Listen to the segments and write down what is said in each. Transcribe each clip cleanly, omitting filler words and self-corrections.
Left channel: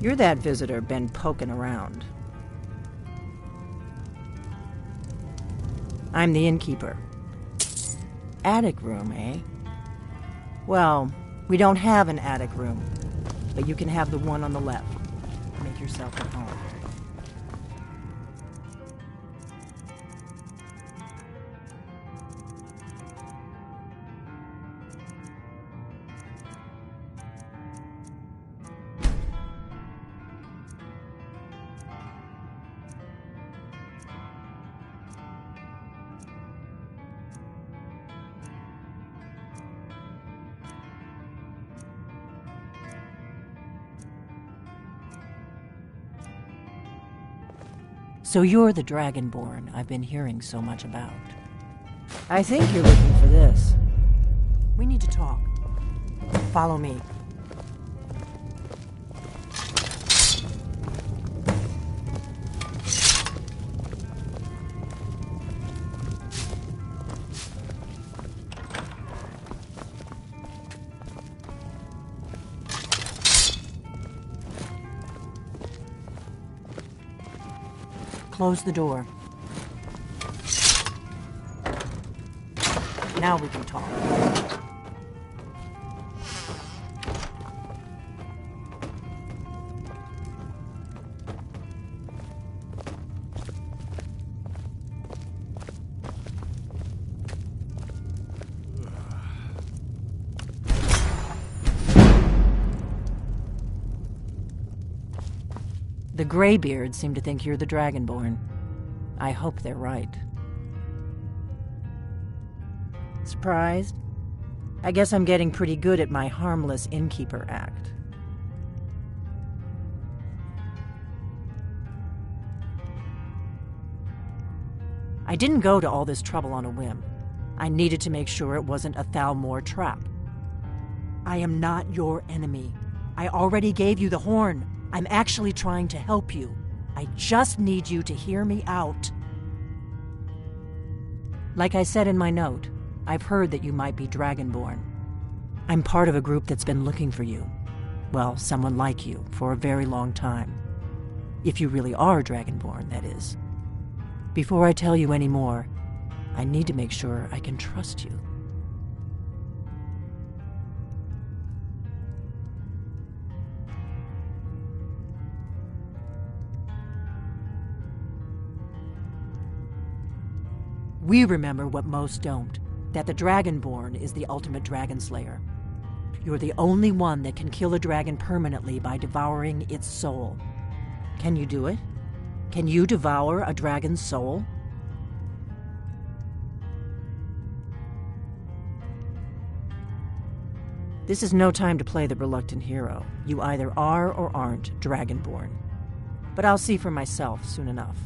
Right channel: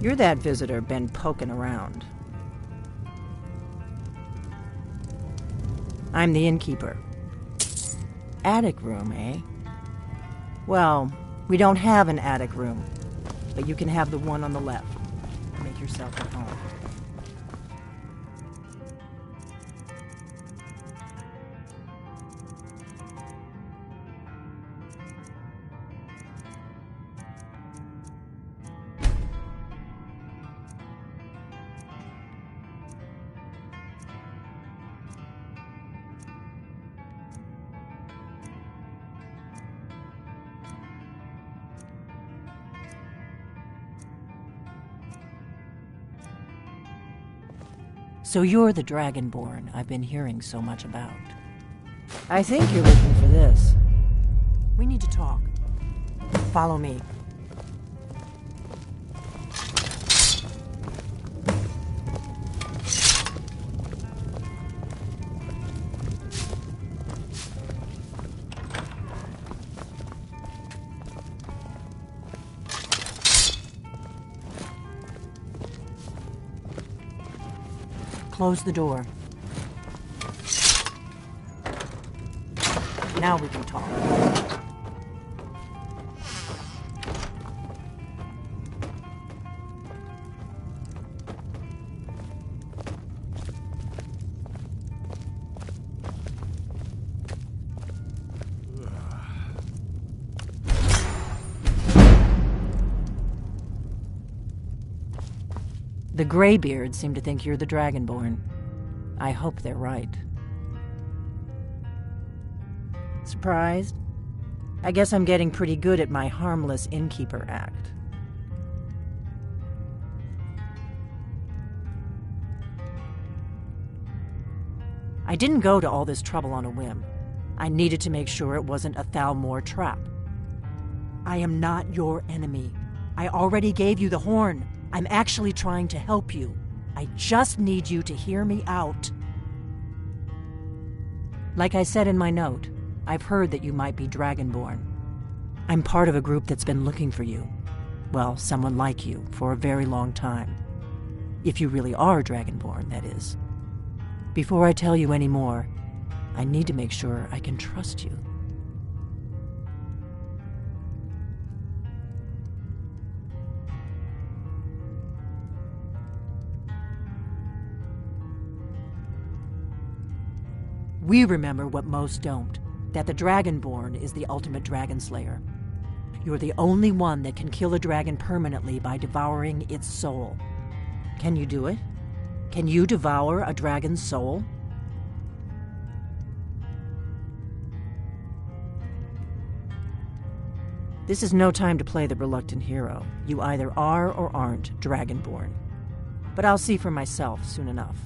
You're that visitor been poking around. I'm the innkeeper. Attic room, eh? Well, we don't have an attic room, but you can have the one on the left. Make yourself at home. So you're the Dragonborn I've been hearing so much about. I think you're looking for this. We need to talk. Follow me. Close the door. Now we can talk. The Greybeards seem to think you're the Dragonborn. I hope they're right. Surprised? I guess I'm getting pretty good at my harmless innkeeper act. I didn't go to all this trouble on a whim. I needed to make sure it wasn't a Thalmor trap. I am not your enemy. I already gave you the horn. I'm actually trying to help you. I just need you to hear me out. Like I said in my note, I've heard that you might be Dragonborn. I'm part of a group that's been looking for you. Well, someone like you, for a very long time. If you really are Dragonborn, that is. Before I tell you any more, I need to make sure I can trust you. We remember what most don't, that the Dragonborn is the ultimate dragon slayer. You're the only one that can kill a dragon permanently by devouring its soul. Can you do it? Can you devour a dragon's soul? This is no time to play the reluctant hero. You either are or aren't Dragonborn. But I'll see for myself soon enough.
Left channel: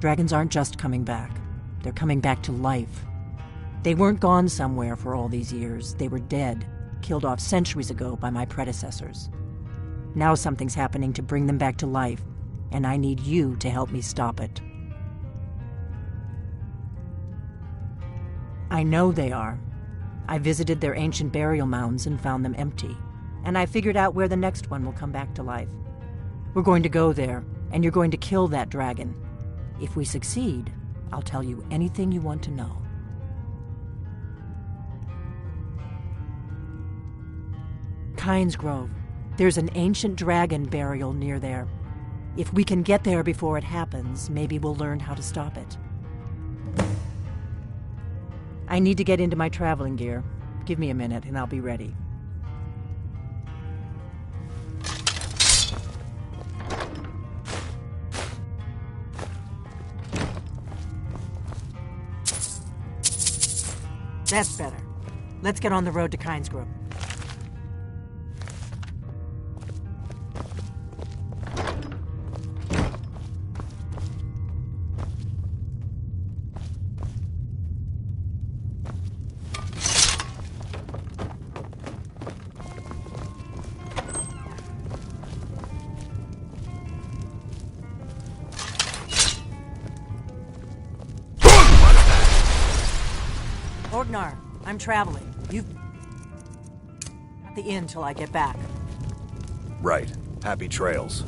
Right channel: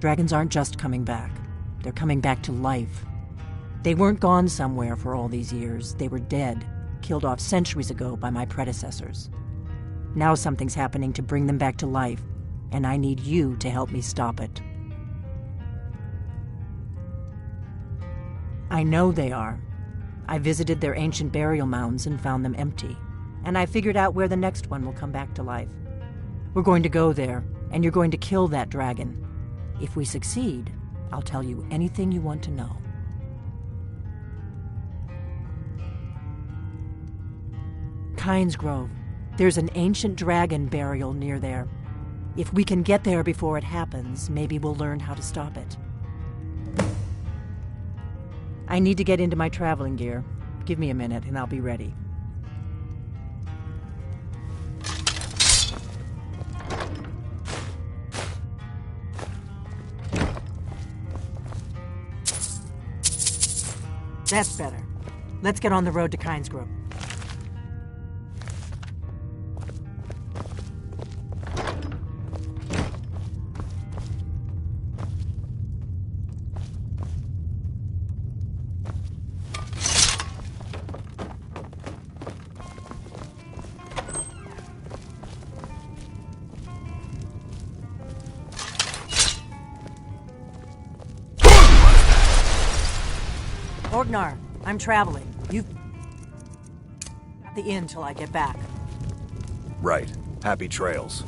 Dragons aren't just coming back. They're coming back to life. They weren't gone somewhere for all these years. They were dead, killed off centuries ago by my predecessors. Now something's happening to bring them back to life, and I need you to help me stop it. I know they are. I visited their ancient burial mounds and found them empty, and I figured out where the next one will come back to life. We're going to go there, and you're going to kill that dragon. If we succeed, I'll tell you anything you want to know. Kynes Grove. There's an ancient dragon burial near there. If we can get there before it happens, maybe we'll learn how to stop it. I need to get into my traveling gear. Give me a minute and I'll be ready. That's better. Let's get on the road to Kynes Grove. Orgnar, I'm traveling. the inn till I get back. Right. Happy trails.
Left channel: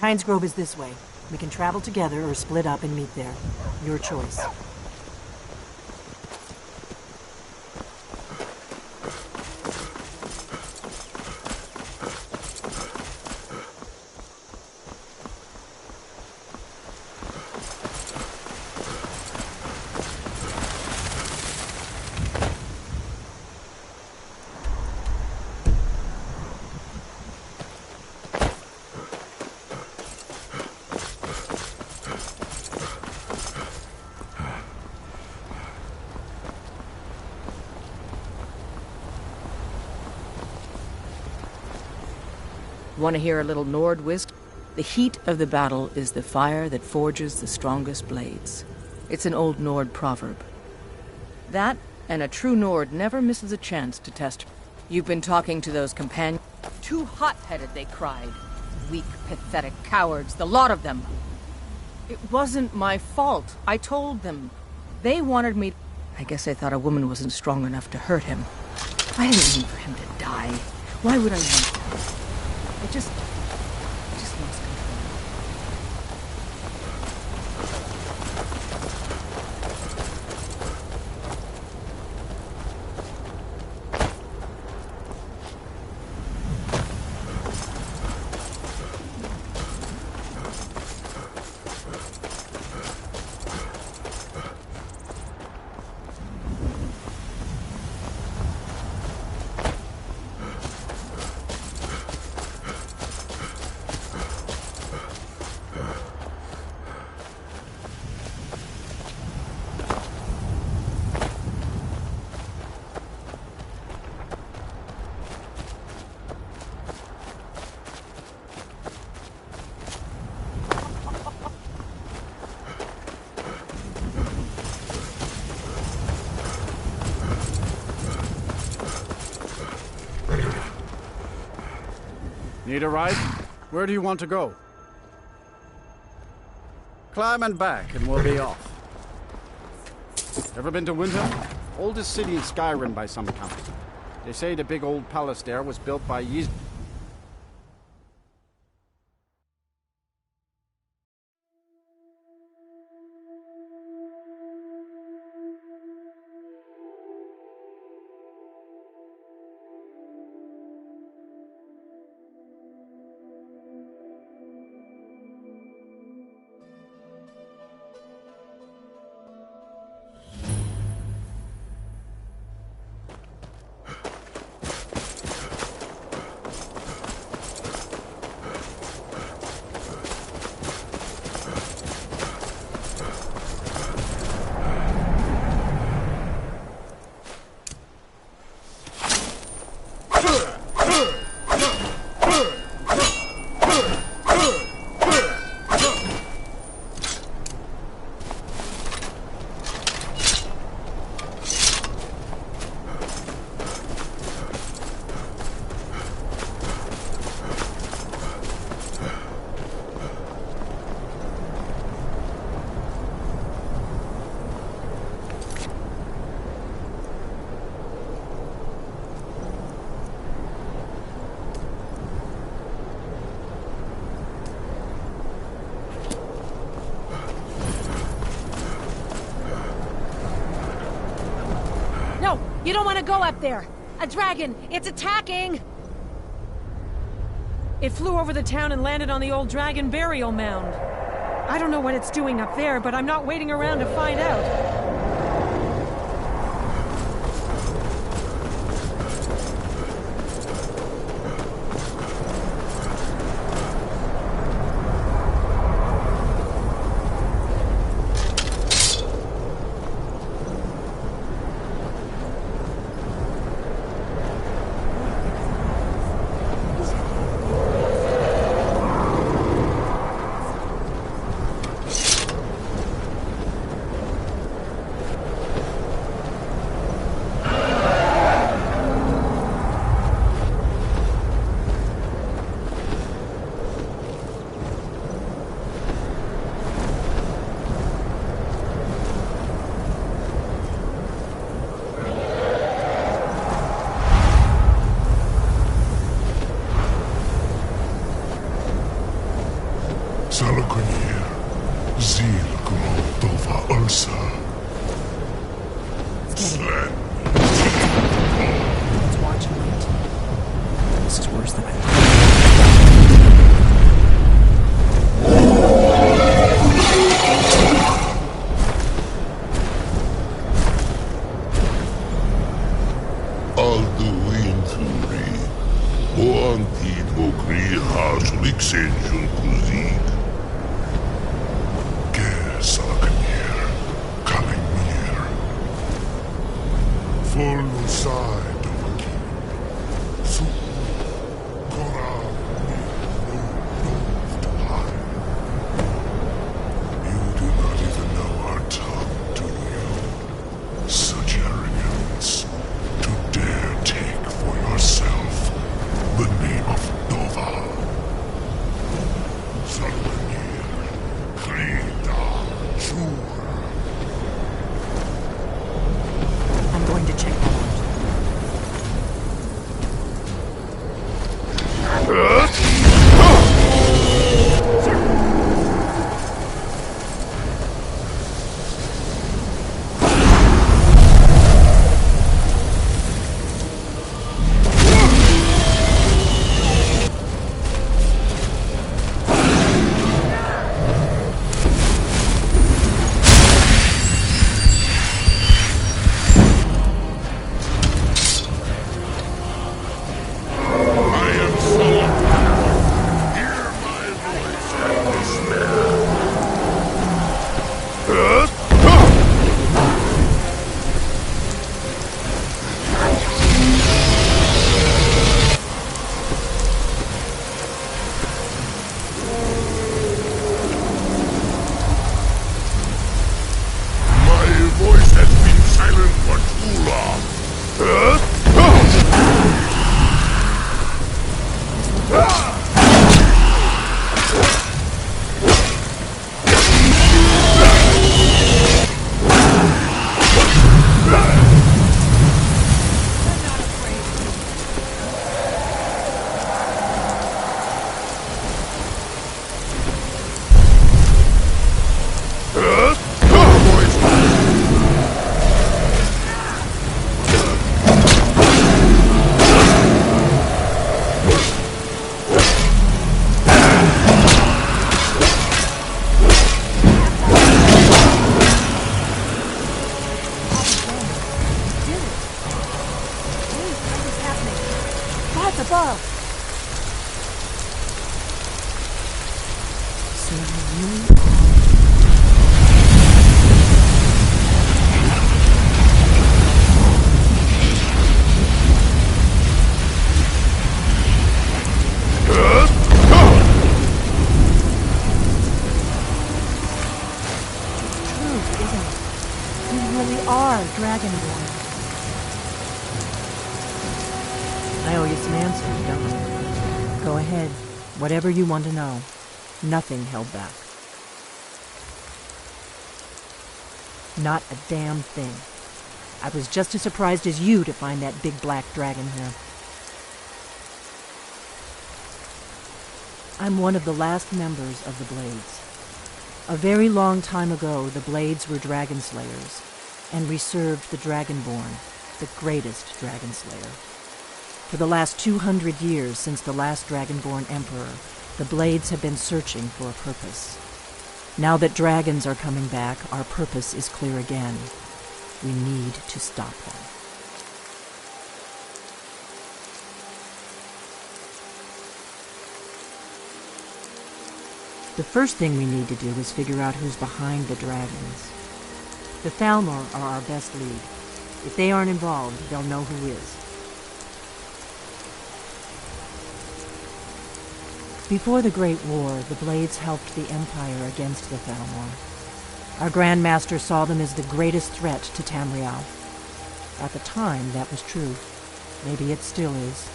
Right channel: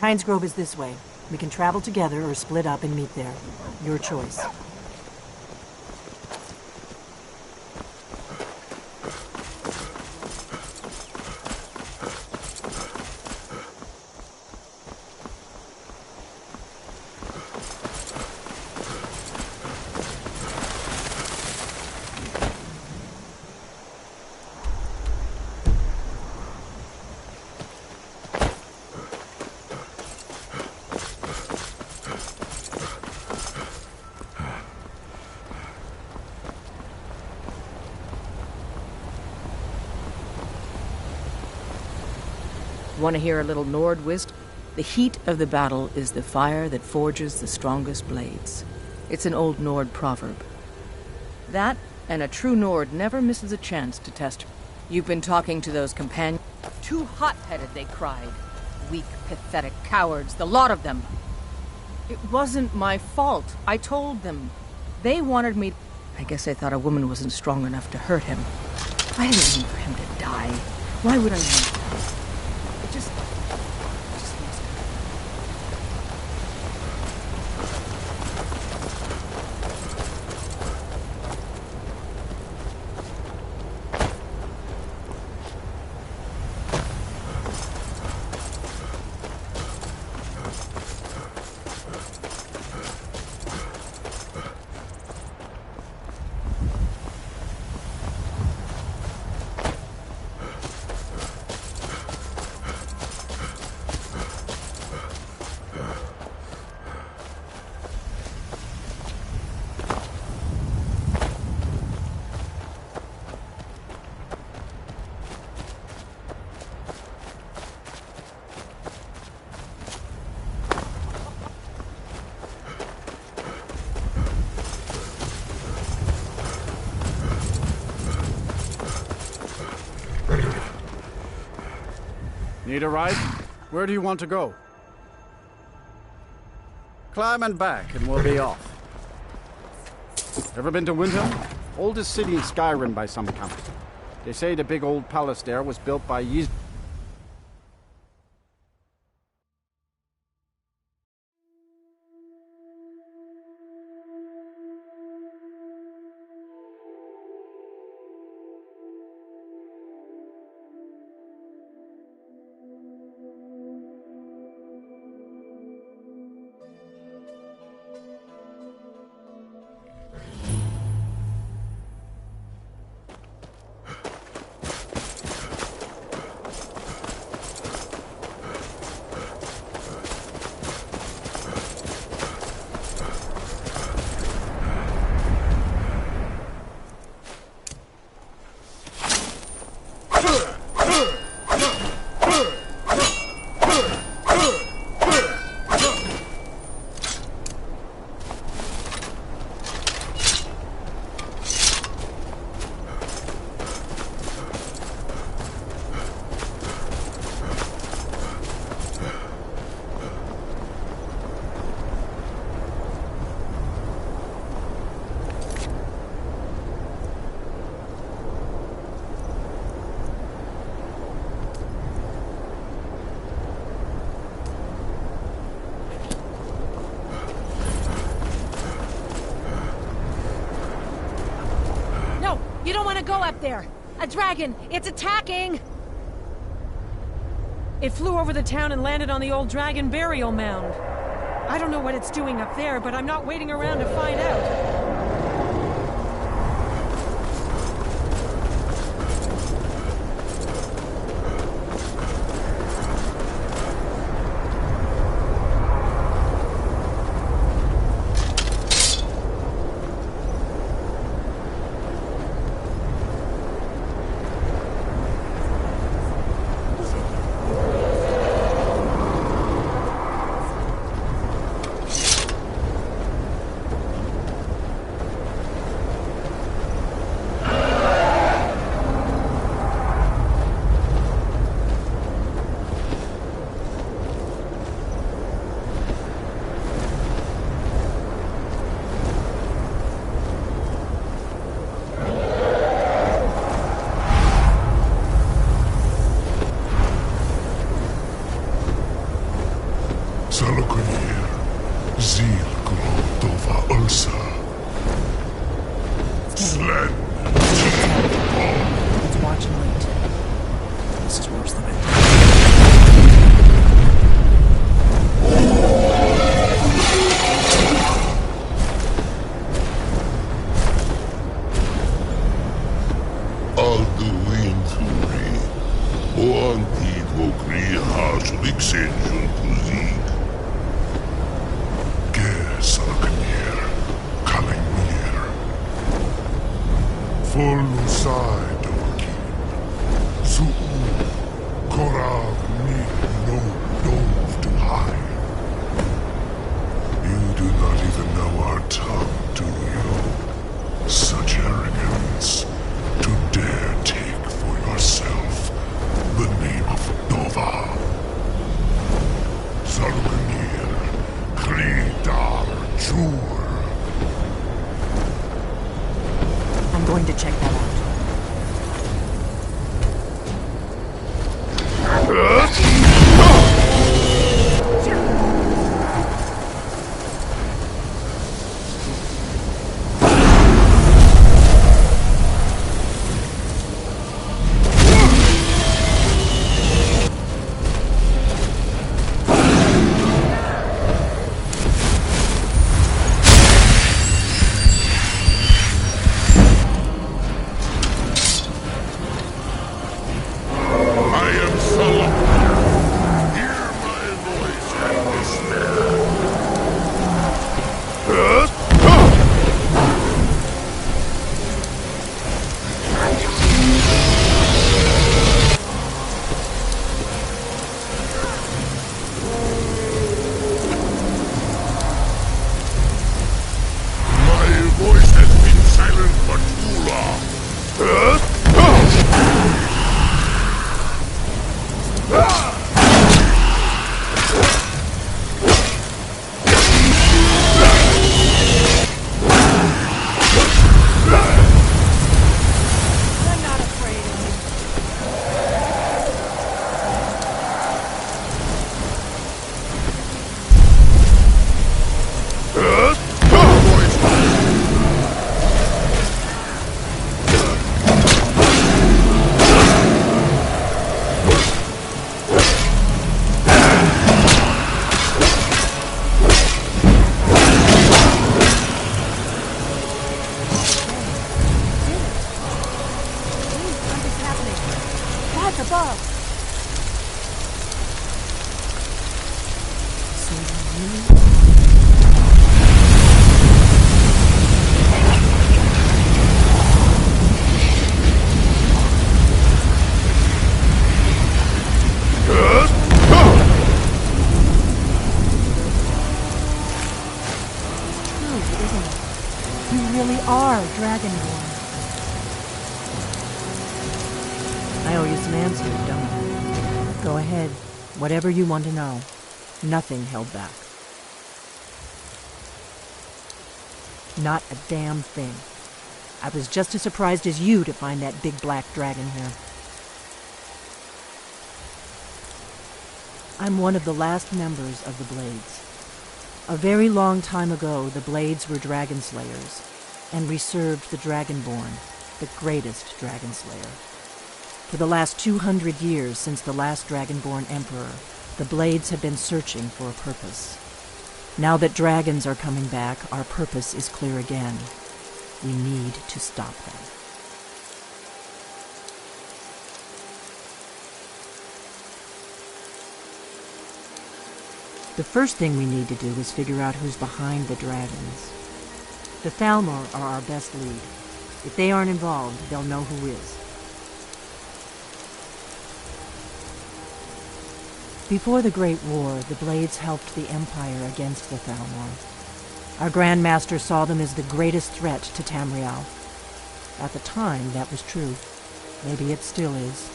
Pines Grove is this way. We can travel together or split up and meet there. Your choice. Want to hear a little Nord whist? The heat of the battle is the fire that forges the strongest blades. It's an old Nord proverb. That, and a true Nord never misses a chance to test. You've been talking to those companions. Too hot-headed, they cried. Weak, pathetic cowards, the lot of them. It wasn't my fault. I told them. They wanted me... I guess they thought a woman wasn't strong enough to hurt him. I didn't mean for him to die. Why would I want that? It just lost control. Need a ride? Where do you want to go? Climb and back, and we'll be off. Ever been to Windhelm? Oldest city in Skyrim by some account. They say the big old palace there was built by Ys... You don't want to go up there! A dragon! It's attacking! It flew over the town and landed on the old dragon burial mound. I don't know what it's doing up there, but I'm not waiting around to find out. Zil Grotova Ursa. Slen. Let's watch and wait. This is worse than I thought. Alduinturi. Boantid vokri harsuliksenjun kuzik. Ger salakanir. Kalimir. Forlusai dokin. Su'u. Korav ni no dove to hide. You do not even know our tongue, do you? Such arrogance. To dare take for yourself the name of Dova. Salukanir, Kridar, Jur. I'm going to check that out. above. So you really are. It's true, isn't it? You really are Dragonborn. I owe you some answers, don't I? Go ahead. Whatever you want to know. Nothing held back. Not a damn thing. I was just as surprised as you to find that big black dragon here. I'm one of the last members of the Blades. A very long time ago, the Blades were dragon slayers, and we served the Dragonborn, the greatest dragon slayer. For the last 200 years since the last Dragonborn Emperor, the Blades have been searching for a purpose. Now that dragons are coming back, our purpose is clear again. We need to stop them. The first thing we need to do is figure out who's behind the dragons. The Thalmor are our best lead. If they aren't involved, they'll know who is. Before the Great War, the Blades helped the Empire against the Thalmor. Our Grand Master saw them as the greatest threat to Tamriel. At the time, that was true. Maybe it still is.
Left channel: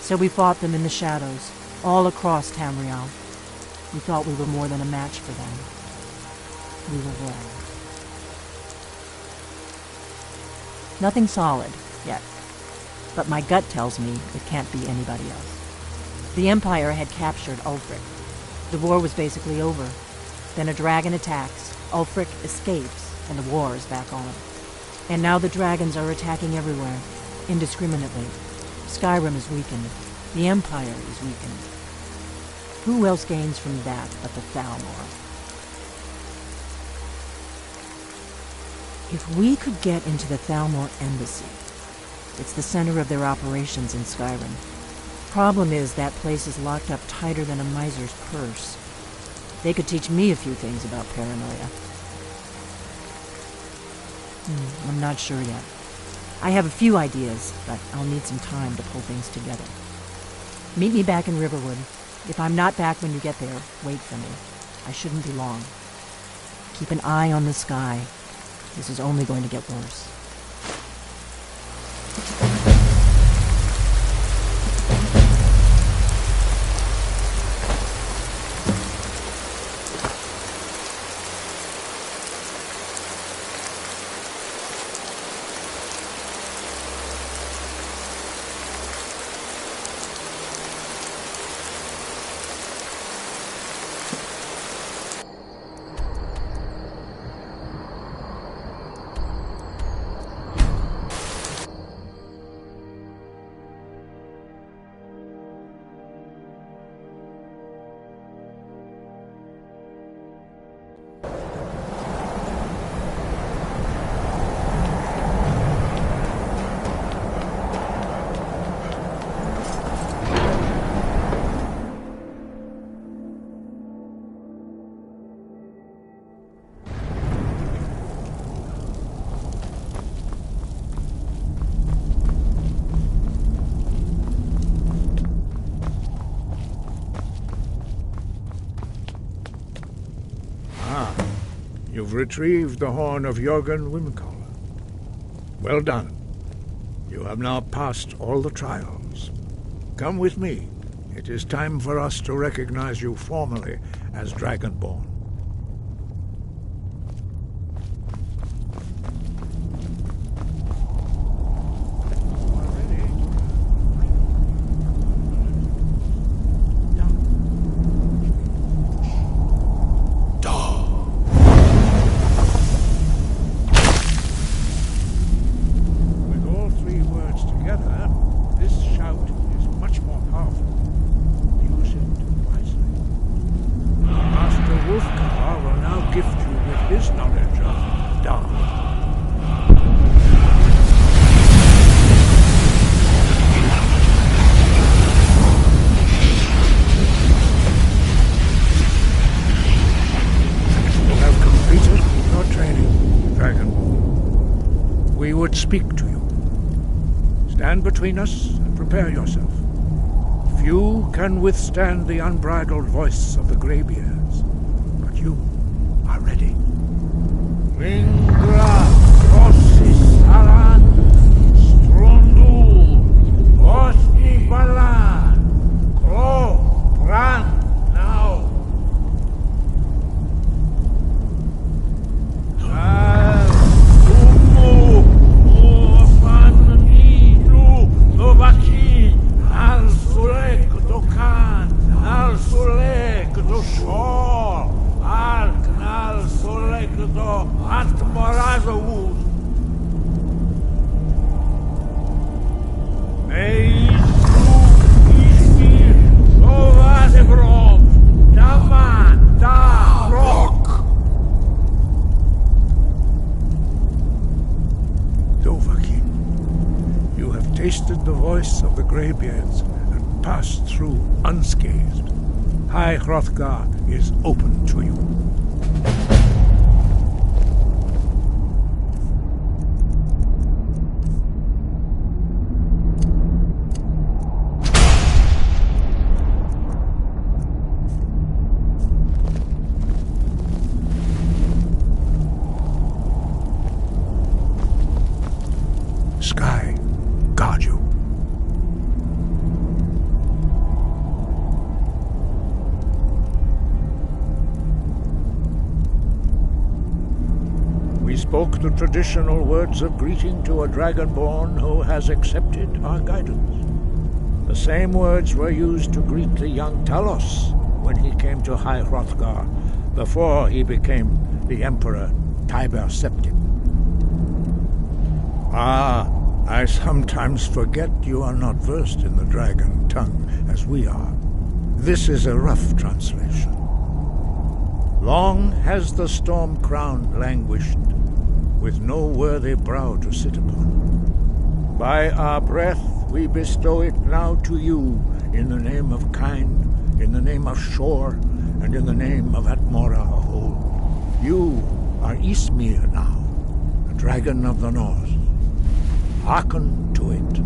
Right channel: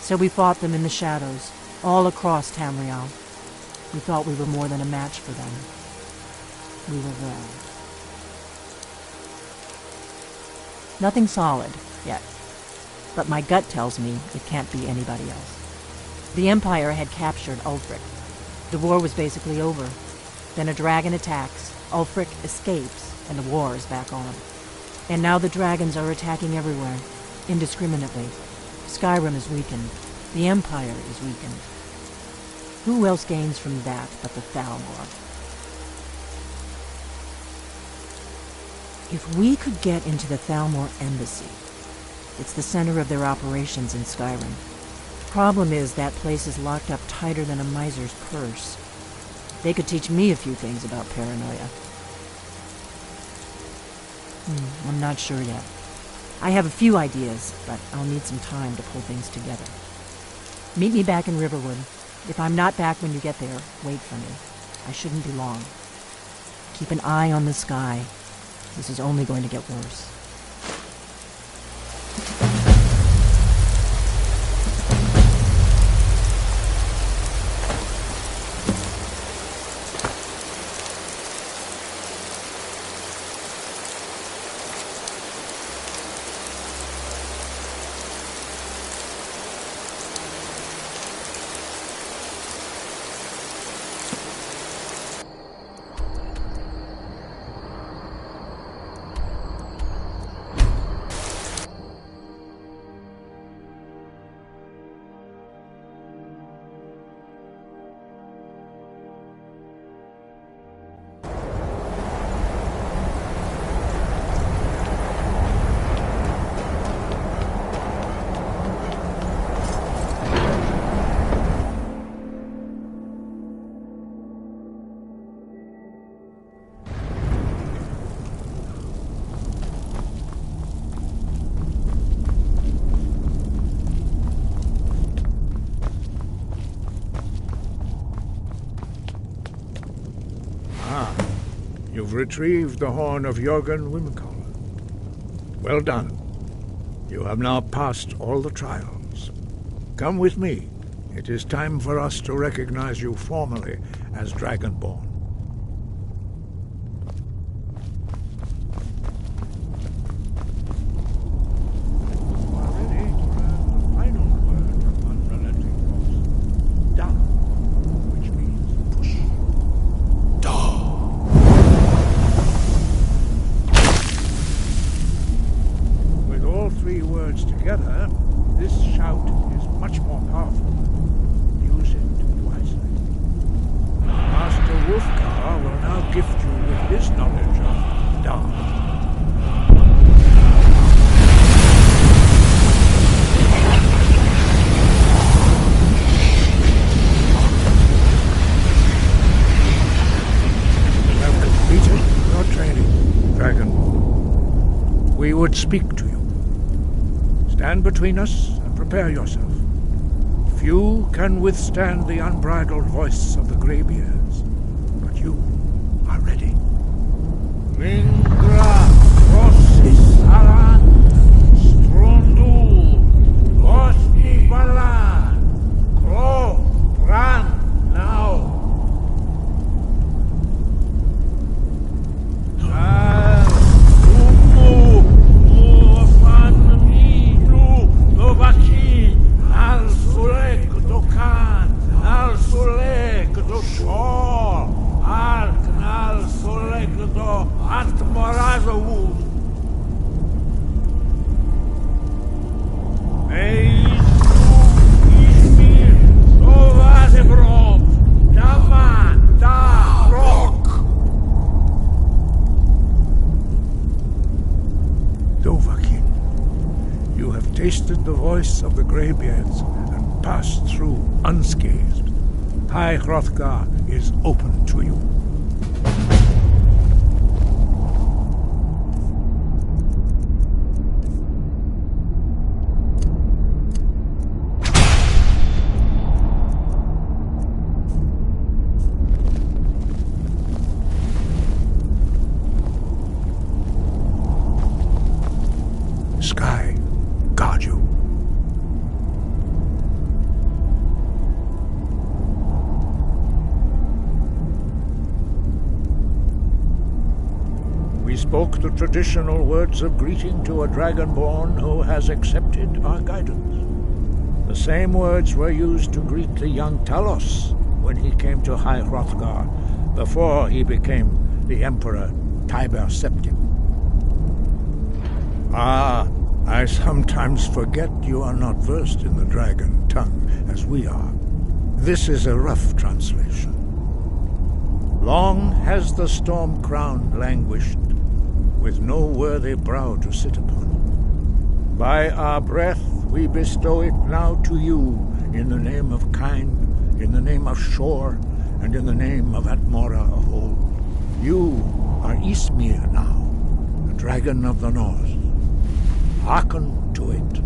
So we fought them in the shadows, all across Tamriel. We thought we were more than a match for them. We were wrong. Nothing solid, yet. But my gut tells me it can't be anybody else. The Empire had captured Ulfric. The war was basically over. Then a dragon attacks, Ulfric escapes, and the war is back on. And now the dragons are attacking everywhere, indiscriminately. Skyrim is weakened. The Empire is weakened. Who else gains from that but the Thalmor? If we could get into the Thalmor embassy, it's the center of their operations in Skyrim. Problem is, that place is locked up tighter than a miser's purse. They could teach me a few things about paranoia. I'm not sure yet. I have a few ideas, but I'll need some time to pull things together. Meet me back in Riverwood. If I'm not back when you get there, wait for me. I shouldn't be long. Keep an eye on the sky. This is only going to get worse. You've retrieved the horn of Jörgen Wimkoller. Well done. You have now passed all the trials. Come with me. It is time for us to recognize you formally as Dragonborn. You are ready to learn the final word on relative force. Down, which means push. With all three words together, this shout is much more powerful. Use it wisely. Master Wulfgar will now gift you with his knowledge of Dar. You have completed your training, Dragonborn. We would speak to you. Stand between us and prepare yourself. Few can withstand the unbridled voice of the Greybeards, but you are ready. Ringra, Rossis, Aran, Strondul, Osti Balan, Kro, Bran, now. Umu, Muafan, Nilu, Novaki, Al Sulek, Dokan, Al Sulek, Do Shor, Al Knal Sulek, Do Atmorazavud. Meizu, Ishmir, Novazebrom, Daman, Da, Rock. Dovahkiin, you have tasted the voice of the Greybeards and passed through unscathed. High Hrothgar is open to you. Sky, guard you. We spoke the traditional words of greeting to a Dragonborn who has accepted our guidance. The same words were used to greet the young Talos when he came to High Hrothgar before he became the Emperor Tiber Septim. Ah, I sometimes forget you are not versed in the dragon tongue as we are. This is a rough translation. Long has the storm-crown languished, with no worthy brow to sit upon. By our breath we bestow it now to you, in the name of Kind, in the name of Shore, and in the name of Atmora of old. You are Ismir now, the dragon of the north. Hearken to it.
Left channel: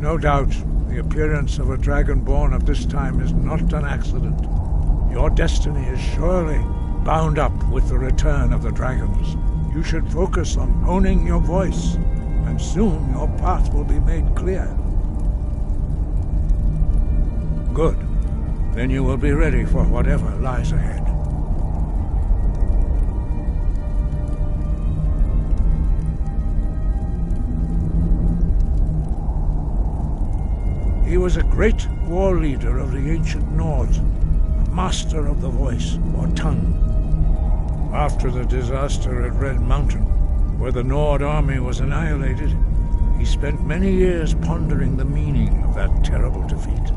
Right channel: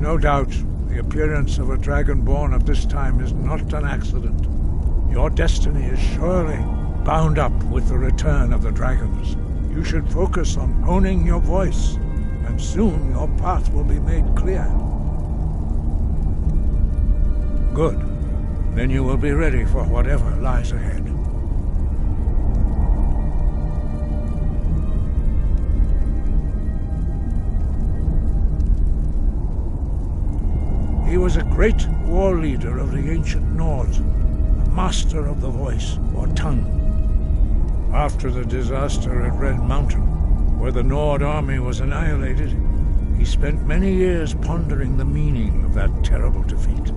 No doubt, the appearance of a dragonborn at this time is not an accident. Your destiny is surely bound up with the return of the dragons. You should focus on honing your voice, and soon your path will be made clear. Good. Then you will be ready for whatever lies ahead. He was a great war leader of the ancient Nords, a master of the voice, or tongue. After the disaster at Red Mountain, where the Nord army was annihilated, he spent many years pondering the meaning of that terrible defeat.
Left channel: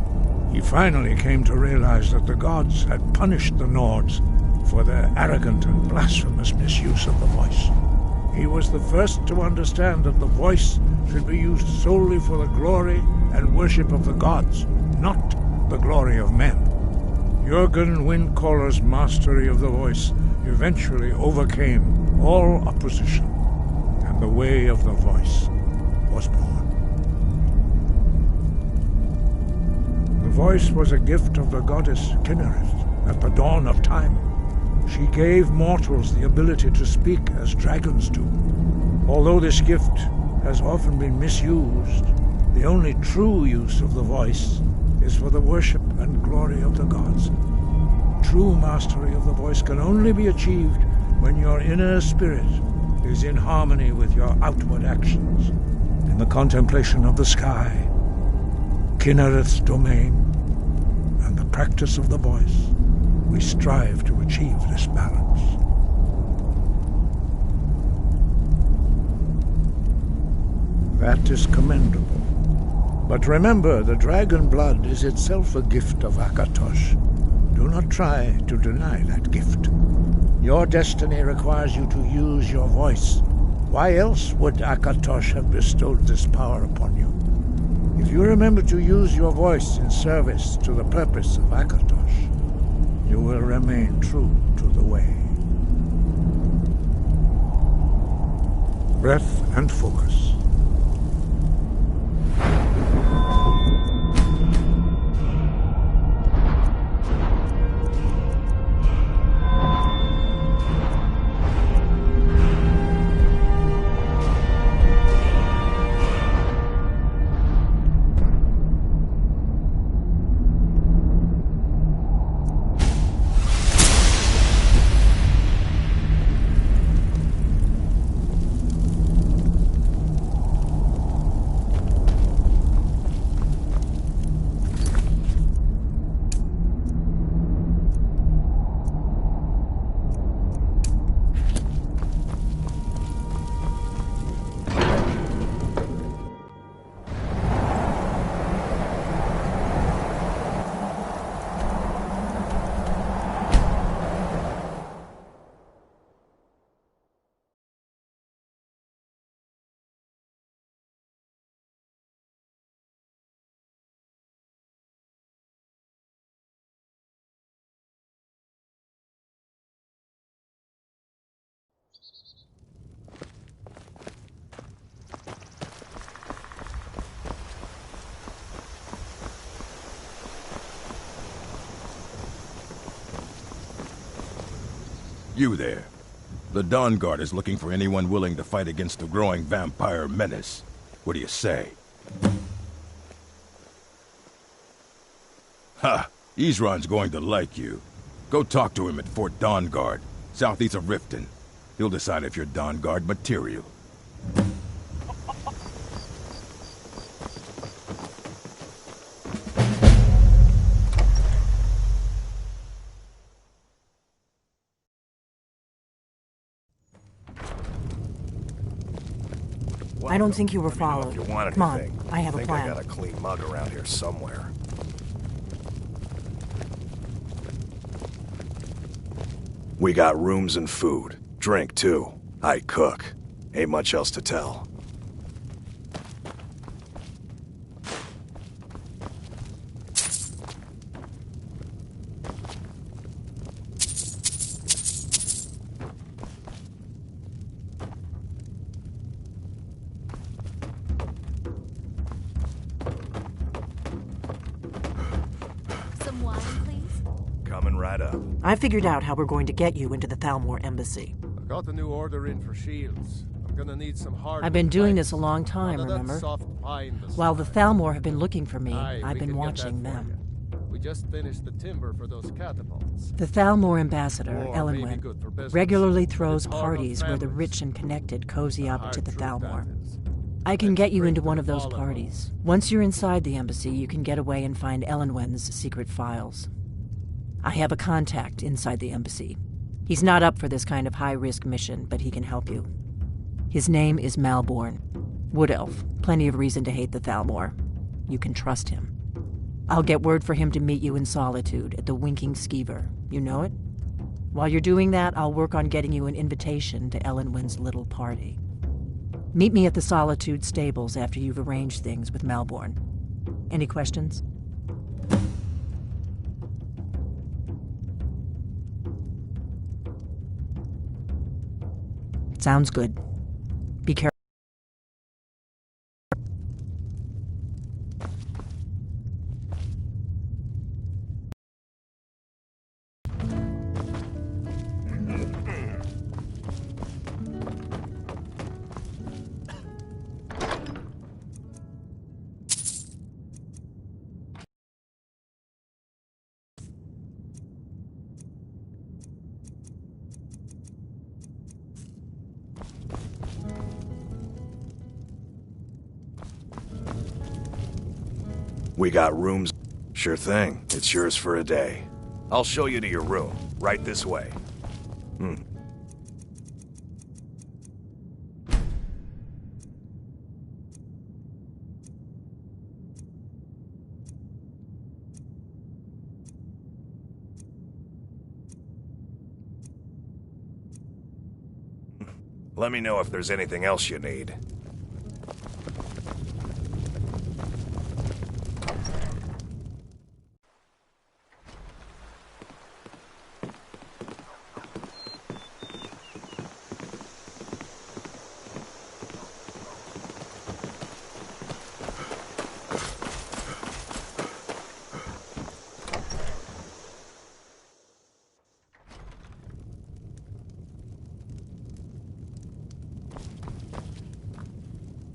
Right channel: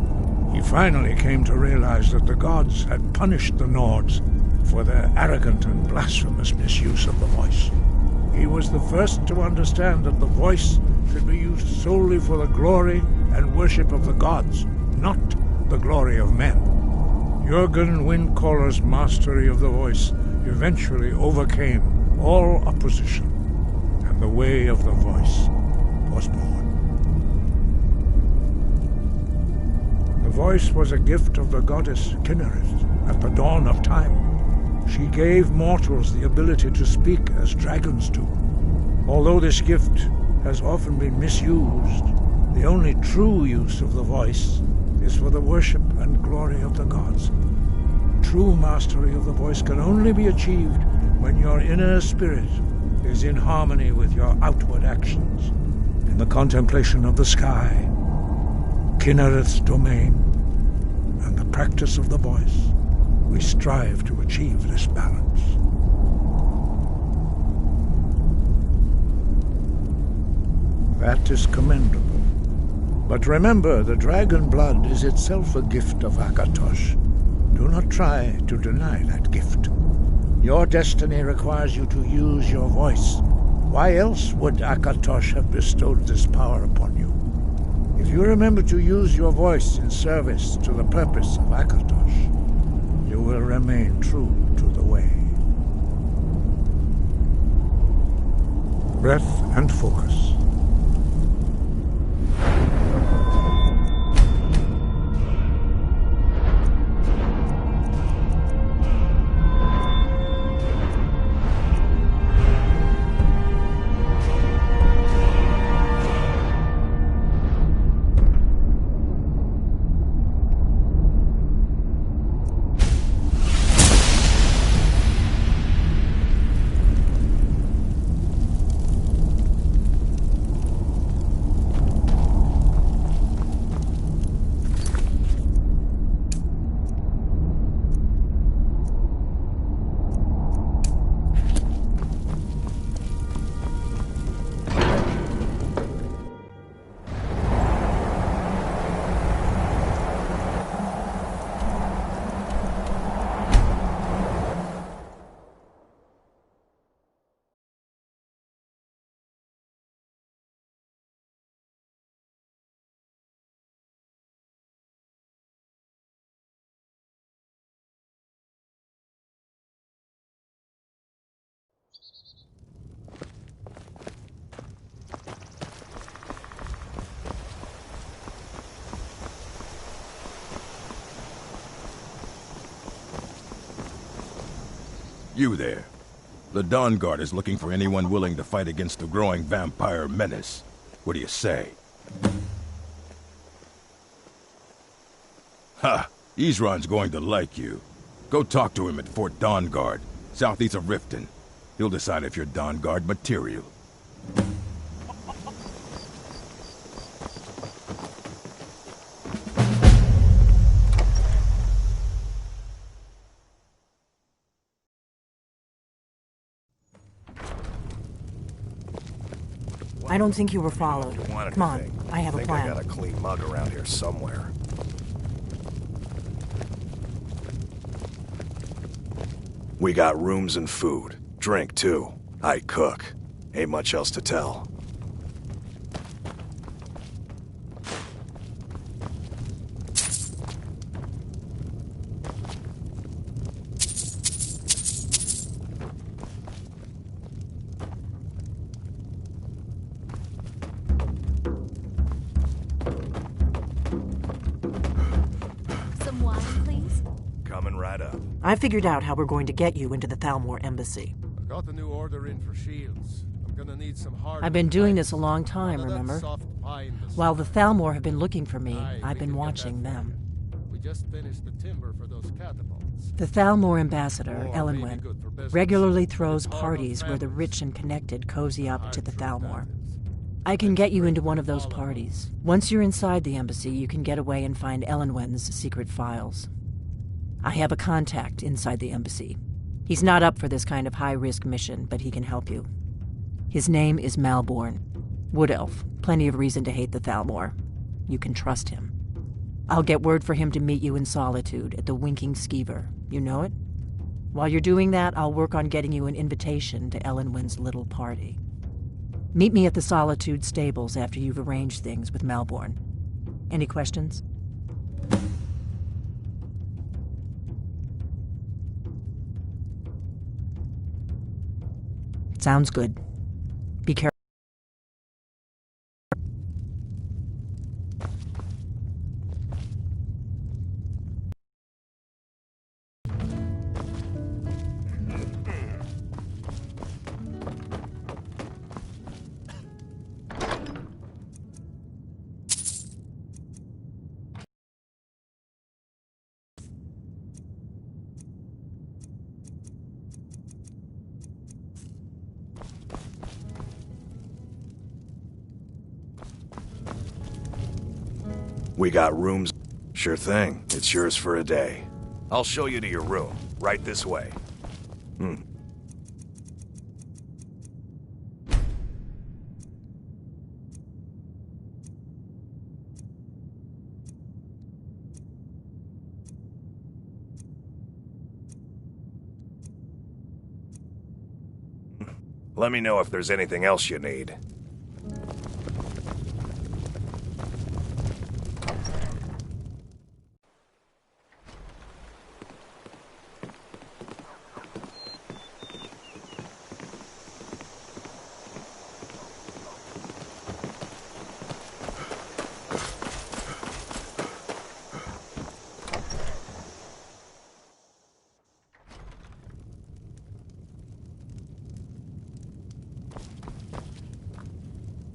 He finally came to realize that the gods had punished the Nords for their arrogant and blasphemous misuse of the voice. He was the first to understand that the voice should be used solely for the glory and worship of the gods, not the glory of men. Jürgen Windcaller's mastery of the voice eventually overcame all opposition, and the way of the voice was born. The voice was a gift of the goddess Kynareth at the dawn of time. She gave mortals the ability to speak as dragons do. Although this gift has often been misused, the only true use of the voice is for the worship and glory of the gods. True mastery of the voice can only be achieved when your inner spirit is in harmony with your outward actions. In the contemplation of the sky, Kynareth's domain, and the practice of the voice, we strive to achieve this balance. That is commendable. But remember, the dragon blood is itself a gift of Akatosh. Do not try to deny that gift. Your destiny requires you to use your voice. Why else would Akatosh have bestowed this power upon you? If you remember to use your voice in service to the purpose of Akatosh, you will remain true to the way. Breath and focus. You there. The Dawn Guard is looking for anyone willing to fight against the growing vampire menace. What do you say? Ha! Isran's going to like you. Go talk to him at Fort Dawn Guard, southeast of Riften. He'll decide if you're Dawn Guard material. I don't think you were Let me know followed. if you want Come on, anything. I have a think plan. I got a clean mug around here somewhere. We got rooms and food. Drink, too. I cook. Ain't much else to tell. Some wine, please? Coming right up. I figured out how we're going to get you into the Thalmor embassy. I got the new order in for shields. I'm gonna need some hard. I've been doing this a long time, remember? While the Thalmor have been looking for me, I've been watching them. We just finished the timber for those catapults. The Thalmor ambassador, War may be Elenwen, good for business, regularly but throws it's hard on parties where the families. rich and connected cozy up Hard to the truth Thalmor. that is. I can Let's get you break into the one of those follow. parties. Once you're inside the embassy, you can get away and find Elenwen's secret files. I have a contact inside the embassy. He's not up for this kind of high-risk mission, but he can help you. His name is Malborn. Wood Elf. Plenty of reason to hate the Thalmor. You can trust him. I'll get word for him to meet you in Solitude at the Winking Skeever. You know it? While you're doing that, I'll work on getting you an invitation to Elenwen's little party. Meet me at the Solitude stables after you've arranged things with Malborn. Any questions? Sounds good. Be careful. We got rooms. Sure thing. It's yours for a day. I'll show you to your room. Right this way. Let me know if there's anything else you need.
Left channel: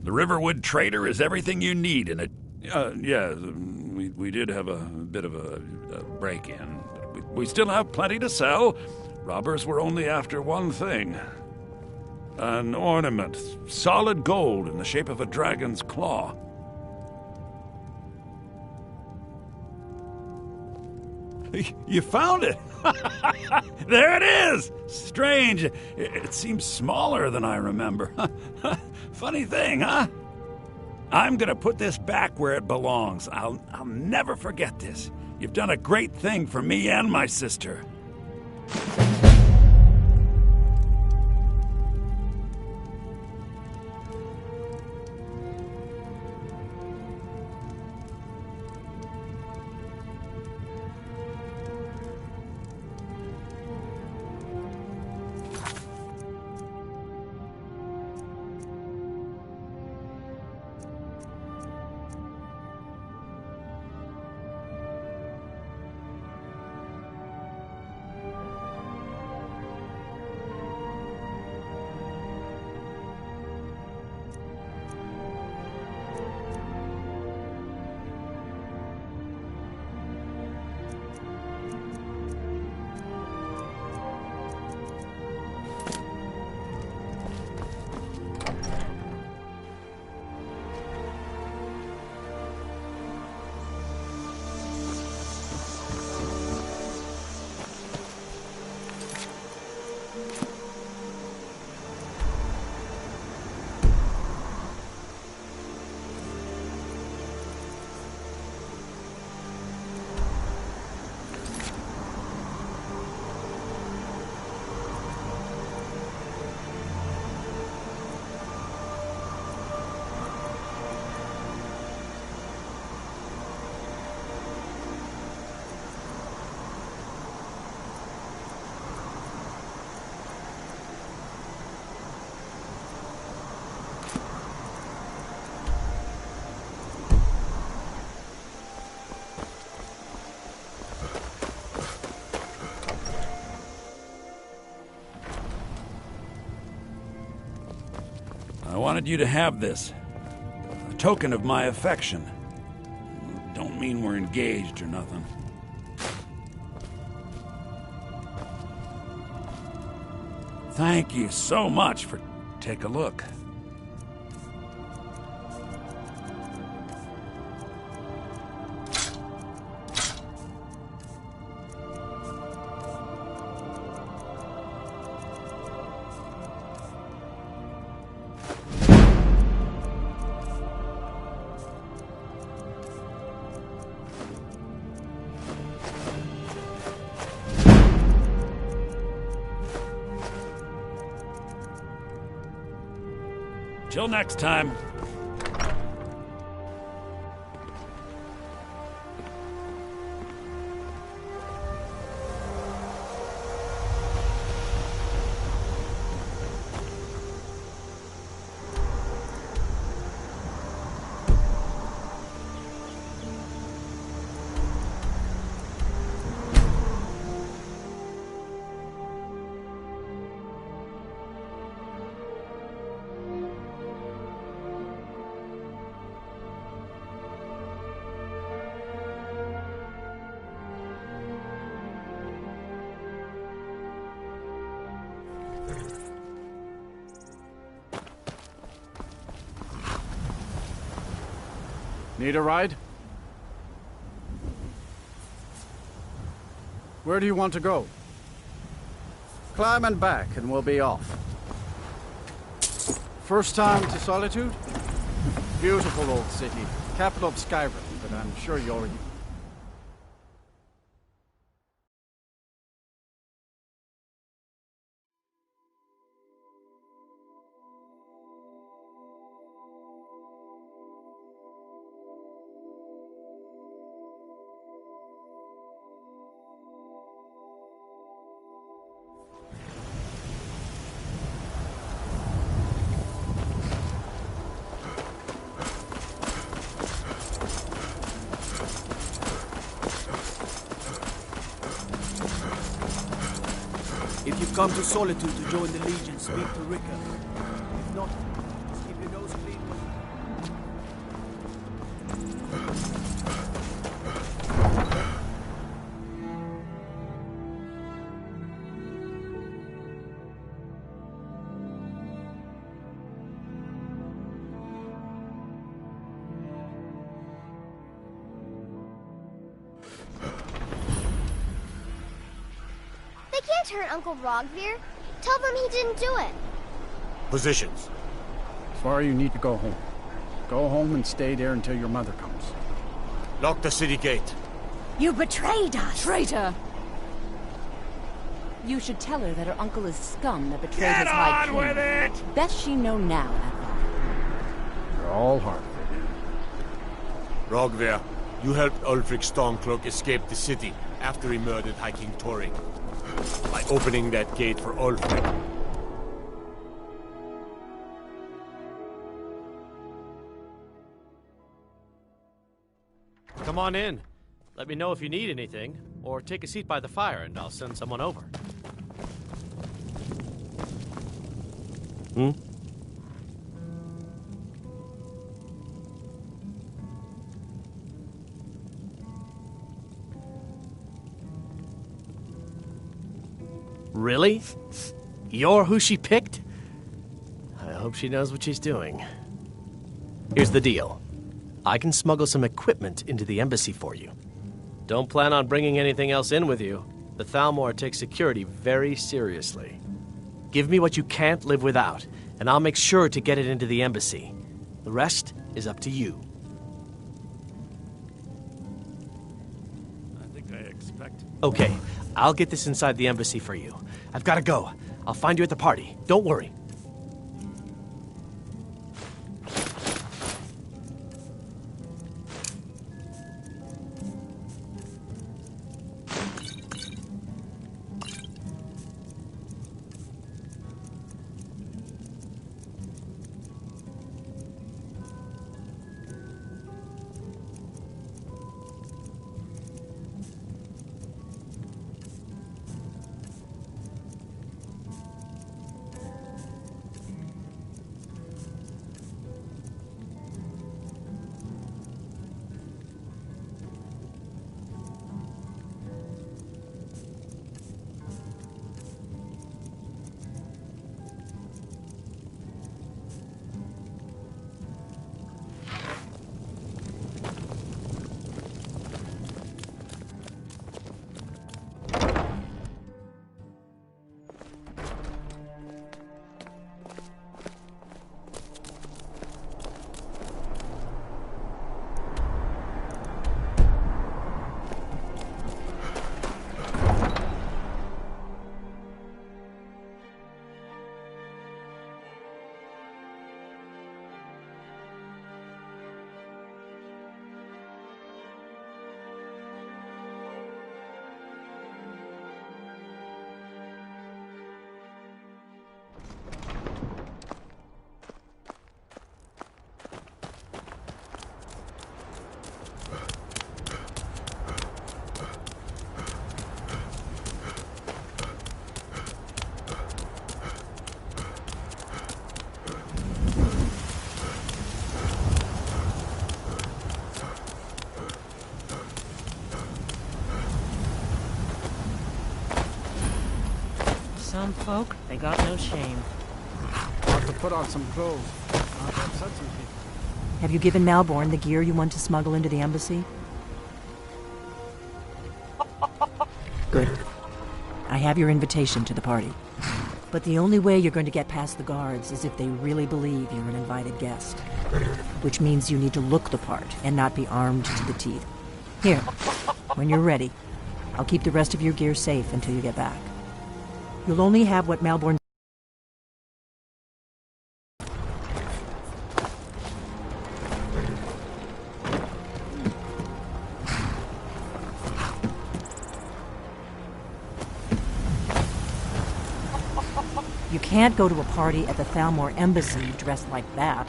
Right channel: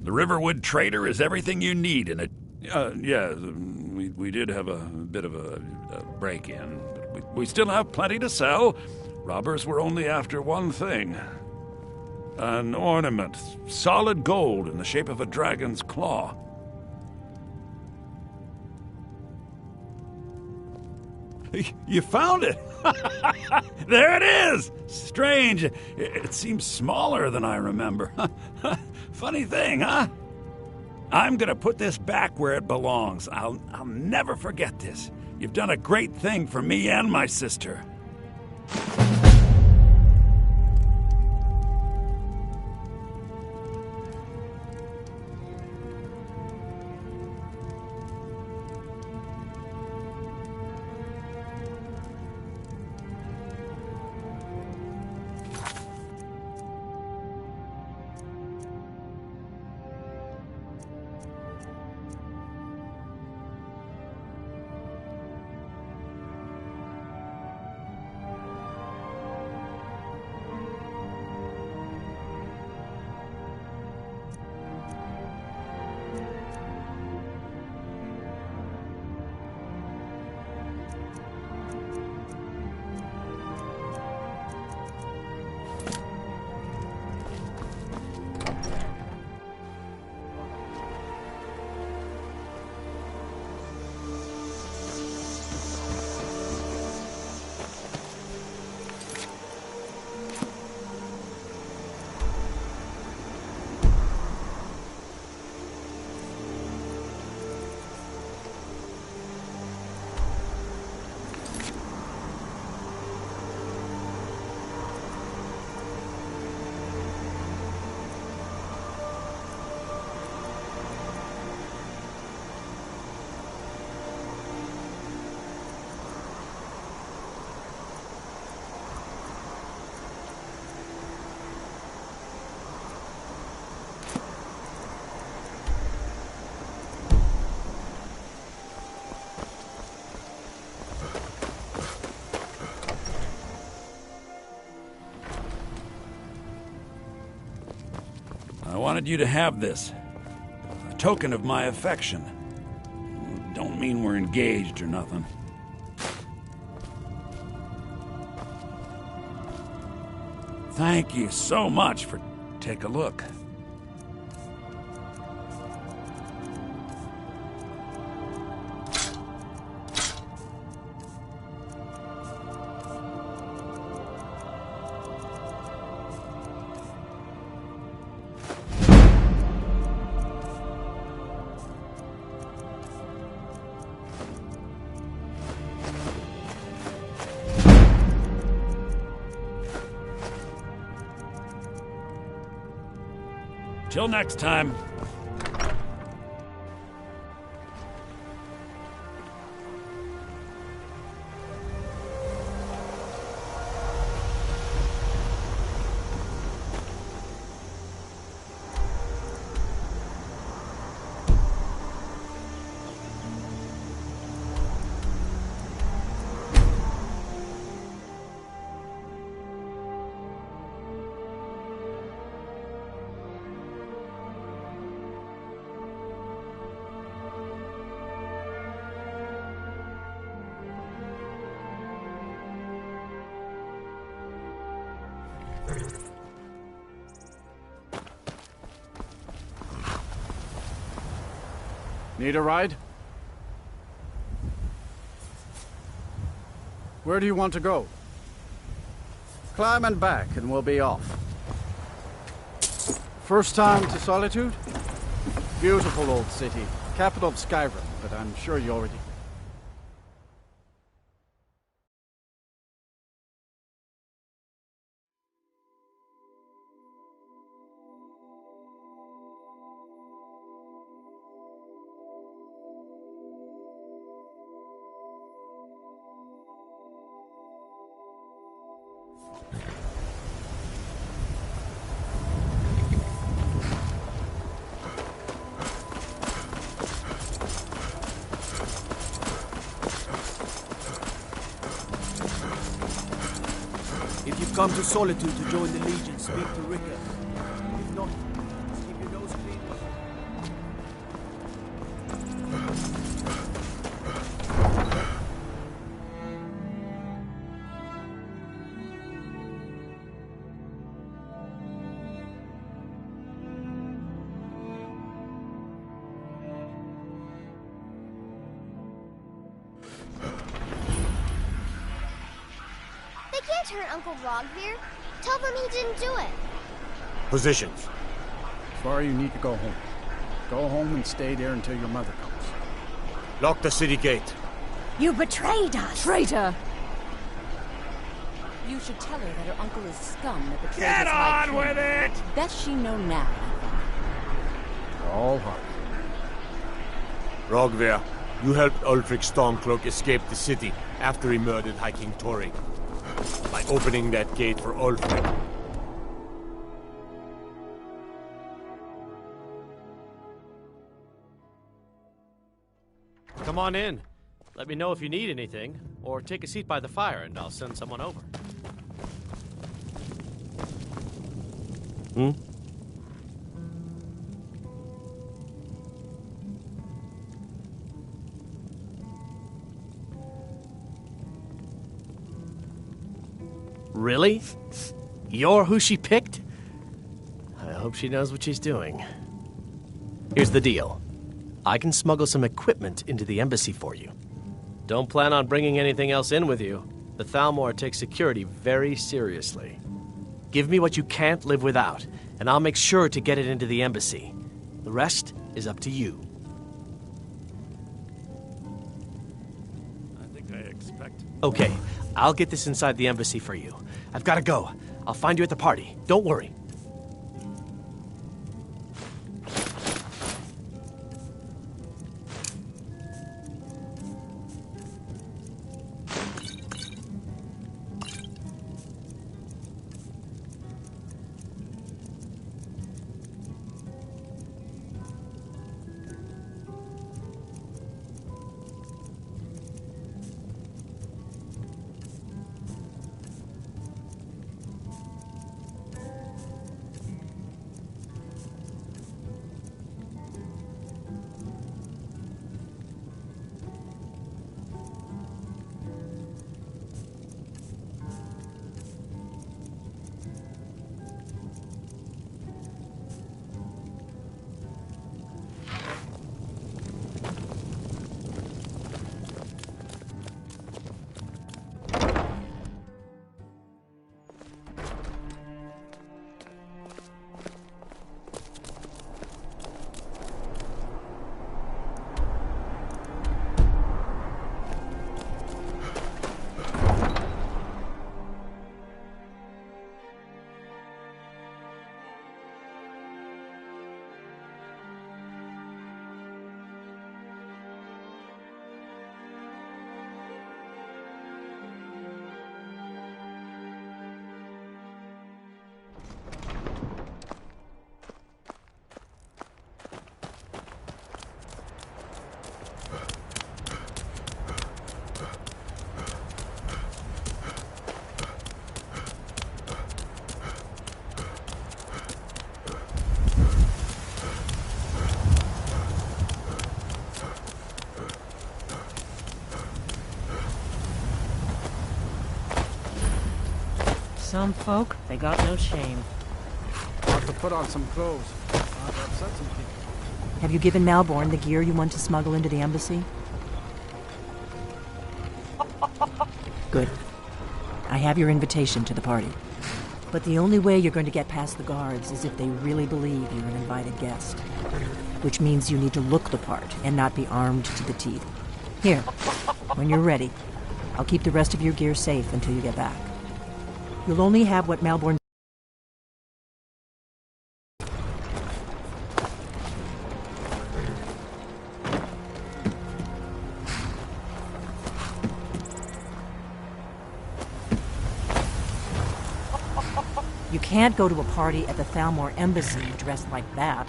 The Riverwood Trader is everything you need in a... yeah, we did have a bit of a break-in, but we still have plenty to sell. Robbers were only after one thing. An ornament, solid gold in the shape of a dragon's claw. You found it! There it is! Strange. It seems smaller than I remember. Funny thing, huh? I'm gonna put this back where it belongs. I'll never forget this. You've done a great thing for me and my sister. wanted you to have this. A token of my affection. Don't mean we're engaged or nothing. Thank you so much for... Take a look. Till next time. Need a ride? Where do you want to go? Climb and back and we'll be off. First time to Solitude? Beautiful old city. Capital of Skyrim, but I'm sure you already... If you've come to Solitude to join the Legion, speak to Ricker. If not, just keep your nose clean. Turn Uncle Rogvir. Tell them he didn't do it. Positions. Sorry, you need to go home. Go home and stay there until your mother comes. Lock the city gate. You betrayed us! Traitor! You should tell her that her uncle is scum that betrayed Get his high king. on with it! Best she know now, Advar. You're all hard. Rogvir, you helped Ulfric Stormcloak escape the city after he murdered High King Tori. By opening that gate for Ulfric. Come on in. Let me know if you need anything, or take a seat by the fire and I'll send someone over. Hmm? Really? You're who she picked? I hope she knows what she's doing. Here's the deal. I can smuggle some equipment into the embassy for you. Don't plan on bringing anything else in with you. The Thalmor takes security very seriously. Give me what you can't live without, and I'll make sure to get it into the embassy. The rest is up to you. I think I expect... Okay, I'll get this inside the embassy for you. I've got to go. I'll find you at the party. Don't worry. Some folk, they got no shame. Ought to put on some clothes. Not to upset some people. Have you given Malborn the gear you want to smuggle into the embassy? Good. I have your invitation to the party. But the only way you're going to get past the guards is if they really believe you're an invited guest. Which means you need to look the part and not be armed to the teeth. Here, when you're ready, I'll keep the rest of your gear safe until you get back. You'll only have what Malborn... You can't go to a party at the Thalmor Embassy dressed like that.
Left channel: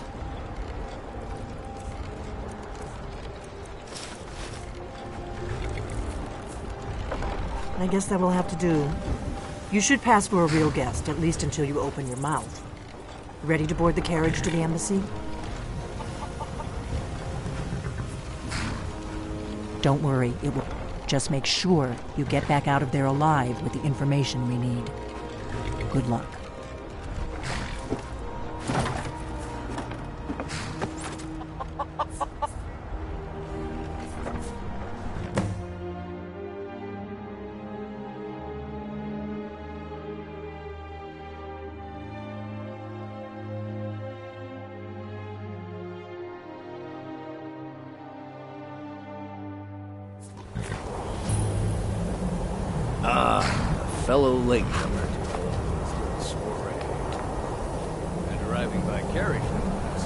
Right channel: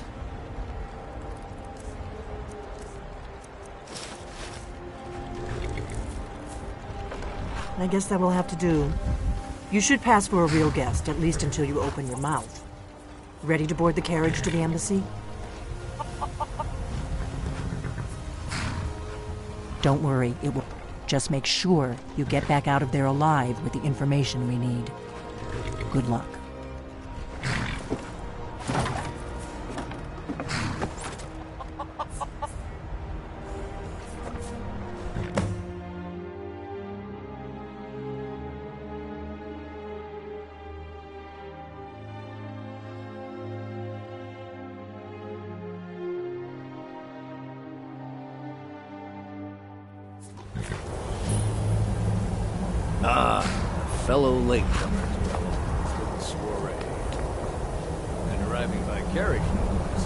I guess that will have to do. You should pass for a real guest, at least until you open your mouth. Ready to board the carriage to the embassy? Don't worry, it will. Just make sure you get back out of there alive with the information we need. Good luck. Ah, a fellow latecomer to our little soiree. And arriving by carriage, no less.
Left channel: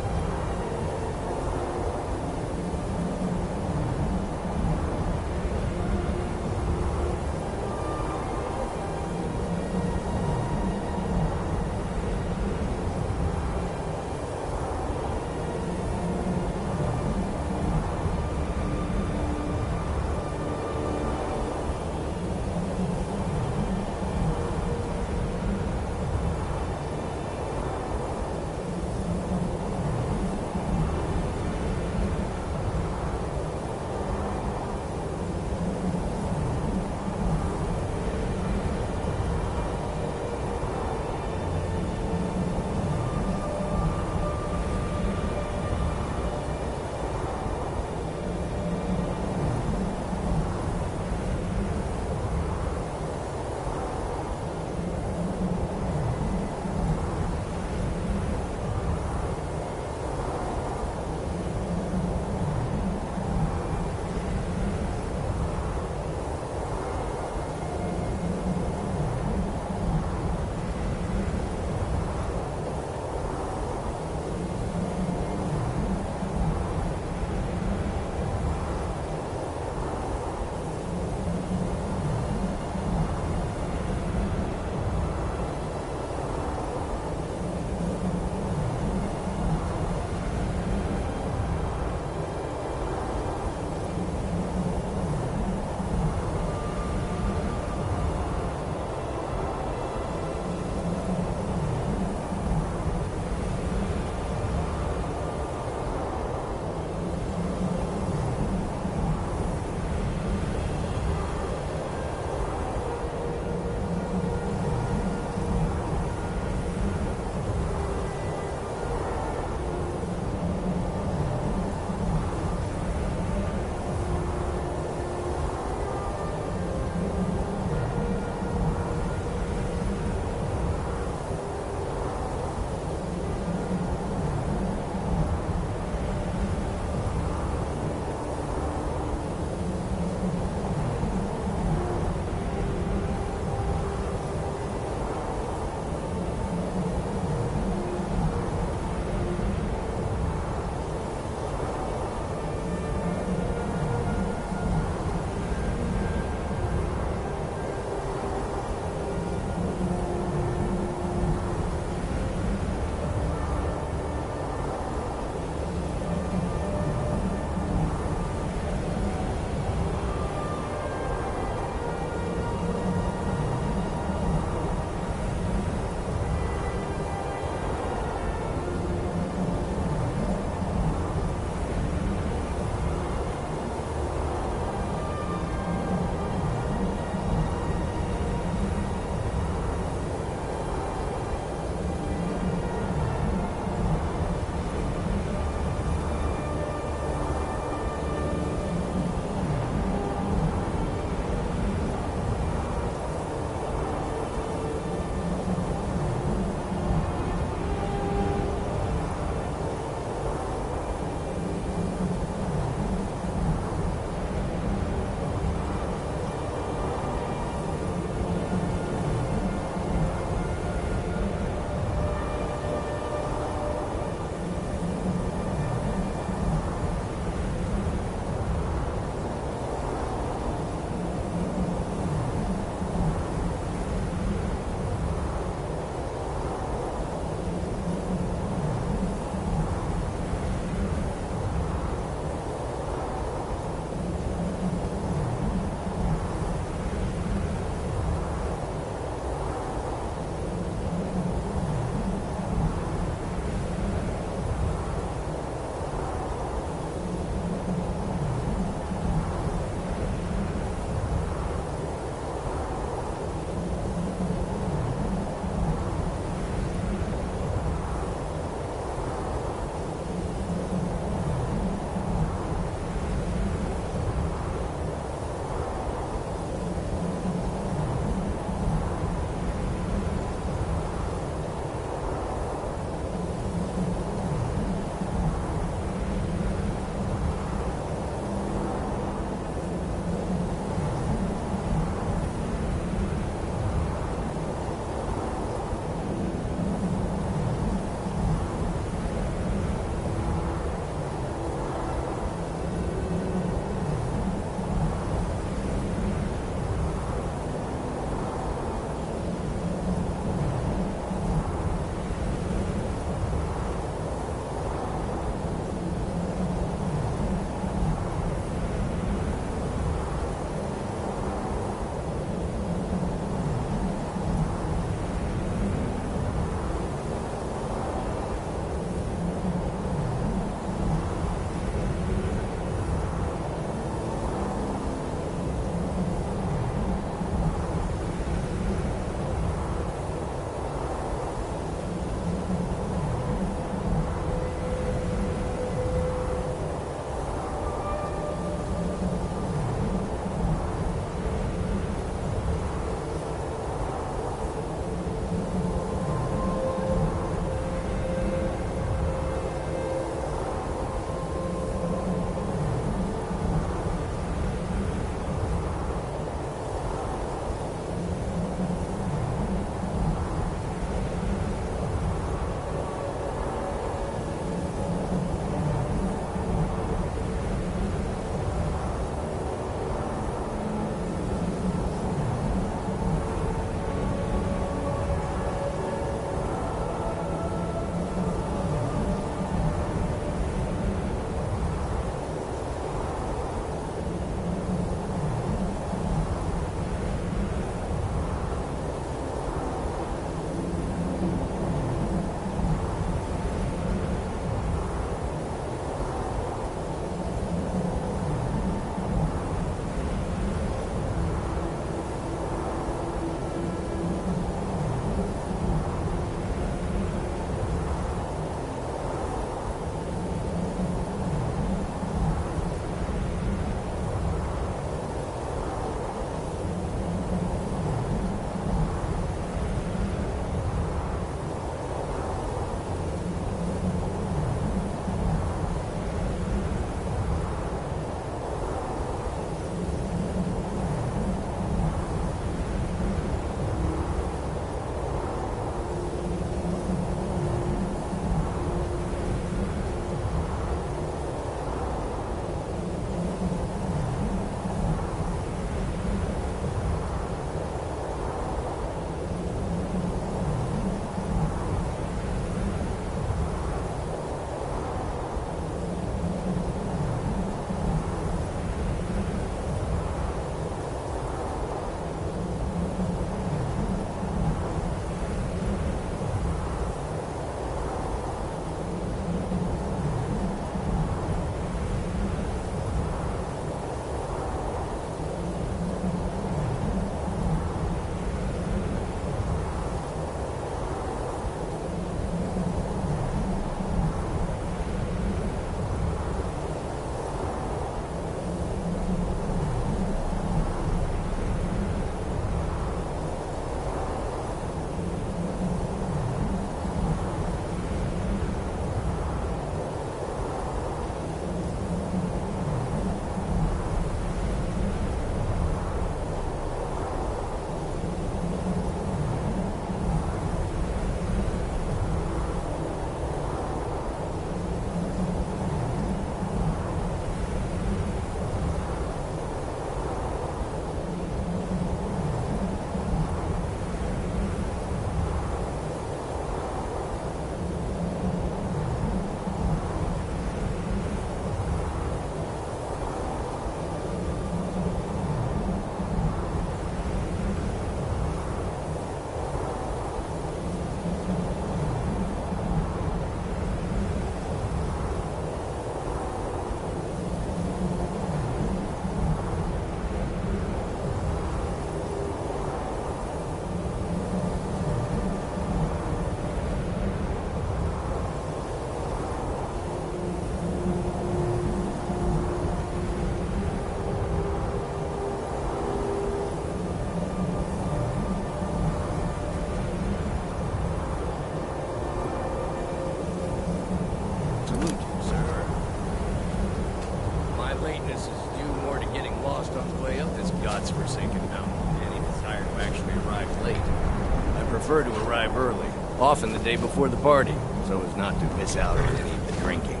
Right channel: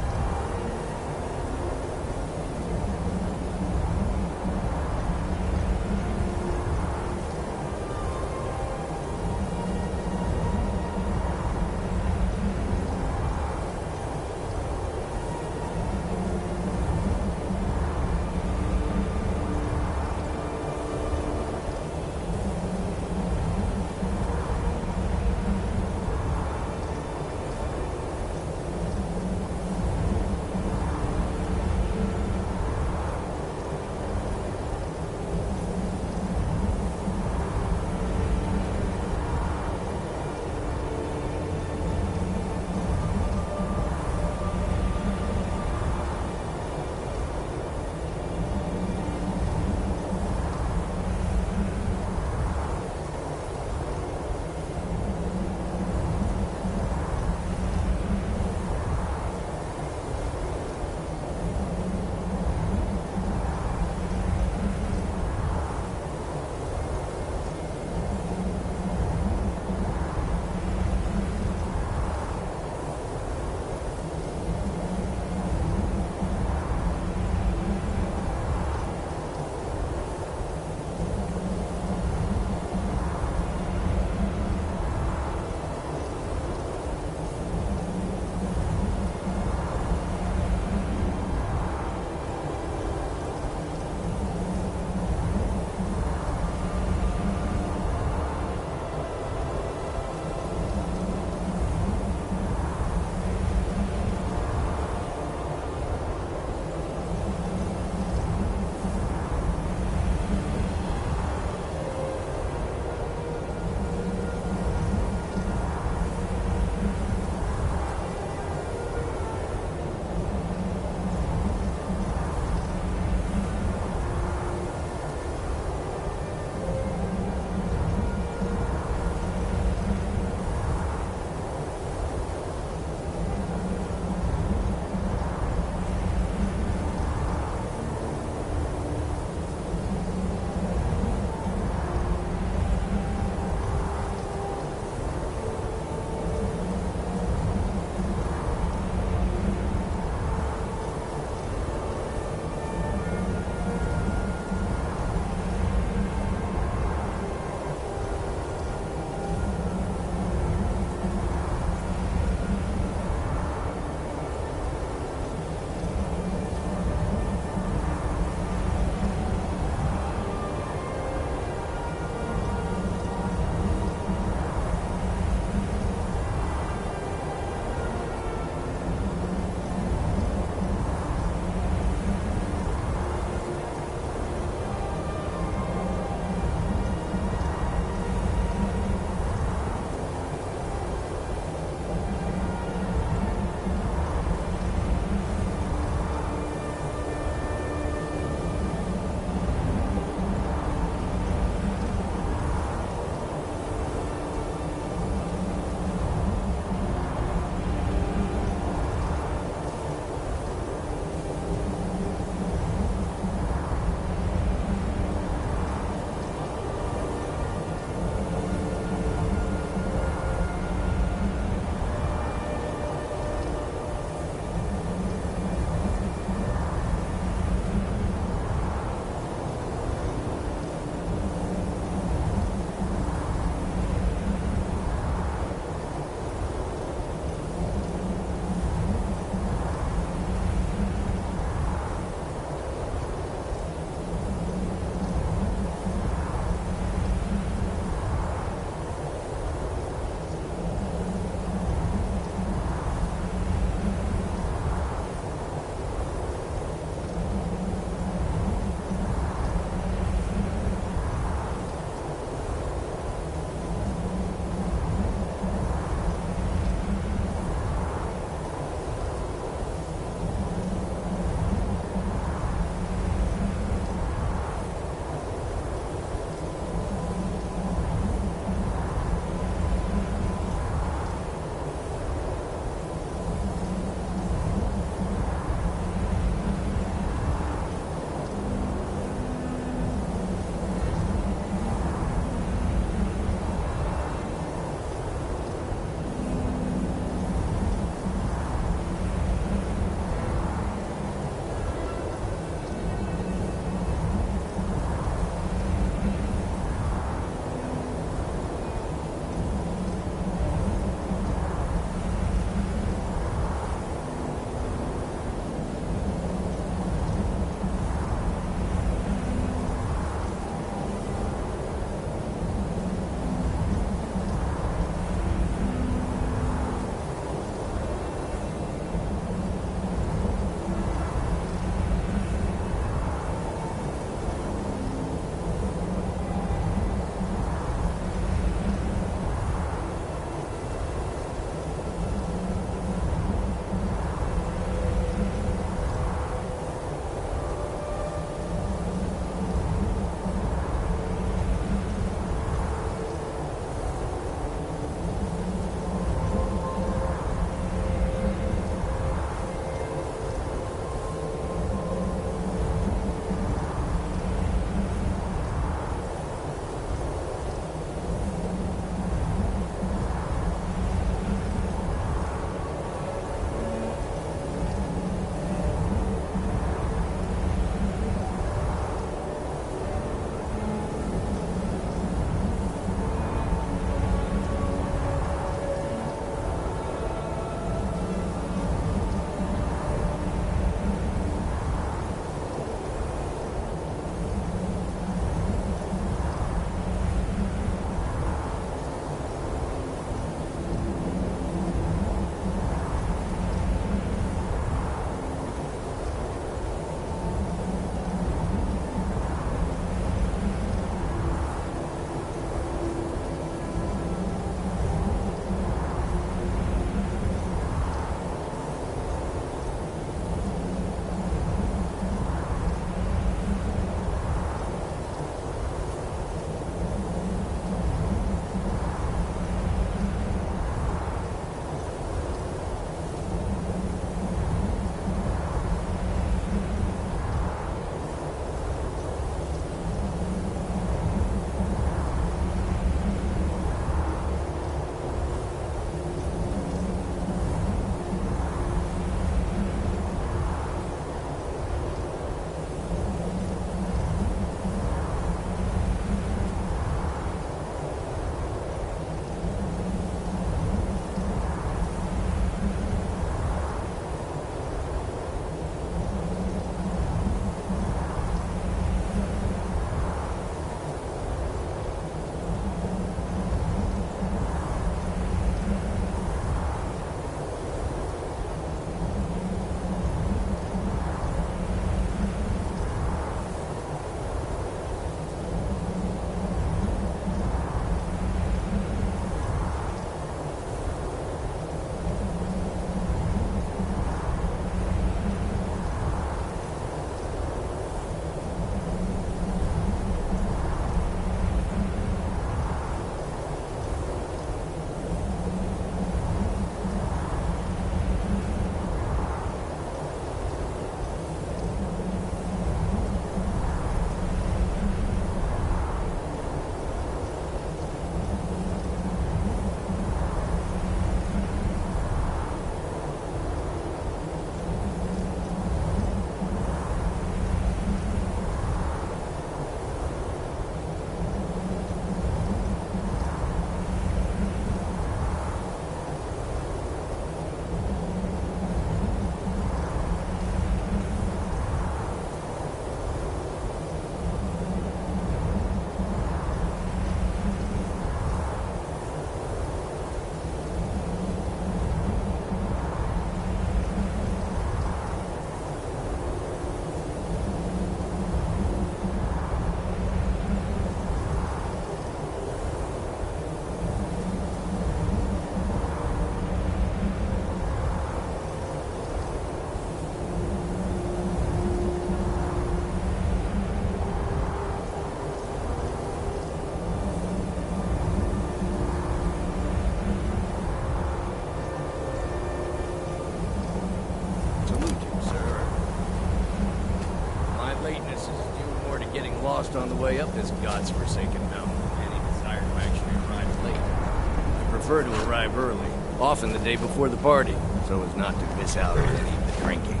lateness is due more to getting lost on the way up this god's-forsaken mountain than any desire to actually arrive late. I prefer to arrive early, often the day before the party, so as not to miss out on any of the drinking.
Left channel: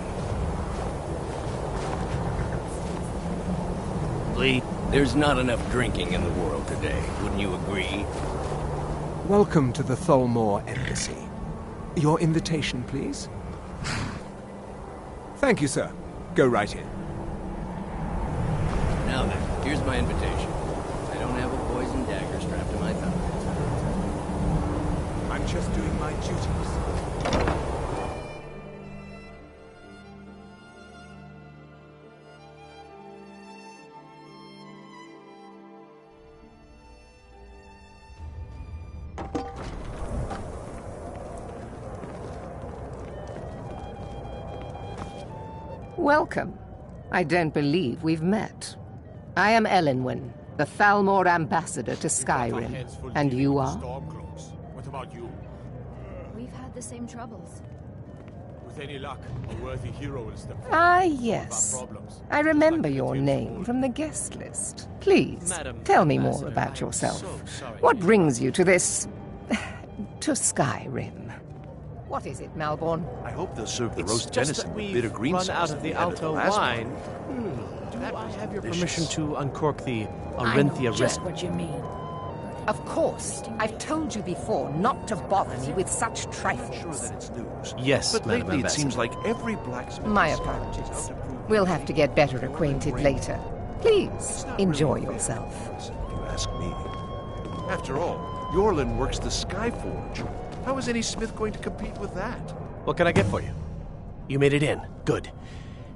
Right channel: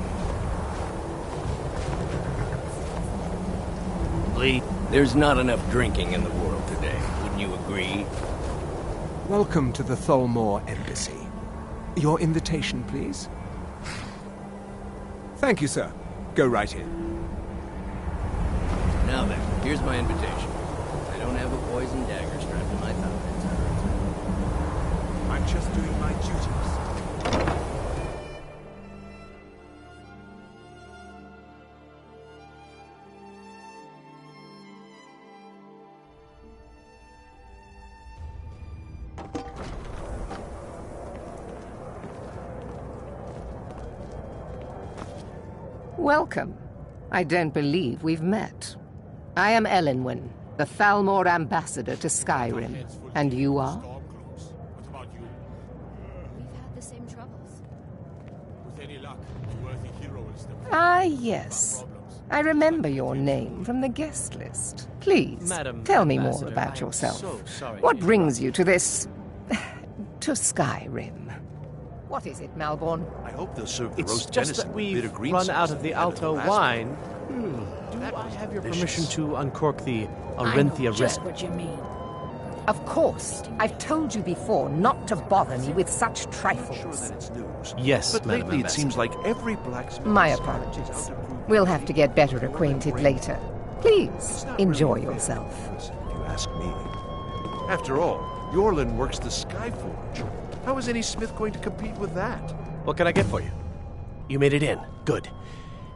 Lee, there's not enough drinking in the world today, wouldn't you agree? Welcome to the Tholmor Embassy. Your invitation, please? Thank you, sir. Go right in. Now then, here's my invitation. I don't have a poison dagger strapped to my thigh, etc., etc. I'm just doing my duties. Welcome. I don't believe we've met. I am Elenwen, the Thalmor ambassador to Skyrim. And you are? What about you? We've had the same troubles. With any luck, a worthy hero will step forward. Ah, yes. I remember your name from the guest list. Please, Madam tell me more Ambassador, about I'm yourself. so sorry What to brings you to this... to Skyrim? What is it, Malborn? I hope they'll serve the It's roast just venison that with we've bitter green run sauce out at of the end Alto last wine. one. Do I have your delicious. permission to uncork the I know Arinthia just Risk? what you mean. Of course. I've told you before not to bother me with such I'm trifles. not sure that it's news. Yes, but Madam lately it Ambassador. seems like every blacksmith My in Skyrim is out apologies. to prove We'll that have to he get better is more acquainted than later. It's Please, not enjoy really a fair yourself. comparison, if you ask me. After all, Yorlin works the Skyforge. How is any smith going to compete with that? What can I get for you? You made it in. Good.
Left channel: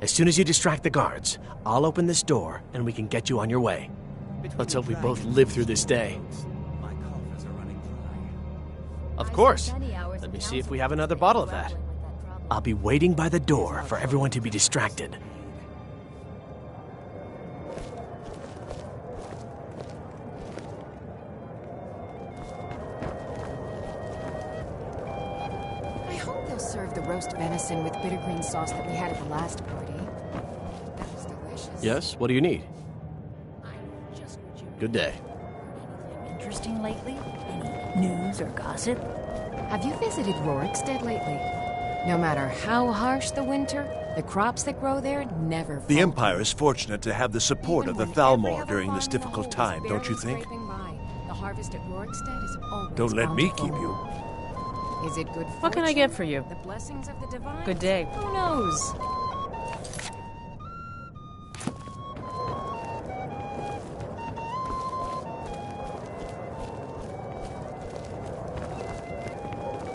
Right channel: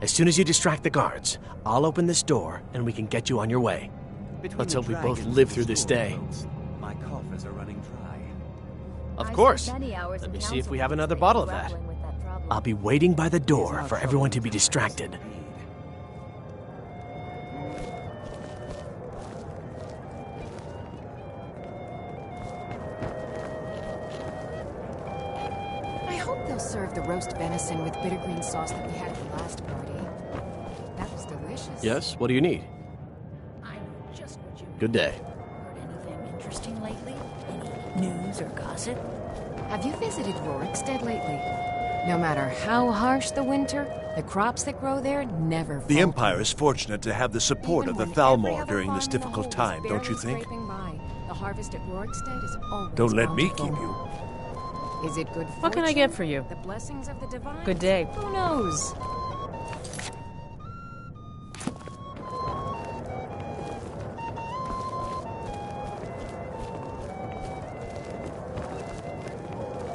As soon as you distract the guards, I'll open this door and we can get you on your way. Let's hope we both live through this day. My coffers are running dry. Of course. Let me see if we have another bottle of that. I'll be waiting by the door for everyone to be distracted. I hope they'll serve the roast venison with bitter green sauce that we had at the last party. That was delicious. Yes? What do you need? I know just what you Good day. Heard anything interesting lately? Any news or gossip? Have you visited Rorikstead lately? No matter how harsh the winter, the crops that grow there never The falter. Empire is fortunate to have the support of the Thalmor during this difficult time, don't you think? The harvest at Rorikstead is always Don't let me bountiful. keep you. Is it good fortune? What can I get for you? The blessings of the divine? Good day. Who knows?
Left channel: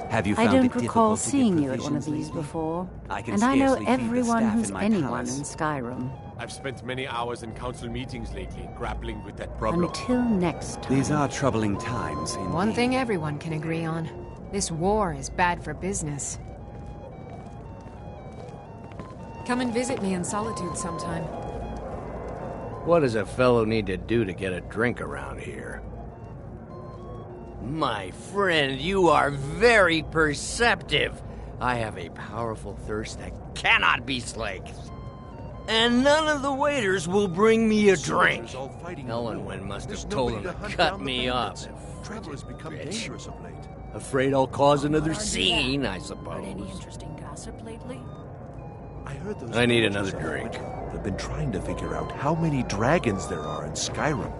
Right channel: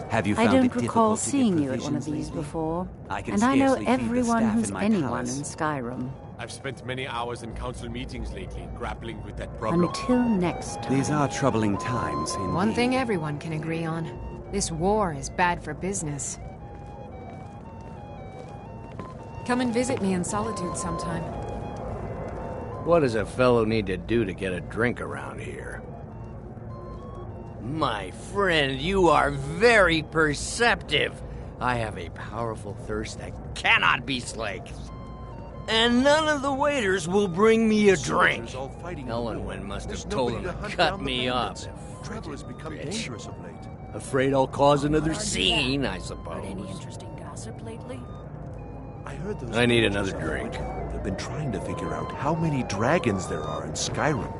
Have you I found it don't recall difficult to get seeing you at one of provisions these lately? before. I can And I know scarcely feed the everyone staff who's in my anyone in palace. Skyrim. I've spent many hours in council meetings lately, grappling with that problem. Until next time. These are troubling times, indeed. One thing everyone can agree on. This war is bad for business. Come and visit me in Solitude sometime. What does a fellow need to do to get a drink around here? My friend, you are very perceptive. I have a powerful thirst that cannot be slaked. And none of the waiters will bring me a drink. Elenwen must have told them to cut me up. Travel has become dangerous of late. Afraid I'll cause another scene, I Heard suppose. any interesting gossip lately? I heard those I need villagers another on drink. Wicca have been trying to figure out how many dragons there are in Skyrim.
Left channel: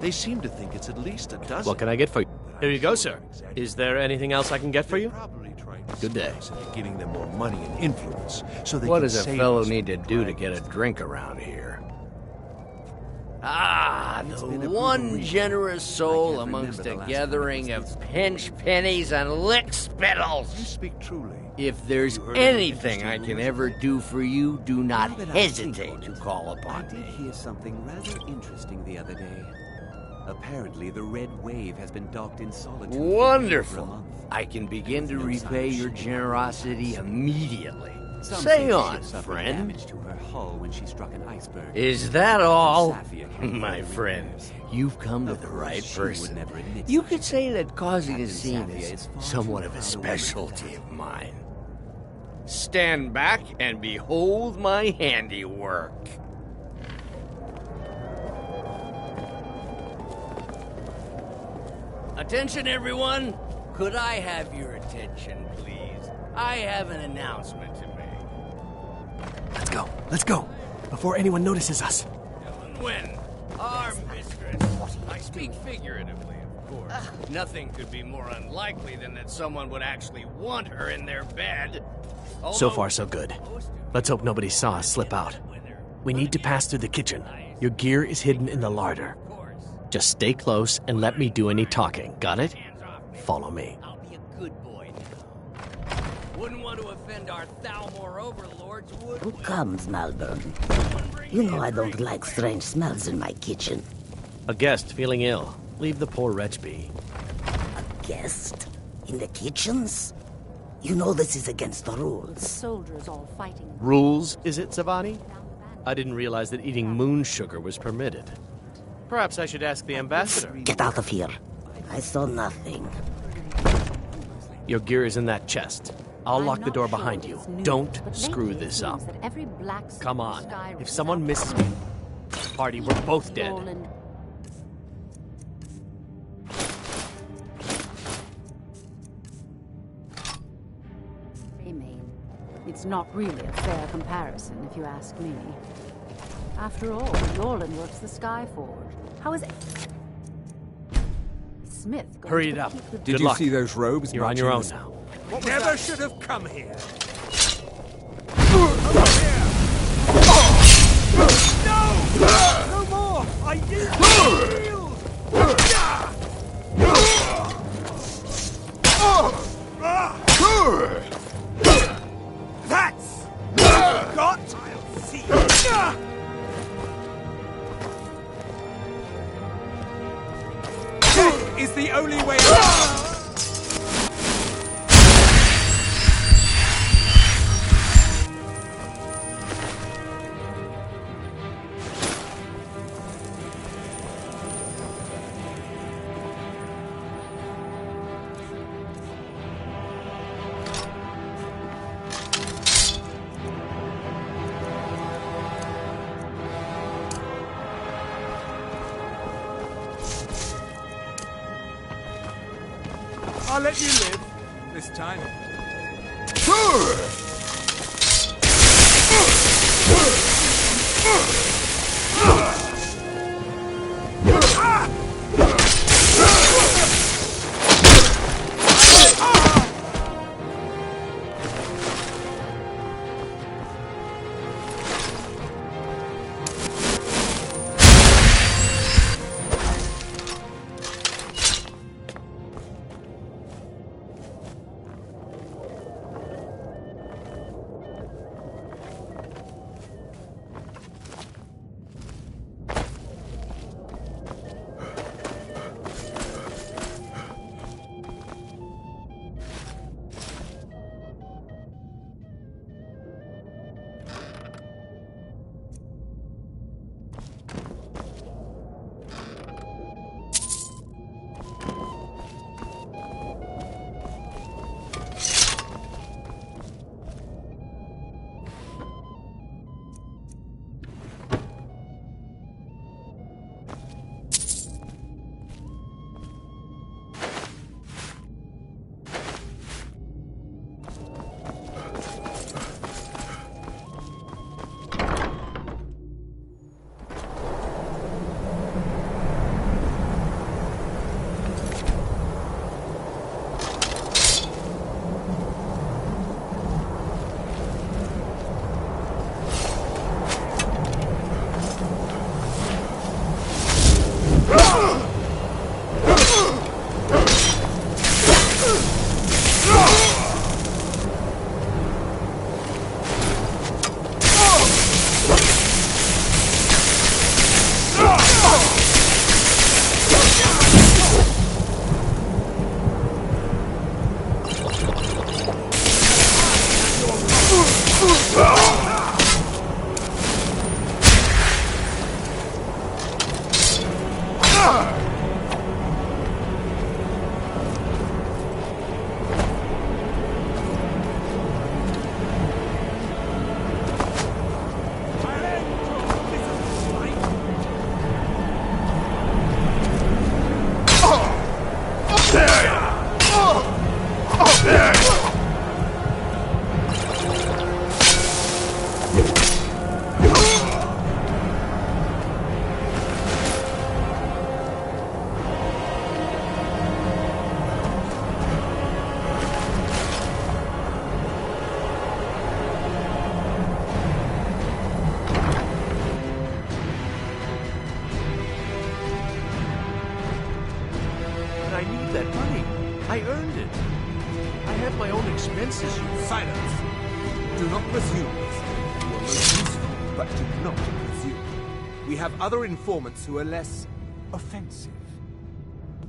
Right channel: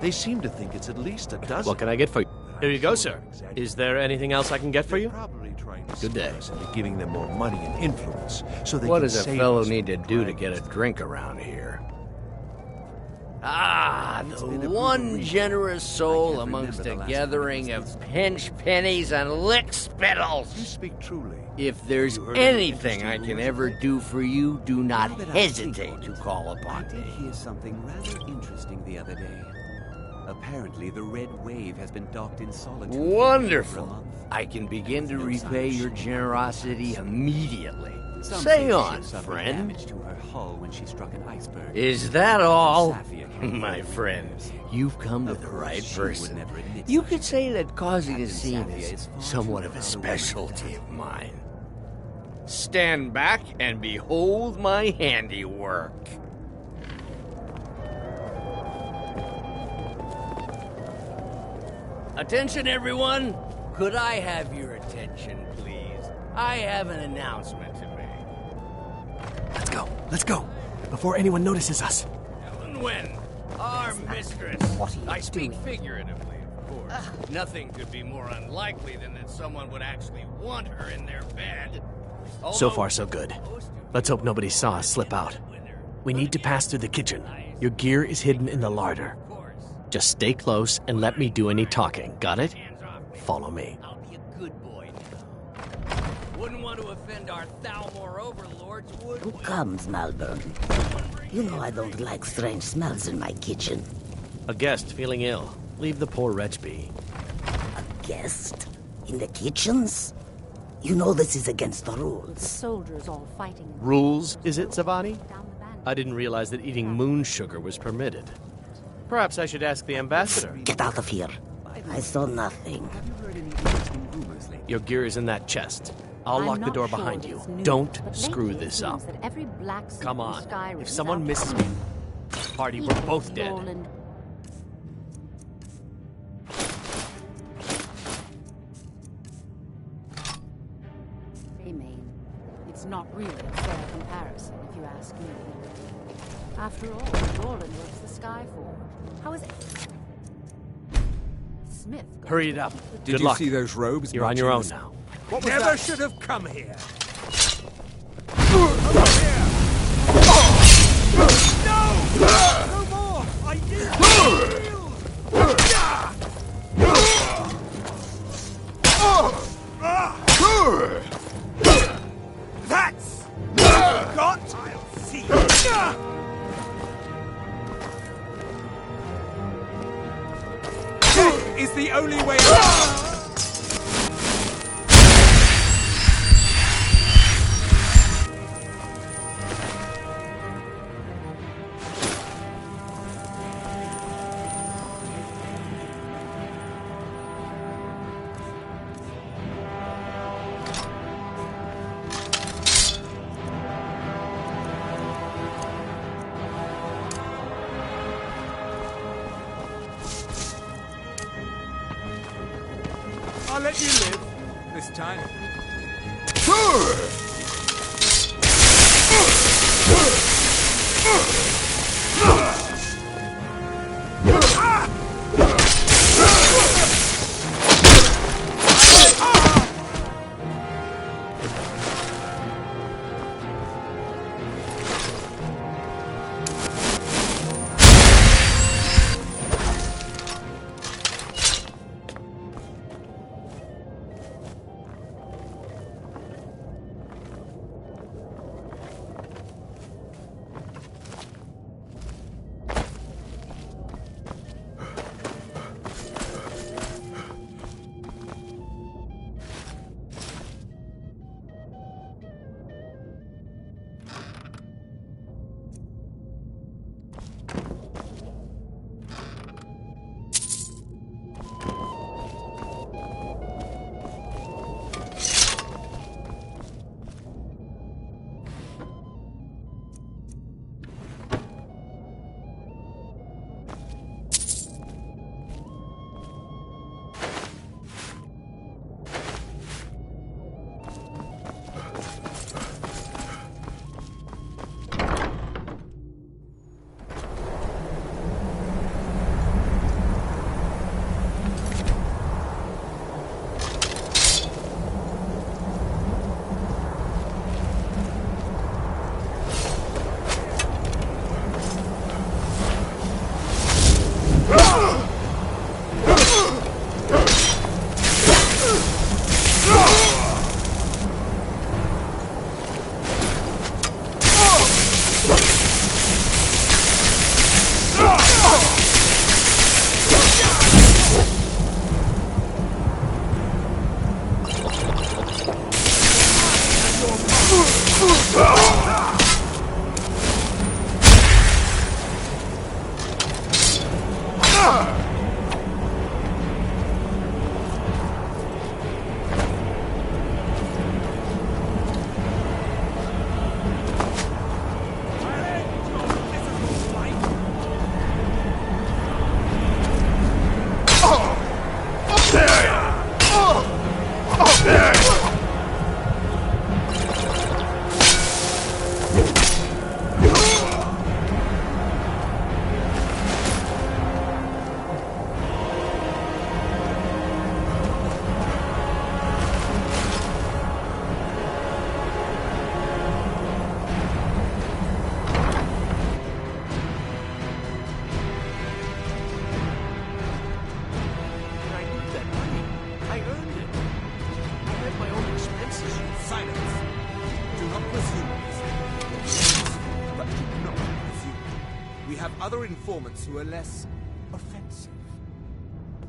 They seem to think it's at least a dozen. What can I get for you? Here you go, sir. Is there anything else I can get for you? Good day. Into giving them more money and influence, so they What can does a save fellow us need to from do to get a drink around here? Ah, the one generous soul amongst a gathering of pinch pennies and lick spittles. You speak truly. If there's You heard any anything I interesting can news ever lately? do for you, do not Now that I think hesitate on to it, call I upon did me. hear something rather interesting the other day. Apparently, the Red Wave has been docked in Solitude for over a Wonderful. month. I can begin to No sign repay of your shipwreck. generosity immediately. Some Say say the on, ship suffered friend. damage to her hull when she struck an iceberg. Is that all? Safia can't My afford friend, repairs. you've come to Of the course, right she would person. never admit You such could a say thing. that causing a Captain scene Safia is is far somewhat too of a proud a woman for specialty that. of mine. Stand back and behold my handiwork. Attention, everyone! Could I have your attention, please? I have an announcement to make. Let's go, before anyone notices us. When our mistress, I speak figuratively, of course. Nothing could be more unlikely than that someone would actually want her in their bed. So far, so good. Let's hope nobody saw us slip out. We need to pass through the kitchen. Your gear is hidden in the larder. Just stay close and let me do any talking. Got it? Follow me. I'll be a good boy now. Wouldn't want to offend our Thalmor overlords, would Who comes, Malvern? You know I don't like strange smells in my kitchen. A guest feeling ill. Leave the poor wretch be. A guest? In the kitchens? You know this is against the rules. The soldiers all fighting. Rules, is it, Savani? I didn't realize that eating moon sugar was permitted. Perhaps I should ask the ambassador. Get out of here. I saw nothing. Your gear is in that chest. I'll lock the door behind you. Don't screw this up. Come on. If someone misses me, party, we're both dead. It's not really a fair comparison, if you ask me. After all, Norland works the Skyforge. How is it? Smith. Hurry it up. Did you see those robes? You're on your own now. Never should have come here. No more! I did That's got. I'll see. Death is the only way out. I'll let you live this time. that money. I earned it. I have my own expenses, you... Silence! Do not presume, mister. You are most useful, but do not presume. We have other informants who are less offensive.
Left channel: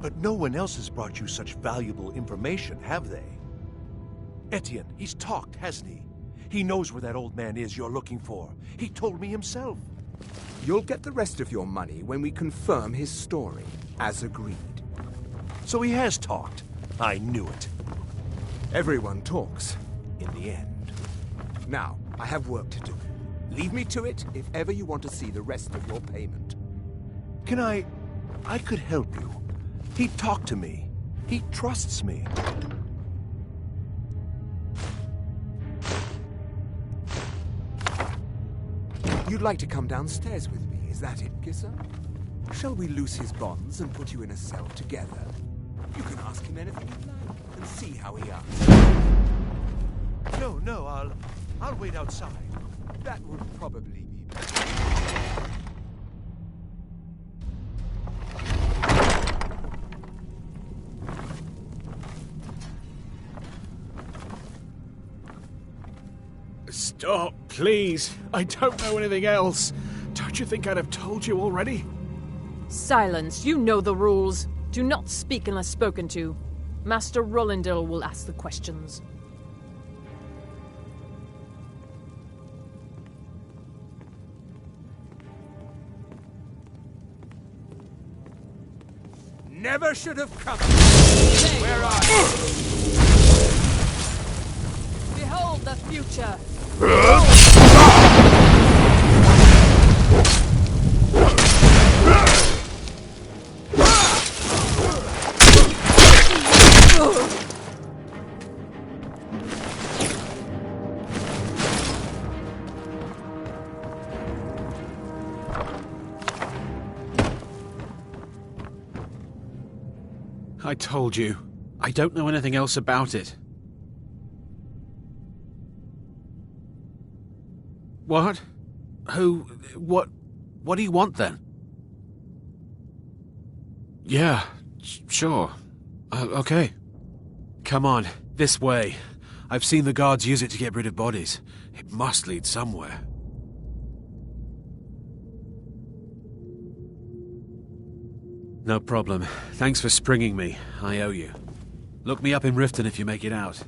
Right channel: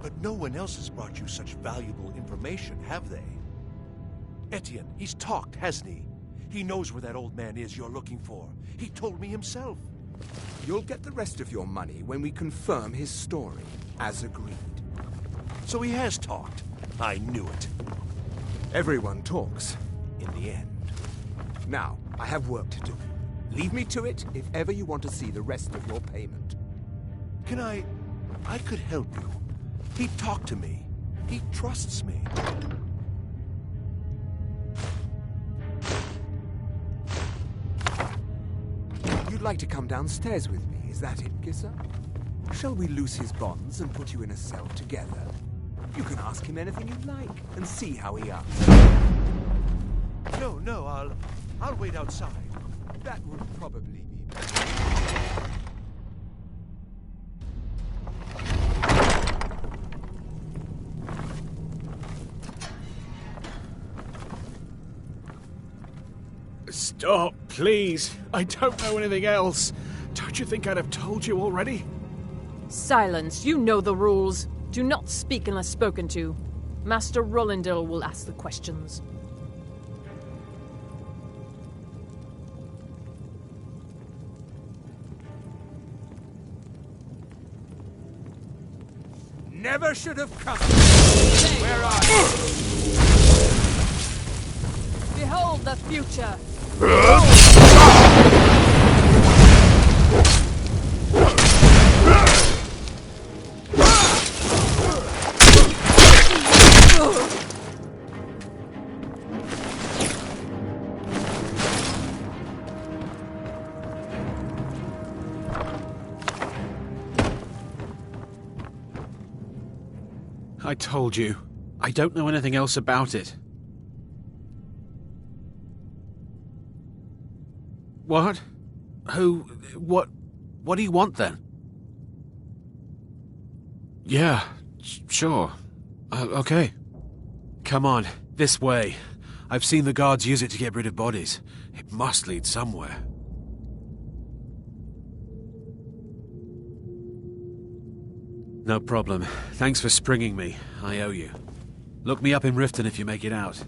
But no one else has brought you such valuable information, have they? Etienne, he's talked, hasn't he? He knows where that old man is you're looking for. He told me himself. You'll get the rest of your money when we confirm his story, as agreed. So he has talked. I knew it. Everyone talks, in the end. Now, I have work to do. Leave me to it if ever you want to see the rest of your payment. Can I could help you. He talked to me. He trusts me. You'd like to come downstairs with me, is that it, Gisser? Shall we loose his bonds and put you in a cell together? You can ask him anything you like and see how he answers. No, I'll wait outside. That would probably be better. Stop, please. I don't know anything else. Don't you think I'd have told you already? Silence. You know the rules. Do not speak unless spoken to. Master Rollindil will ask the questions. Never should have come. Where are you? Behold the future. I told you. I don't know anything else about it. What? Who? What do you want then? Yeah, sure. Okay. Come on, this way. I've seen the guards use it to get rid of bodies. It must lead somewhere. No problem. Thanks for springing me. I owe you. Look me up in Riften if you make it out.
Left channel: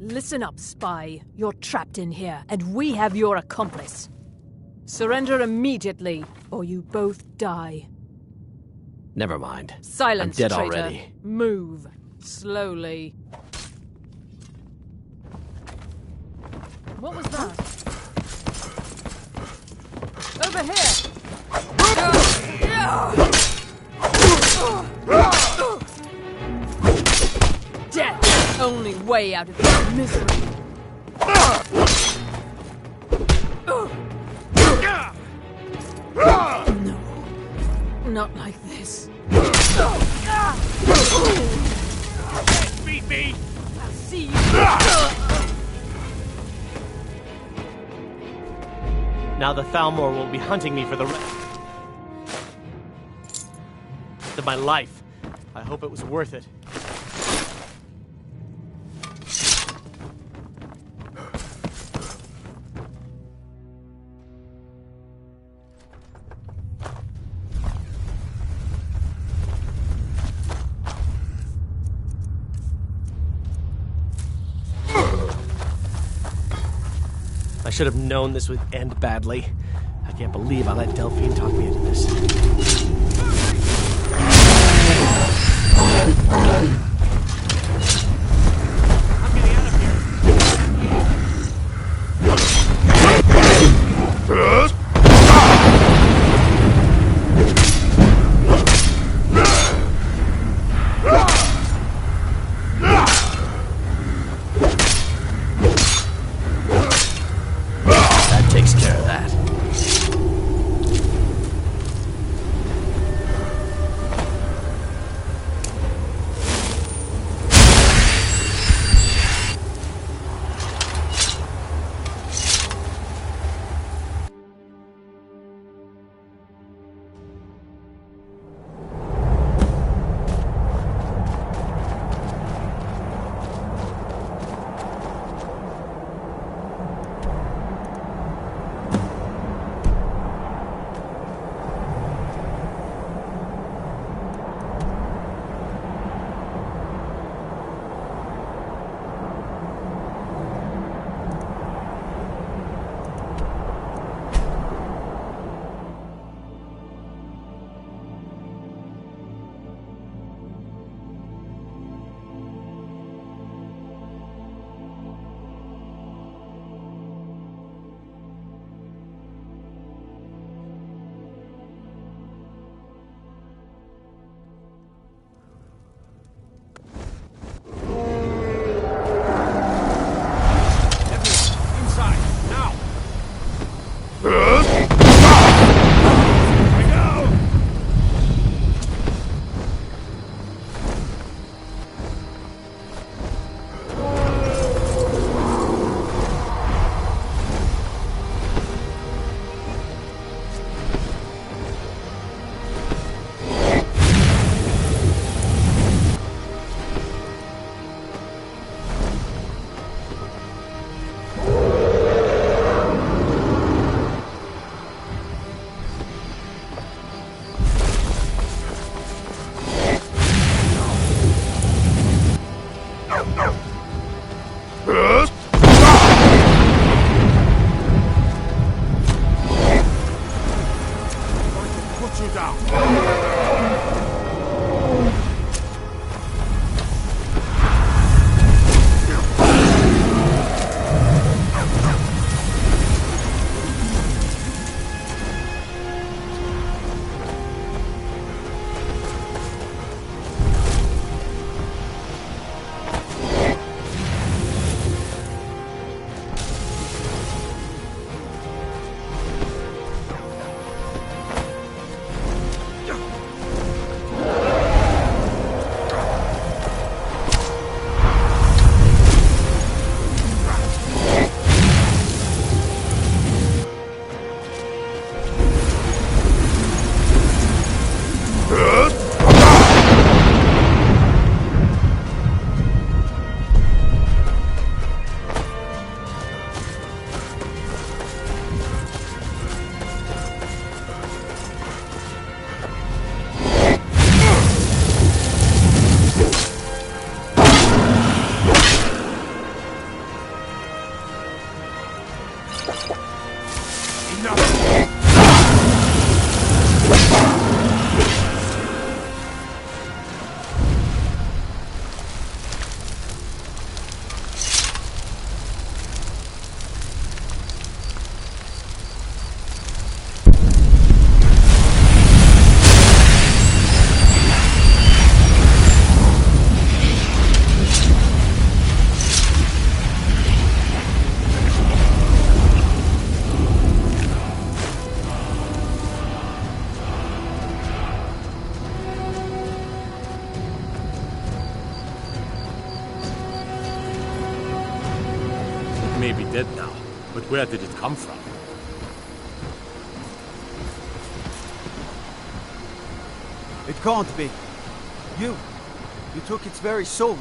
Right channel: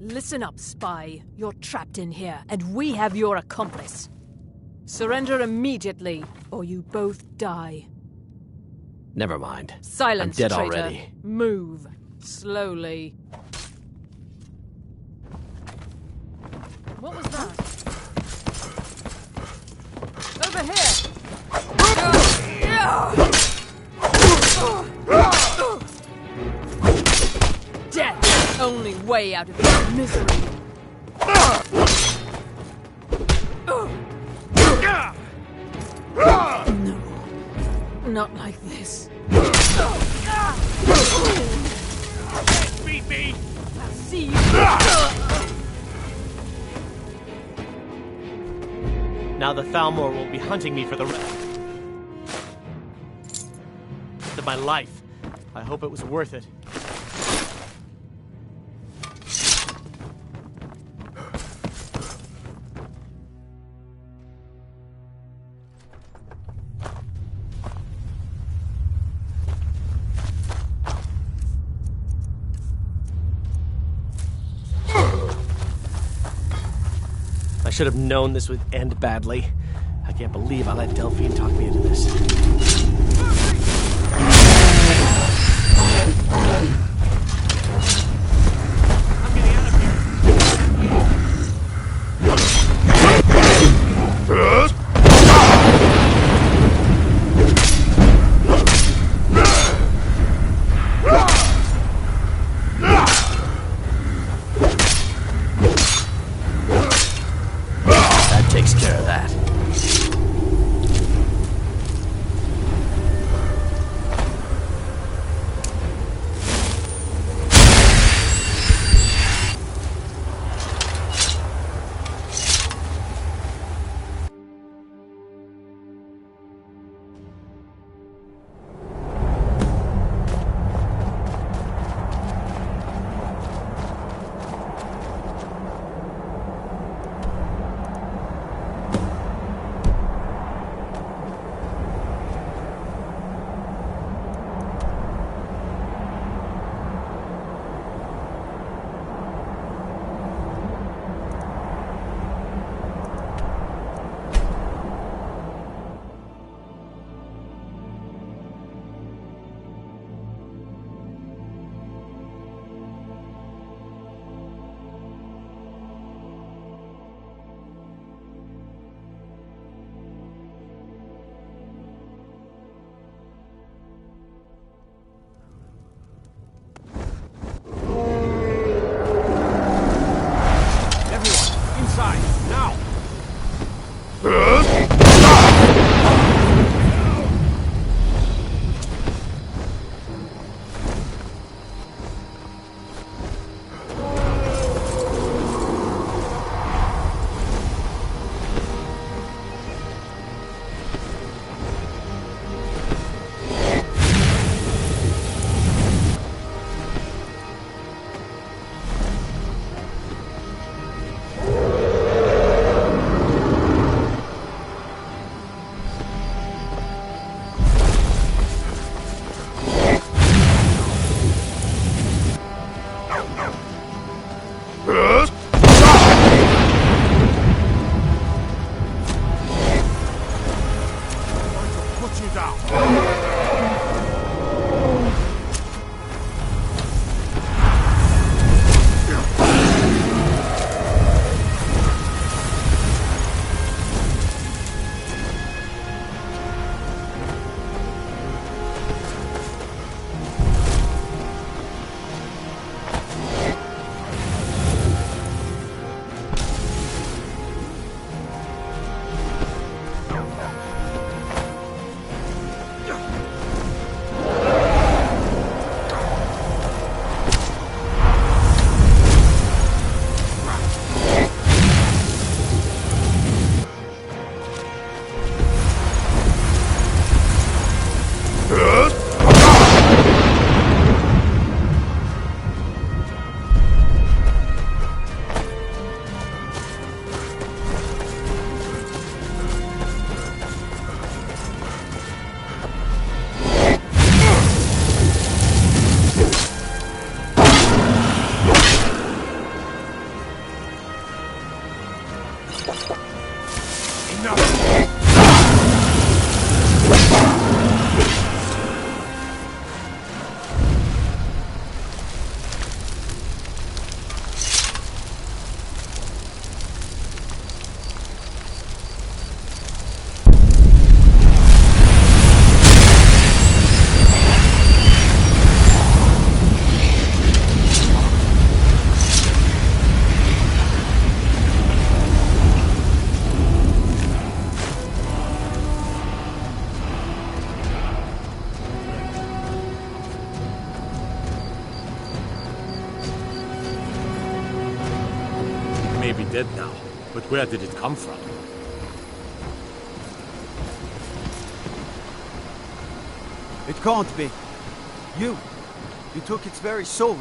Listen up, spy. You're trapped in here, and we have your accomplice. Surrender immediately, or you both die. Never mind. Silence, I'm dead traitor. already. Move. Slowly. What was that? Over here! Death! Only way out of this misery! No. Not like this. Beat me! I'll see you! Now the Thalmor will be hunting me for the rest of my life. I hope it was worth it. I should have known this would end badly. I can't believe I let Delphine talk me into this. I'm getting out of here. That takes care of that. Put you down. It may be dead now, but where did it come from? It can't be. You took its very soul.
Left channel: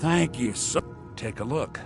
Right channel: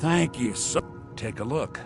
Thank you, sir. Take a look.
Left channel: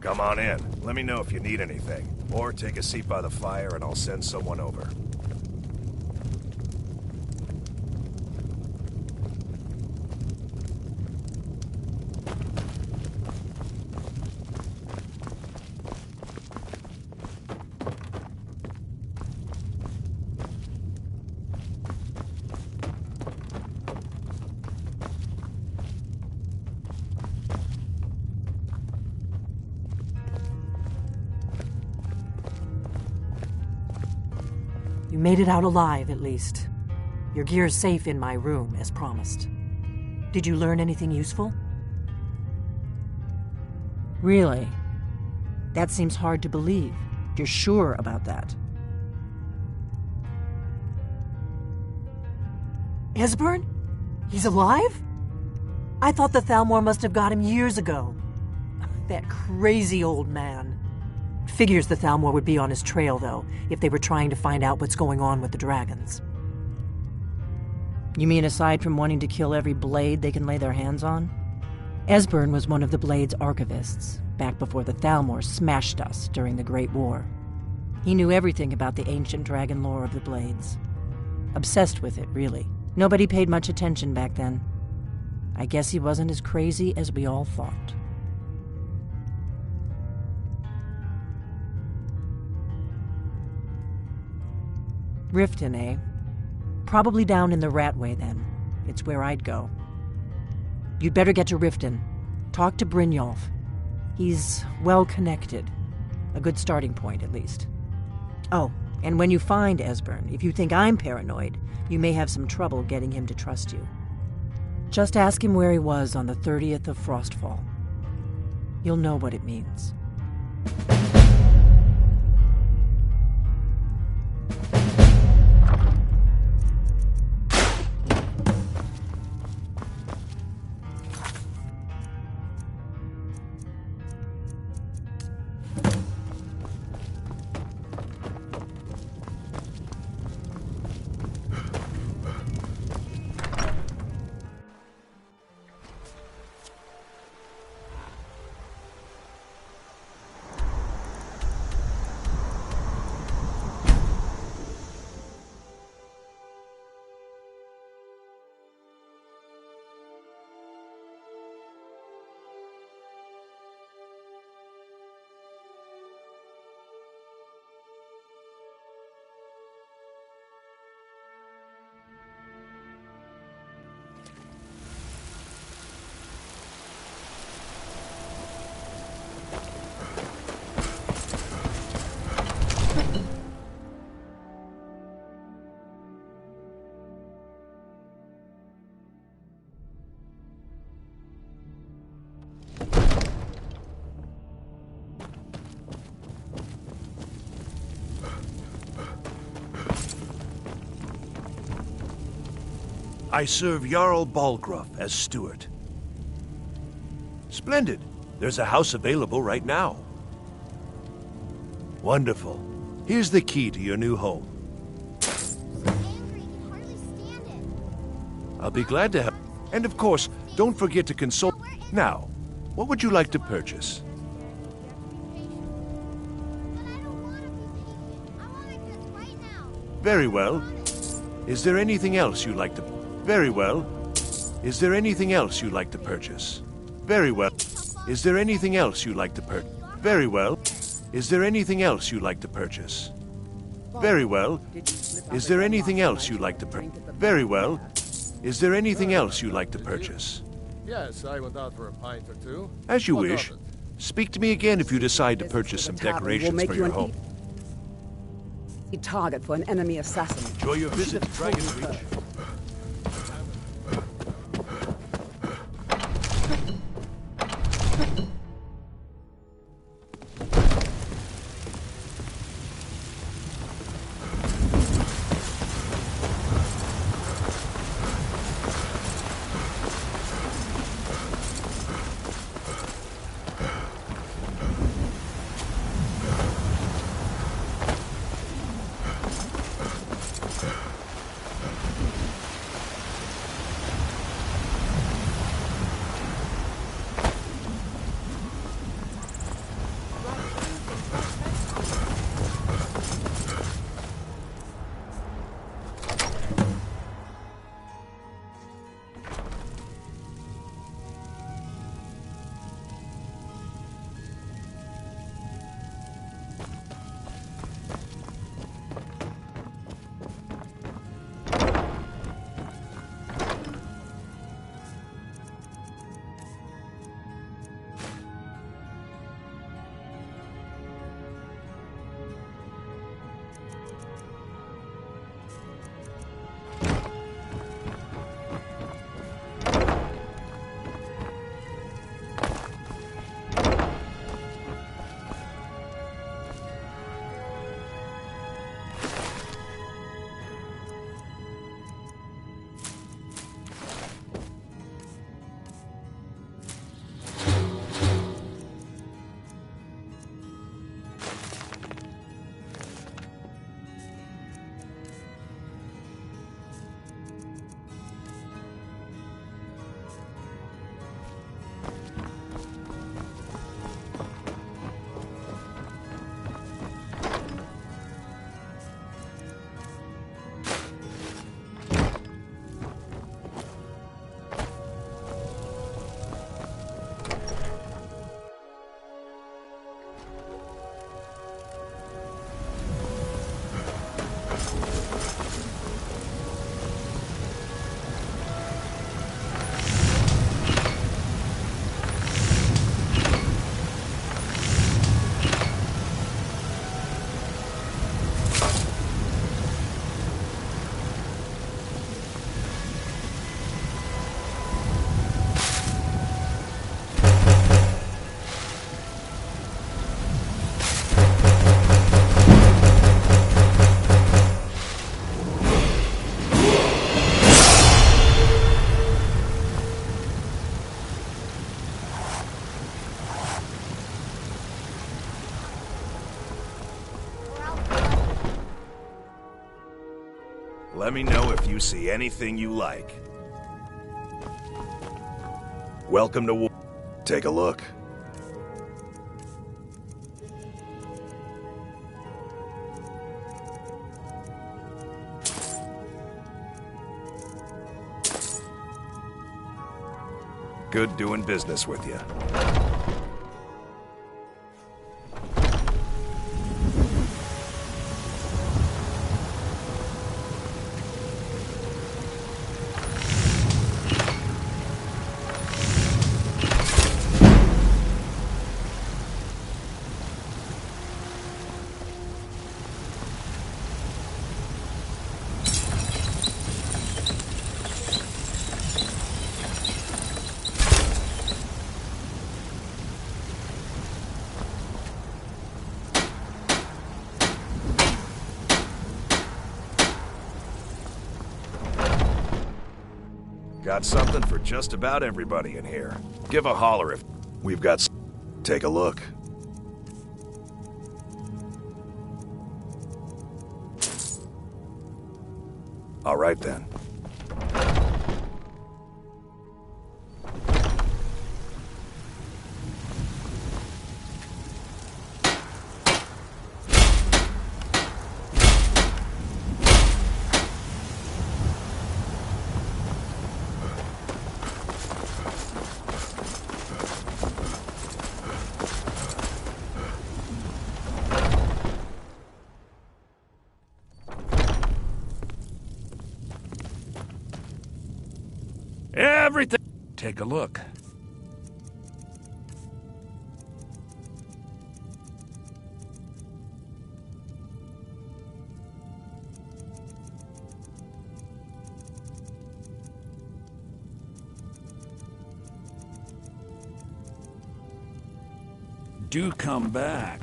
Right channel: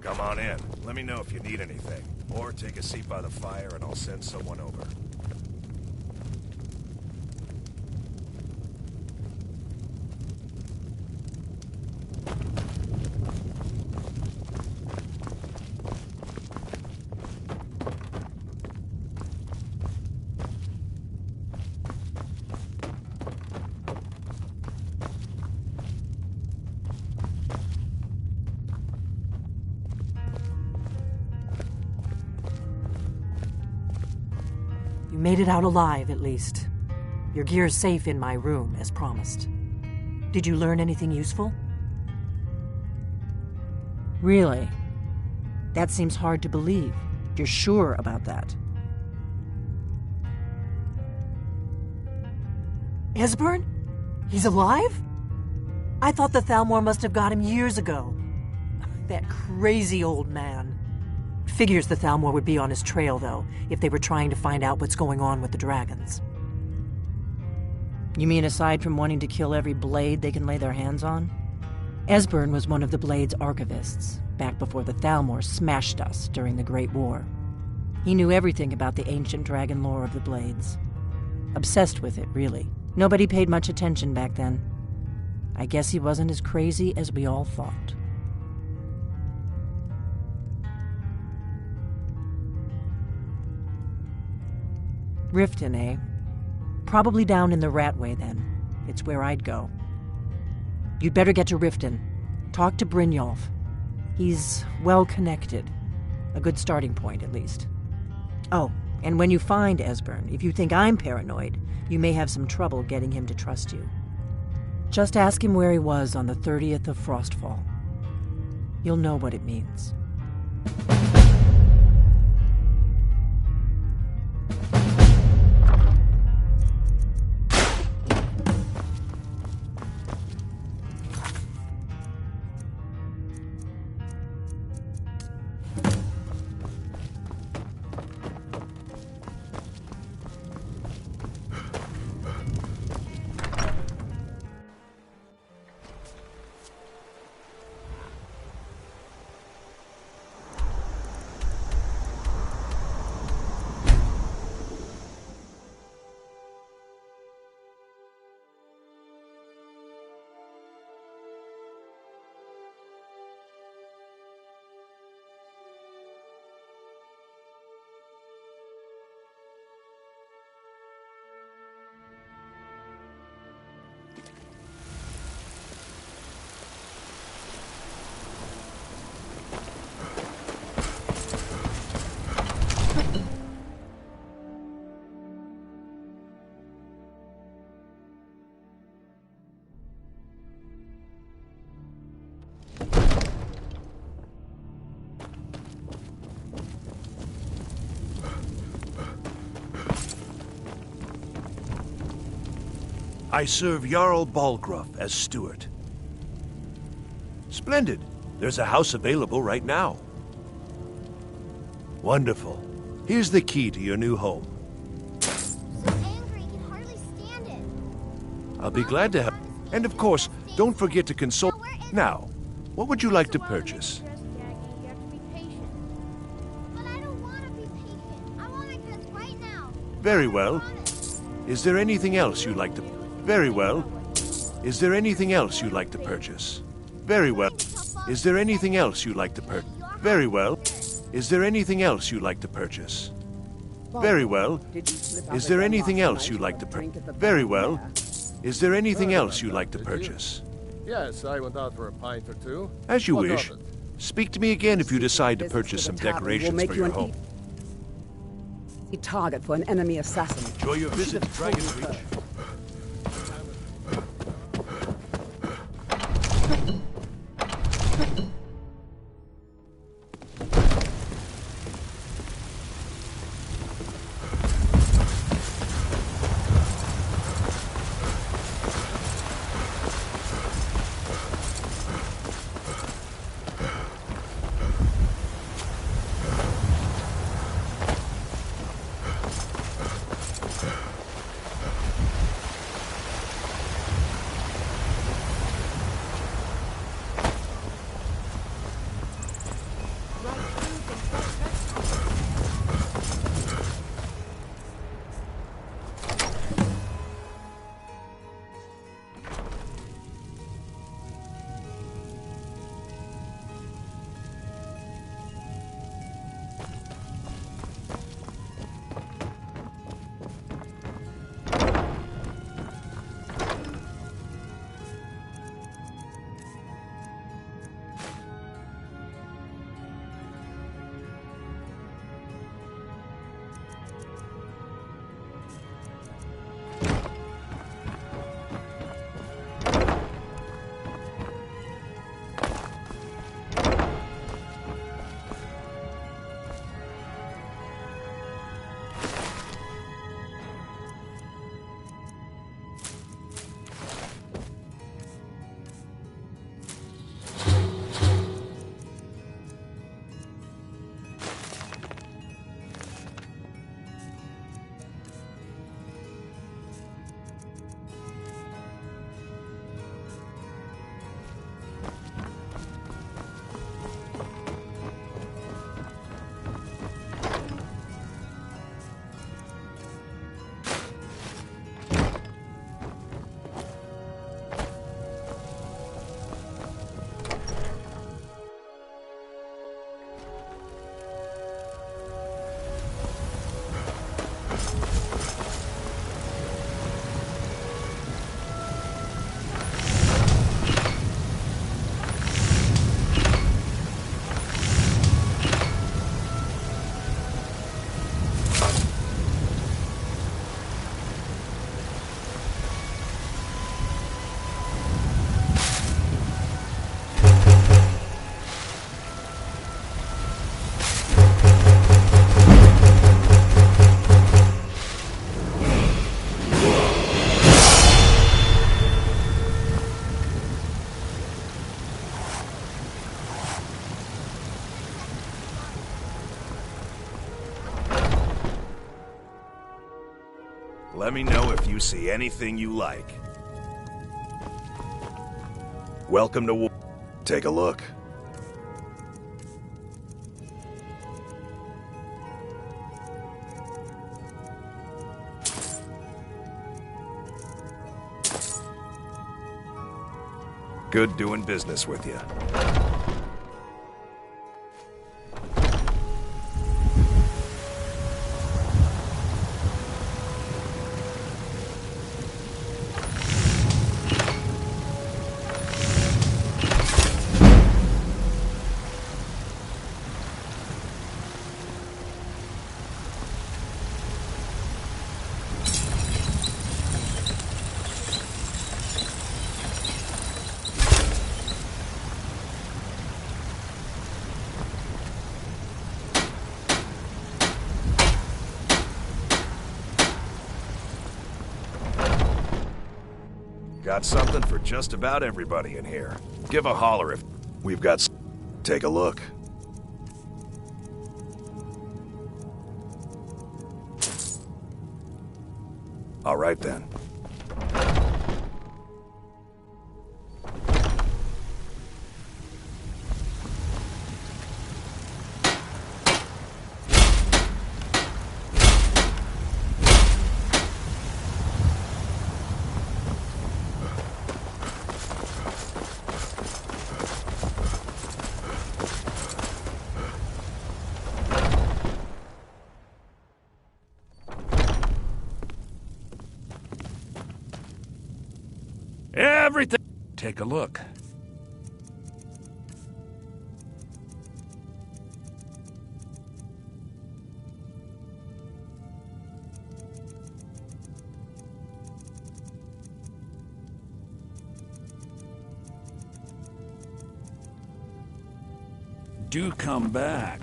Come on in. Let me know if you need anything. Or take a seat by the fire and I'll send someone over. You made it out alive, at least. Your gear's safe in my room, as promised. Did you learn anything useful? Really? That seems hard to believe. You're sure about that? Esbern? He's alive? I thought the Thalmor must have got him years ago. That crazy old man. Figures the Thalmor would be on his trail, though, if they were trying to find out what's going on with the dragons. You mean aside from wanting to kill every blade they can lay their hands on? Esbern was one of the Blade's archivists, back before the Thalmor smashed us during the Great War. He knew everything about the ancient dragon lore of the Blades. Obsessed with it, really. Nobody paid much attention back then. I guess he wasn't as crazy as we all thought. Riften, eh? Probably down in the Ratway, then. It's where I'd go. You'd better get to Riften. Talk to Brynjolf. He's well-connected. A good starting point, at least. Oh, And when you find Esbern, if you think I'm paranoid, you may have some trouble getting him to trust you. Just ask him where he was on the 30th of Frostfall. You'll know what it means. I serve Jarl Balgruff as steward. Splendid. There's a house available right now. Wonderful. Here's the key to your new home. I'll be glad to help. And of course, don't forget to consult. Now, what would you like to purchase? Very well. Is there anything else you'd like to... Very well. Is there anything else you'd like to purchase? Very well. Is there anything else you'd like to purchase? Very well. Is there anything else you'd like to purchase? Very well. Is there anything else you'd like to purchase? Very well. Is there anything else you'd like to purchase? Yes, I went out for a pint or two. As you What of wish. it? Speak to me again if you decide to purchase some decorations for your home. Target for an enemy assassin. Enjoy your visit to Dragon's Reach. Let me know if you see anything you like. Welcome to war. Take a look. Good doing business with you. Got something for just about everybody in here. Give a holler if we've got. Take a look. All right then. Everything. Take a look. Do come back.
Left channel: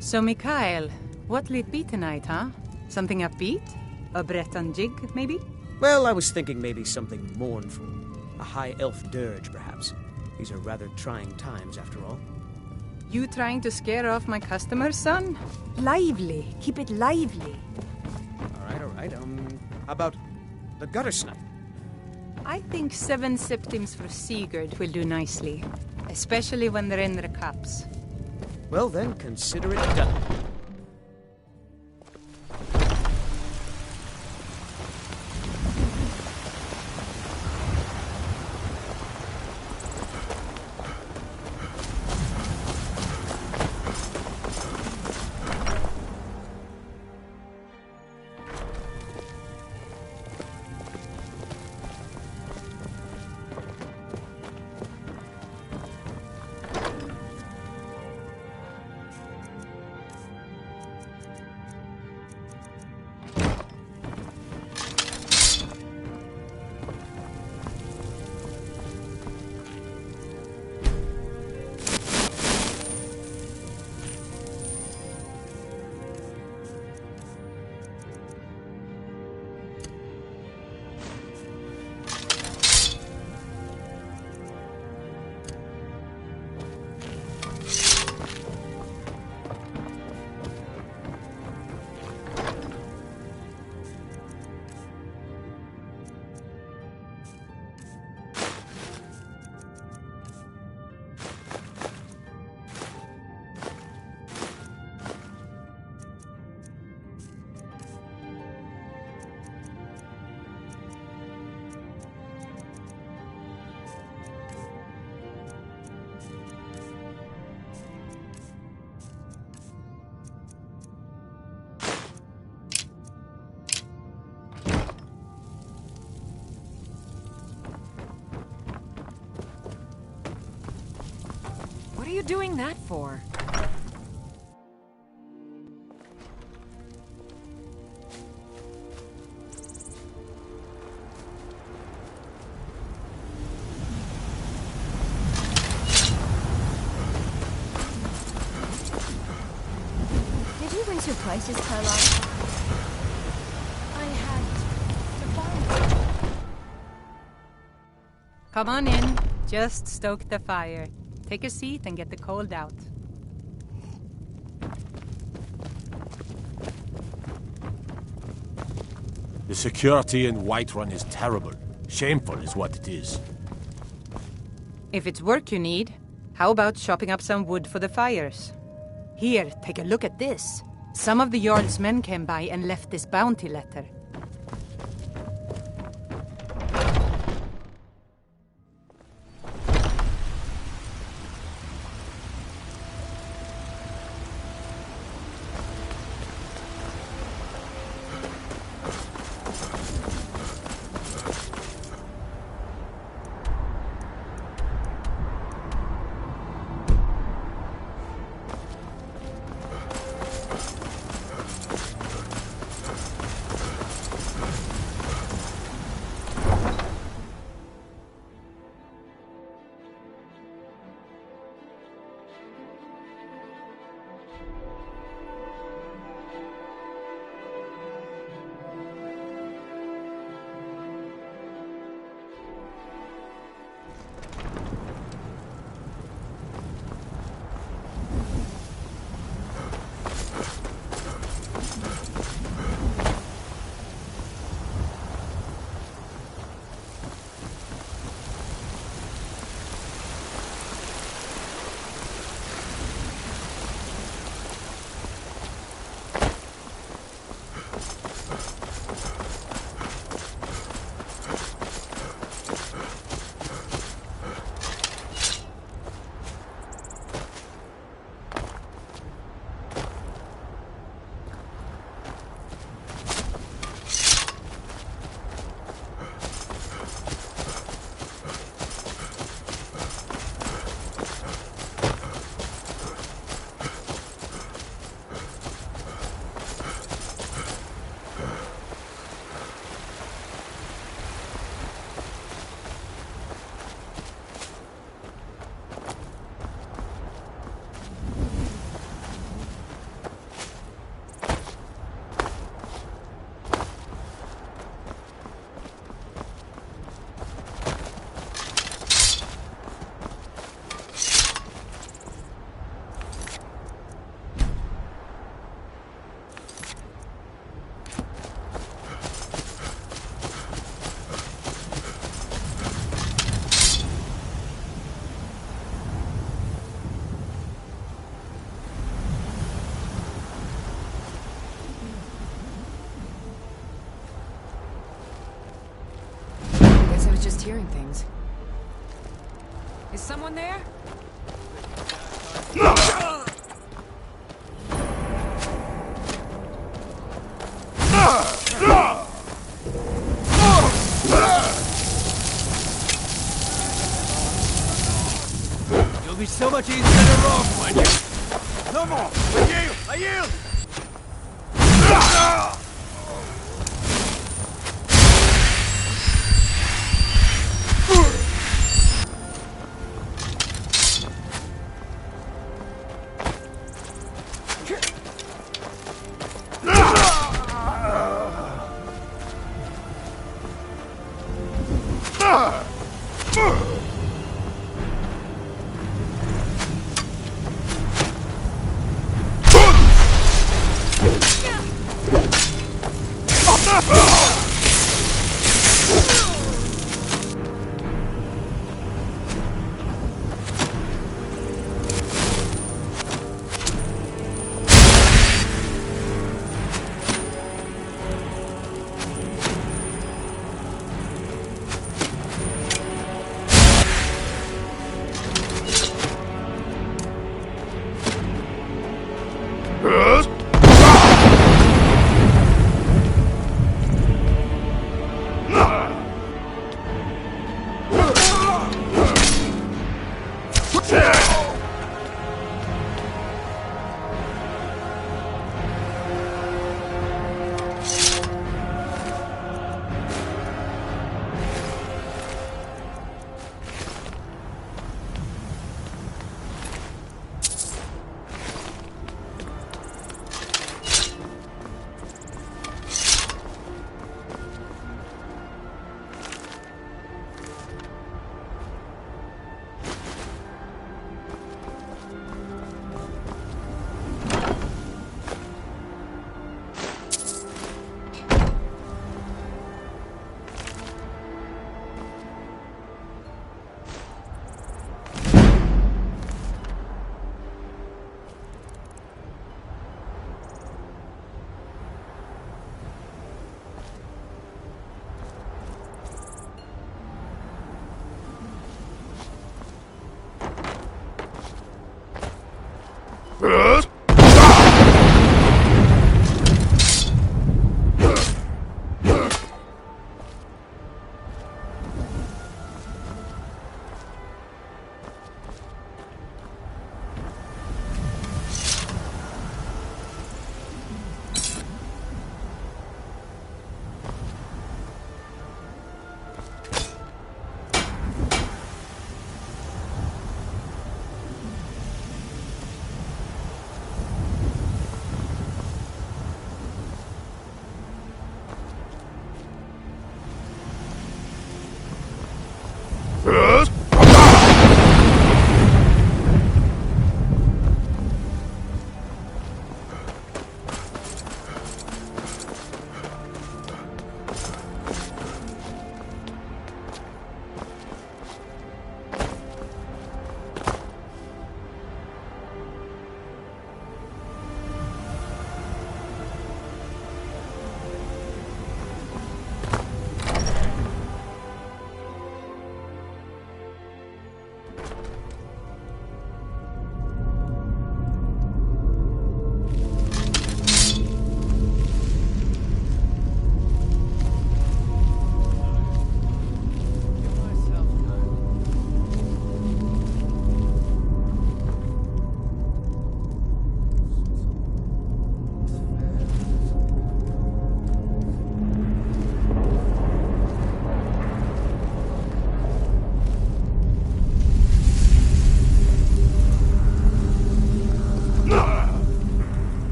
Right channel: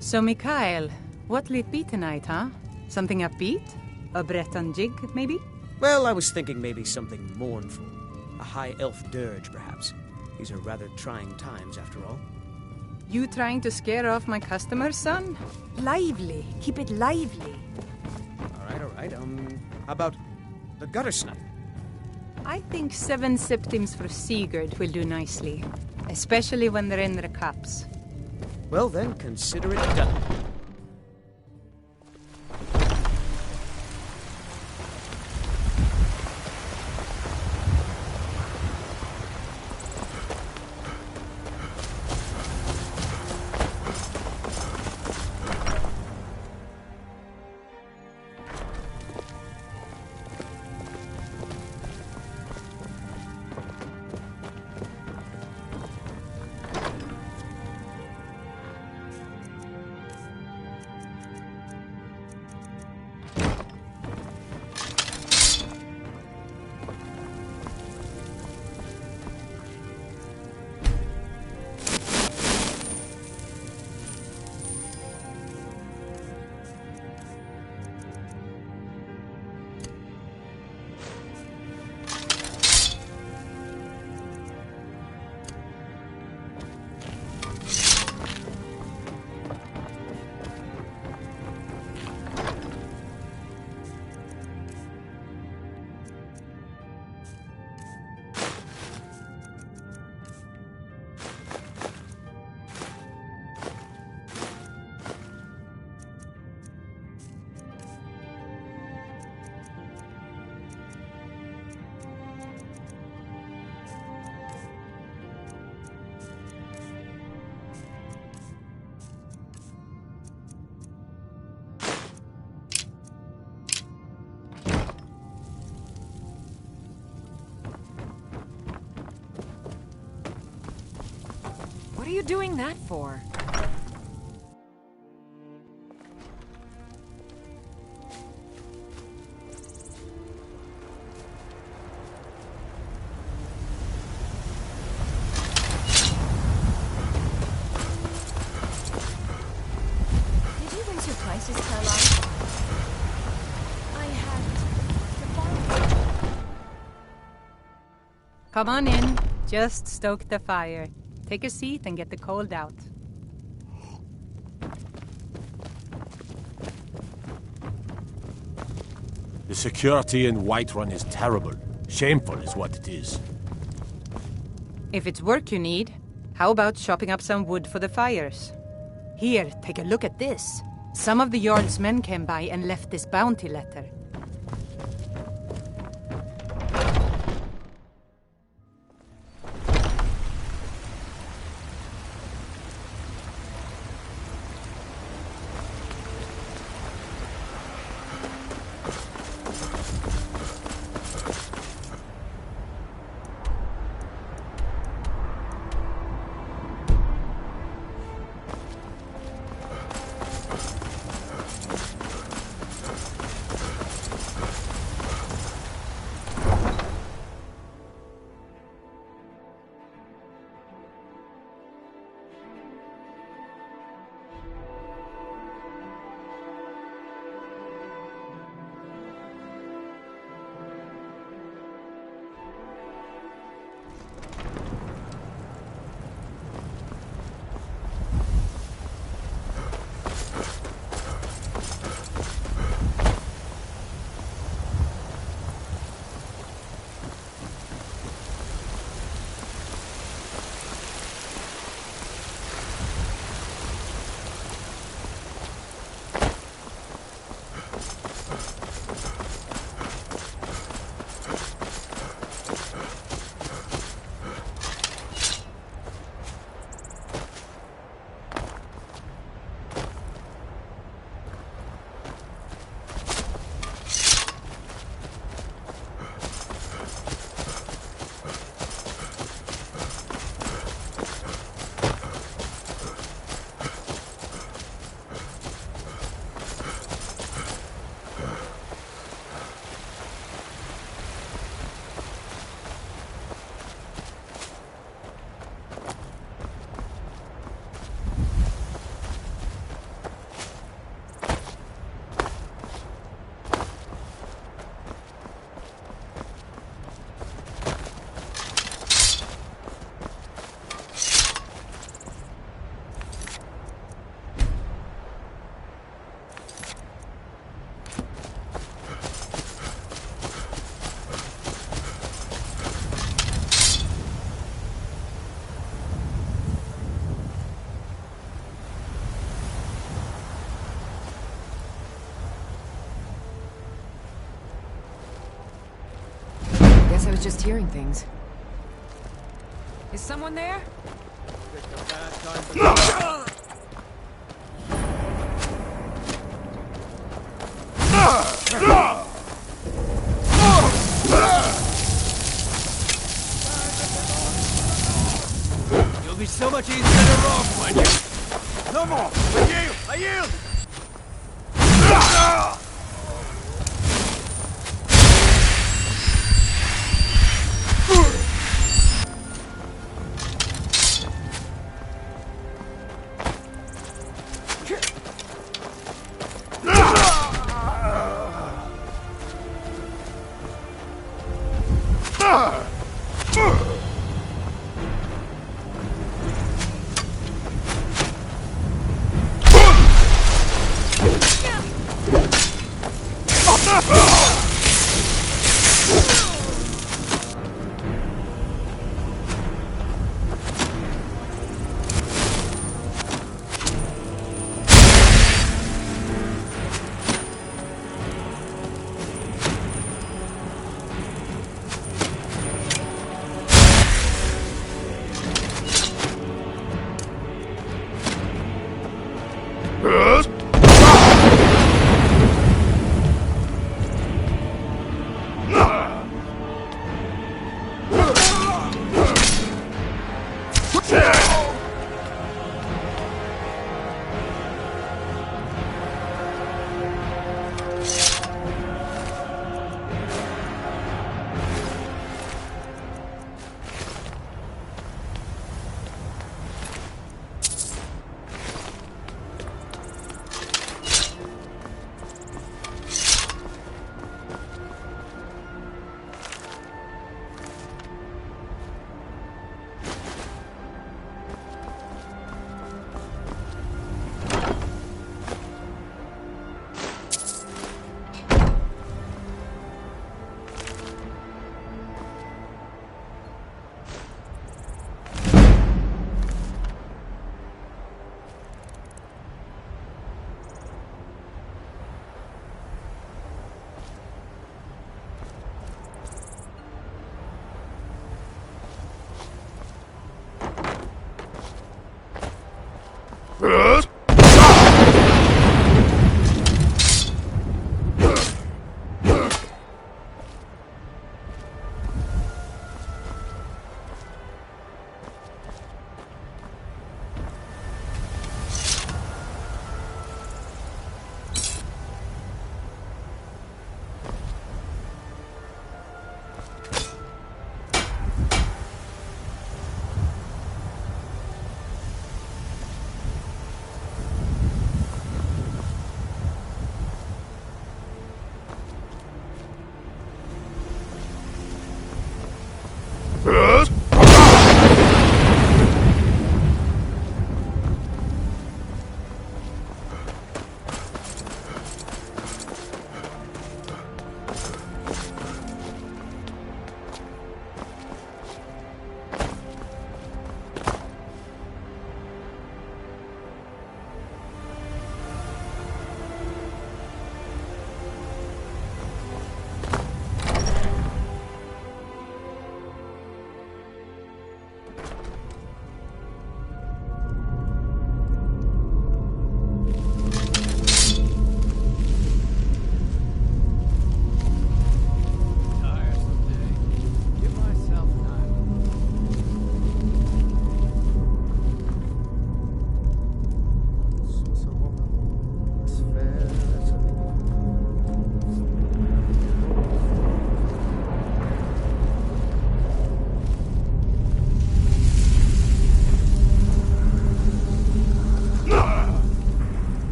So, Mikhail, what'll it be tonight, huh? Something upbeat? A Breton jig, maybe? Well, I was thinking maybe something mournful. A high elf dirge, perhaps. These are rather trying times, after all. You trying to scare off my customers, son? Lively. Keep it lively. All right. How about the gutter snipe? I think 7 septims for Sigurd will do nicely. Especially when they're in their cups. Well then, consider it done. are you doing that for? Did you raise your prices, Caroline? I had to find. Come on in. Just stoke the fire. Take a seat and get the cold out. The security in Whiterun is terrible. Shameful is what it is. If it's work you need, how about chopping up some wood for the fires? Here, take a look at this. Some of the Jarl's men came by and left this bounty letter. Guess I was just hearing things. Is someone there? You'll be so much easier to rob when you... No more! I yield!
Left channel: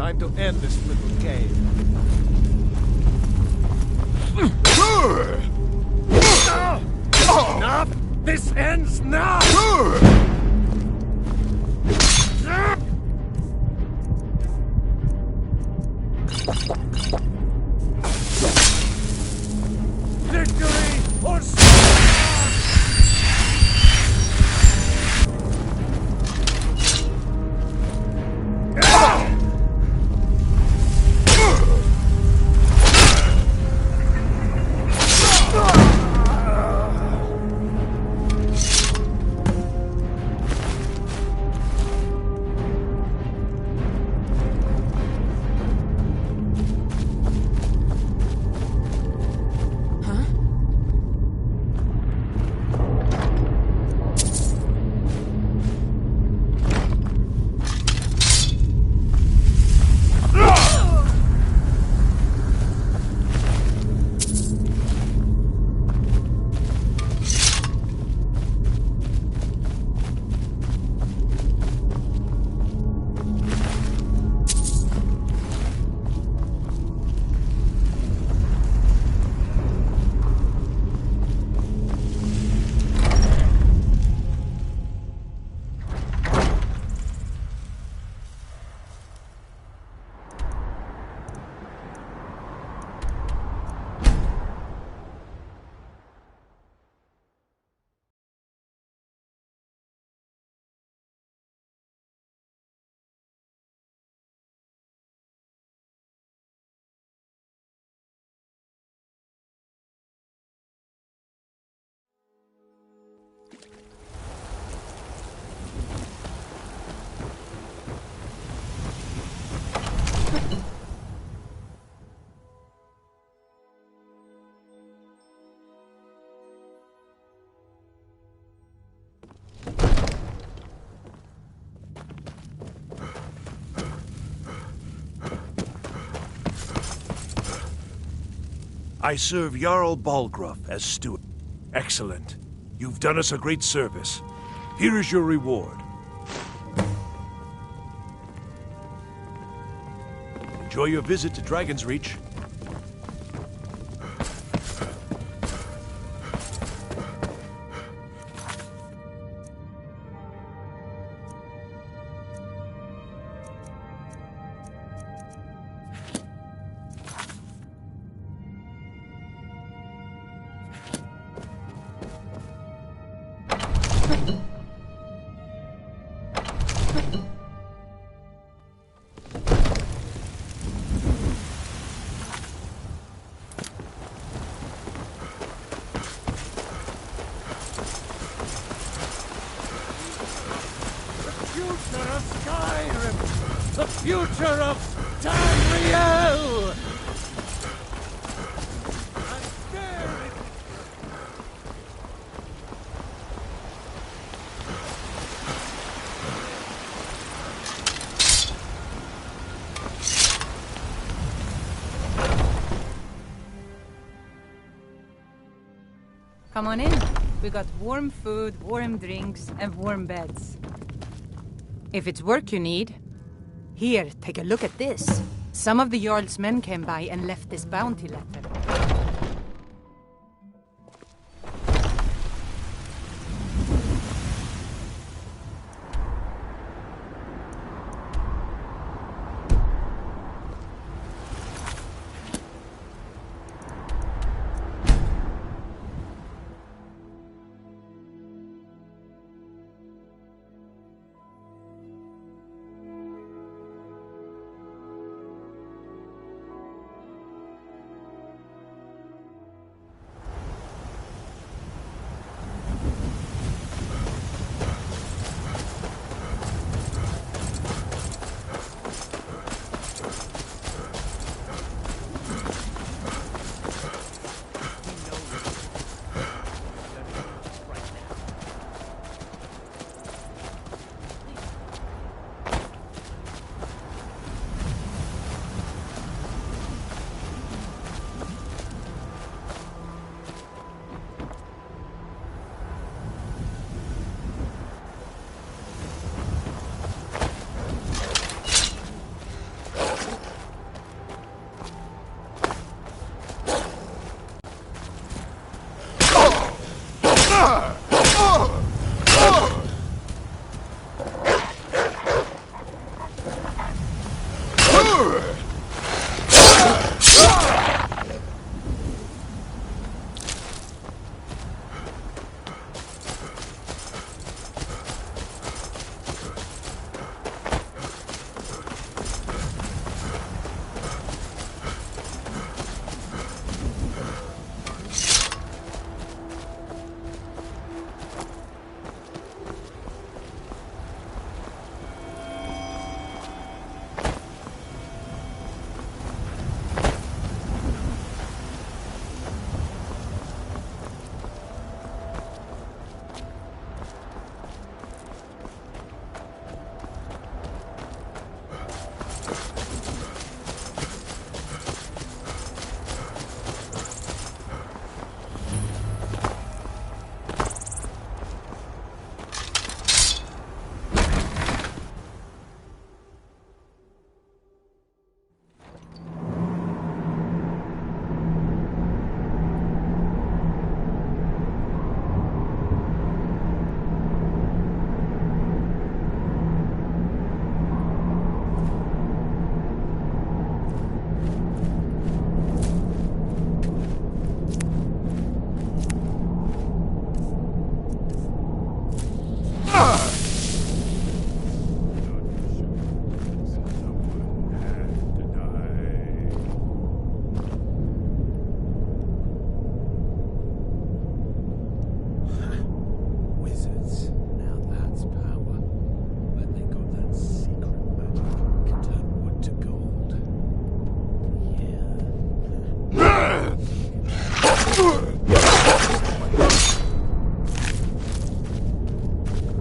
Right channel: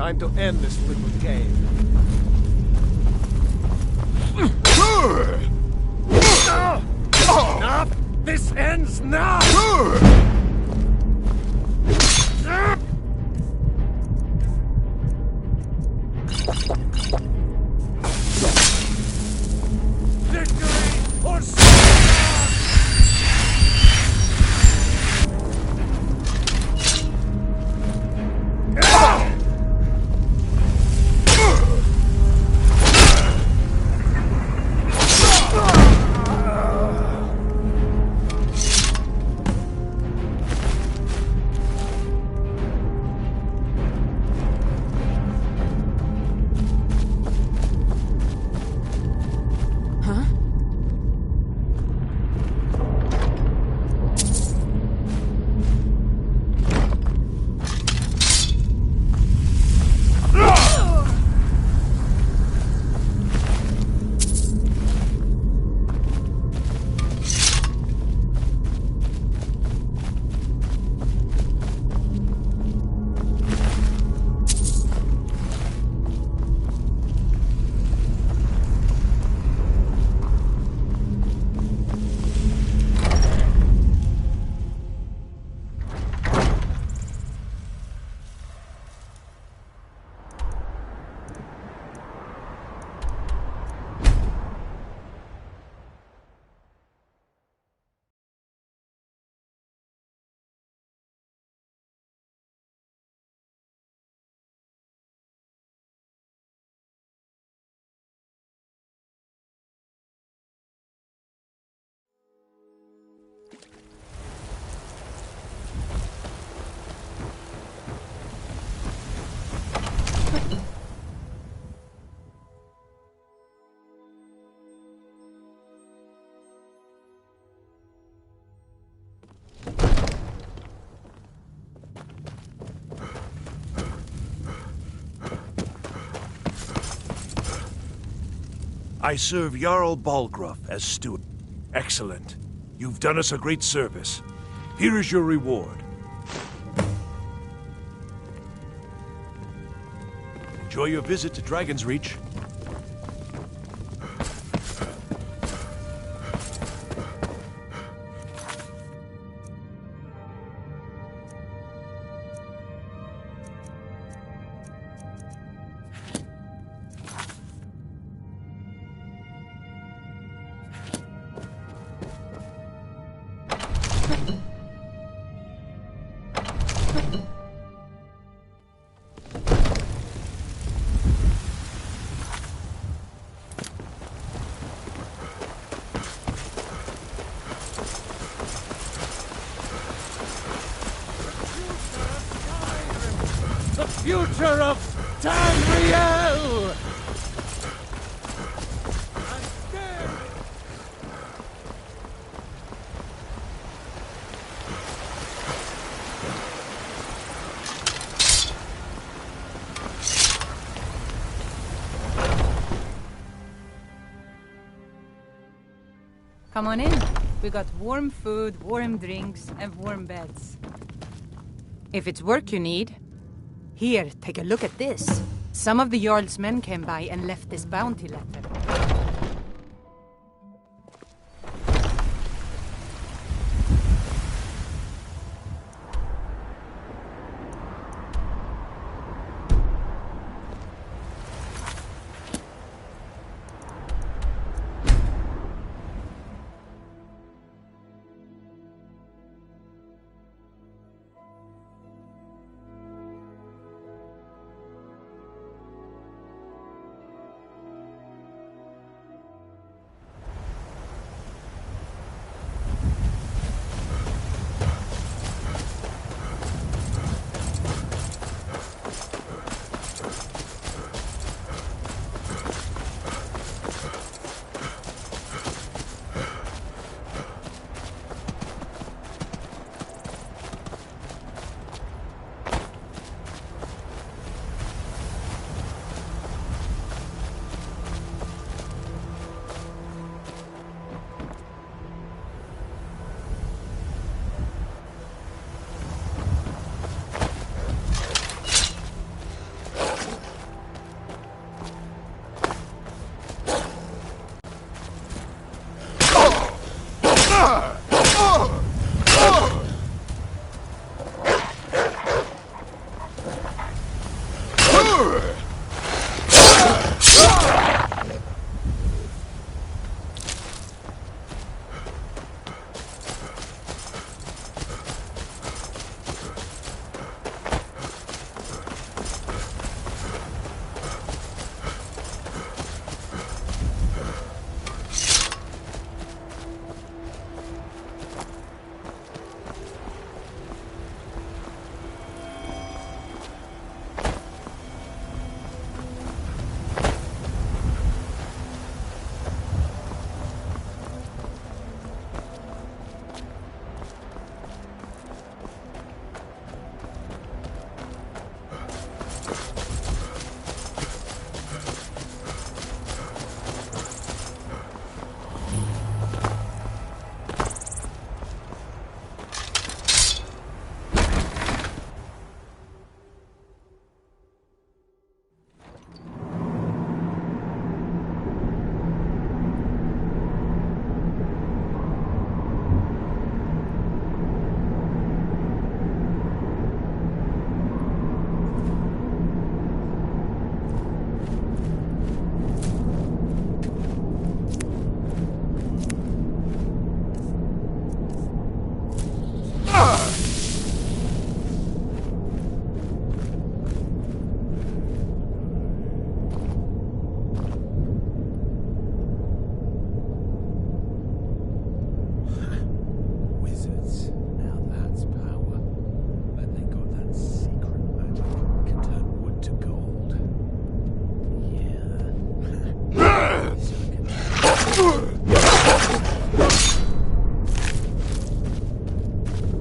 Time to end this little game. Enough! This ends now! Victory or I serve Jarl Balgruuf as steward. Excellent. You've done us a great service. Here is your reward. Enjoy your visit to Dragon's Reach. Skyrim! The future of Tamriel! Come on in. We got warm food, warm drinks, and warm beds. If it's work you need, here, take a look at this. Some of the Jarl's men came by and left this bounty letter.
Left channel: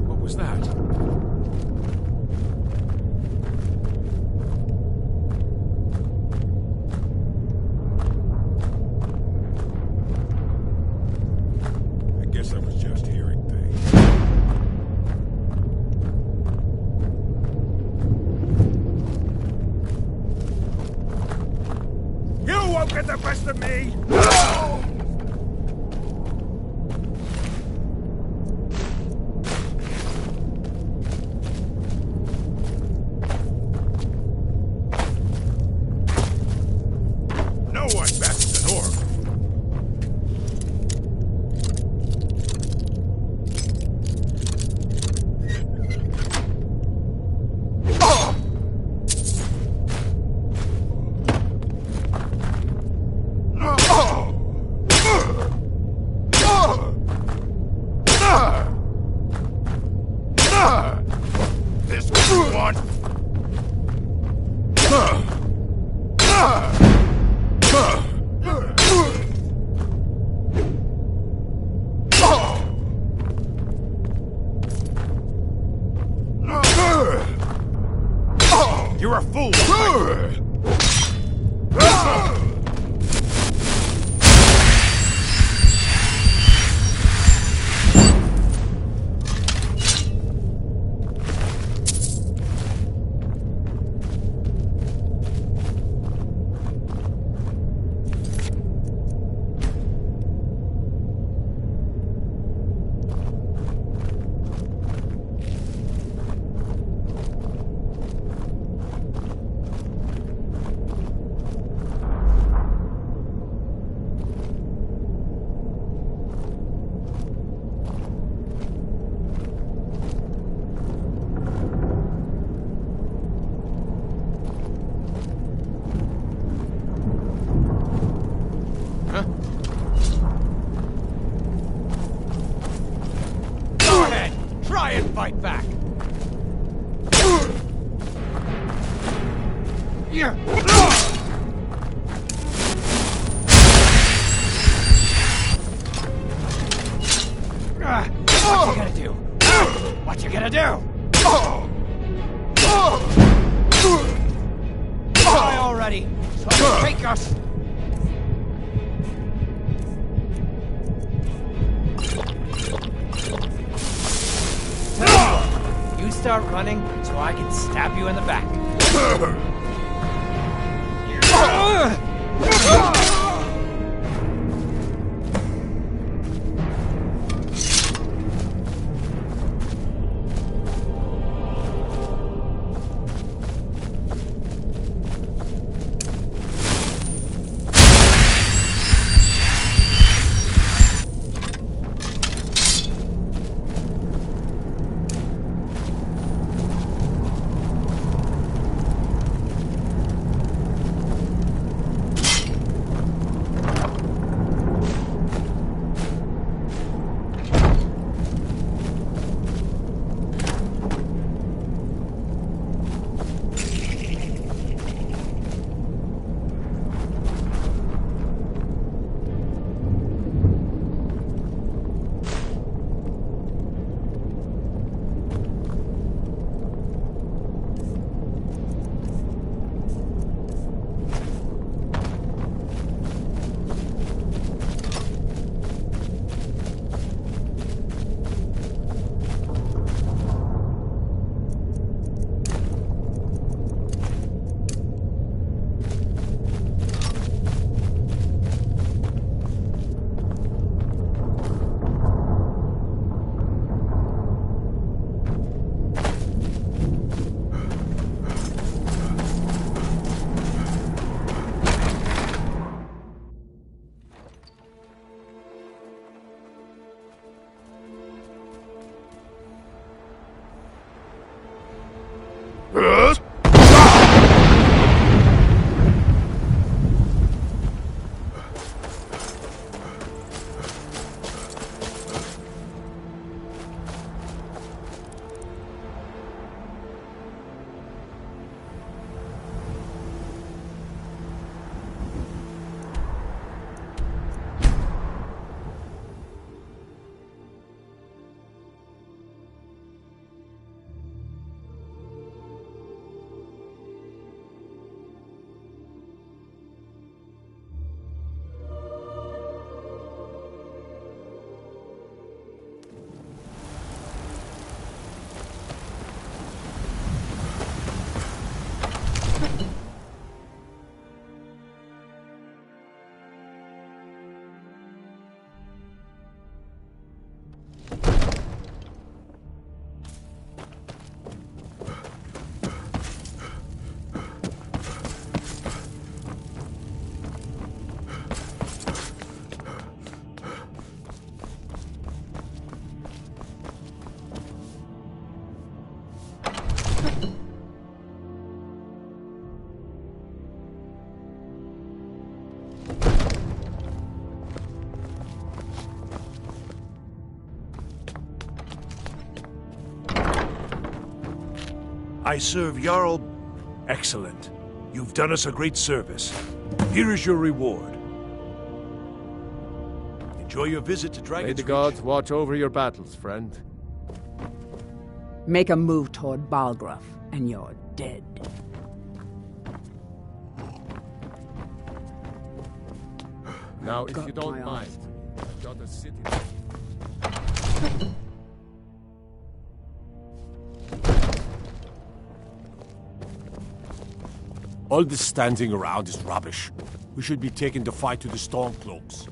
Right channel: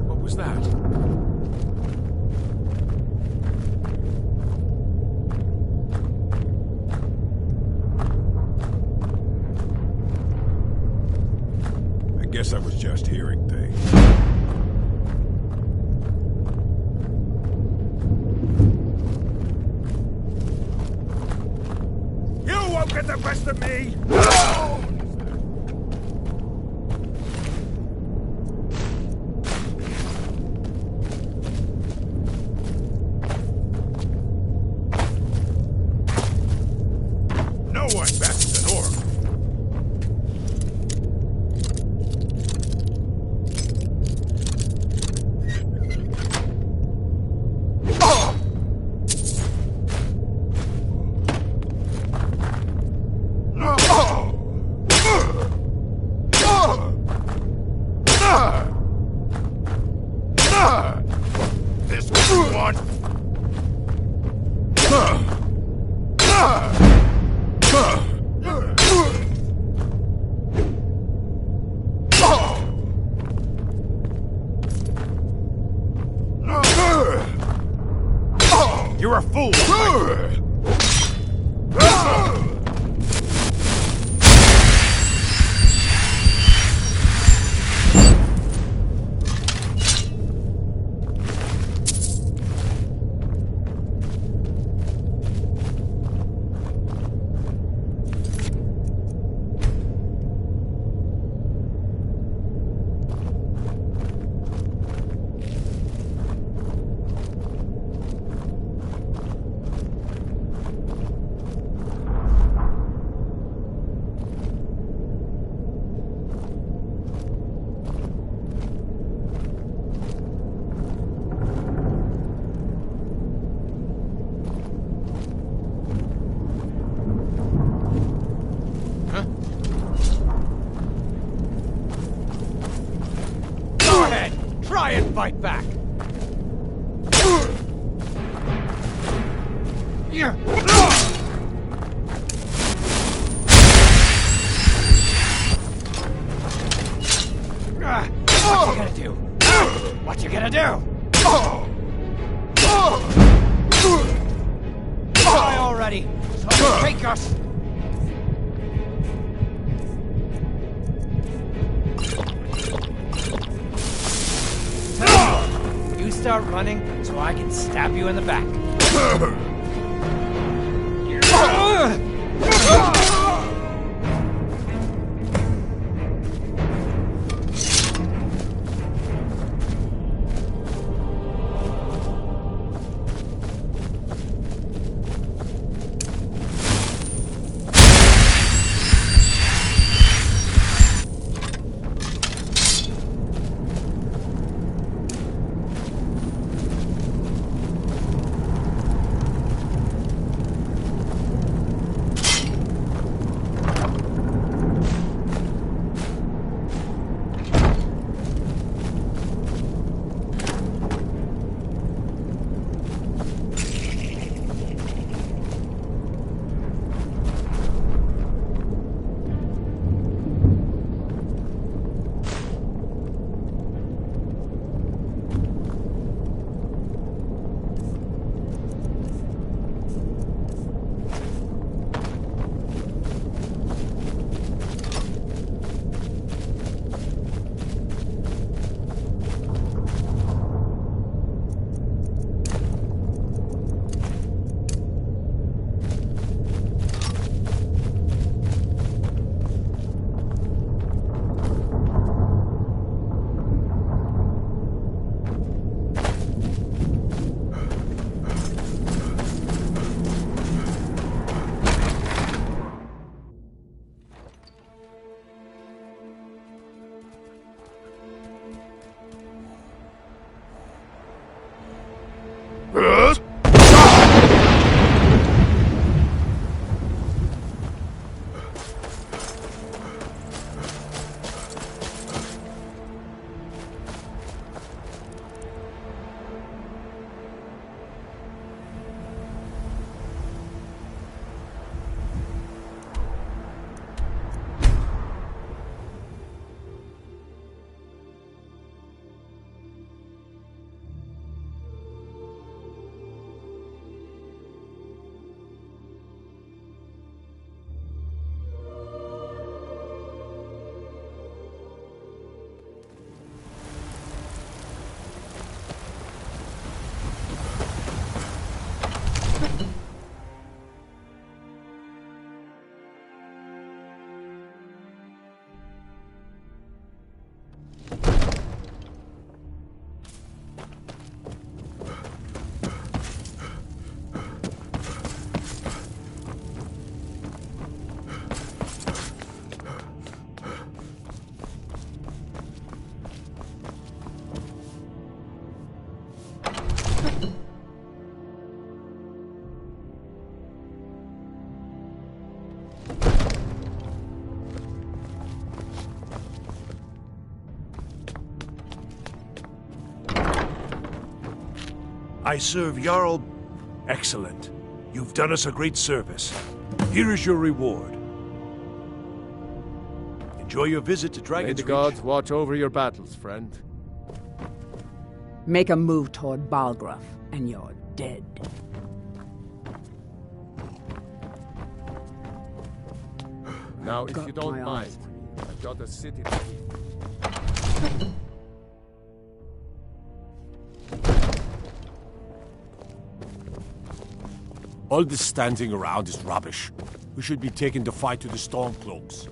What was that? I guess I was just hearing things. You won't get the best of me! No one bests an orc. This what you want? You're a fool! Go ahead! Try and fight back! Yeah. What you gonna do? What you gonna do? Die already, so I can take us! You start running, so I can stab you in the back. I serve Jarl. Excellent. You've done us a great service. Here is your reward. Enjoy your visit to Dragon's May the Reach. gods watch over your battles, friend. Make a move toward Balgruff, and you're dead. Now, if Got you don't my mind, eyes. I've got a city. All this standing around is rubbish. We should be taking the fight to the Stormcloaks.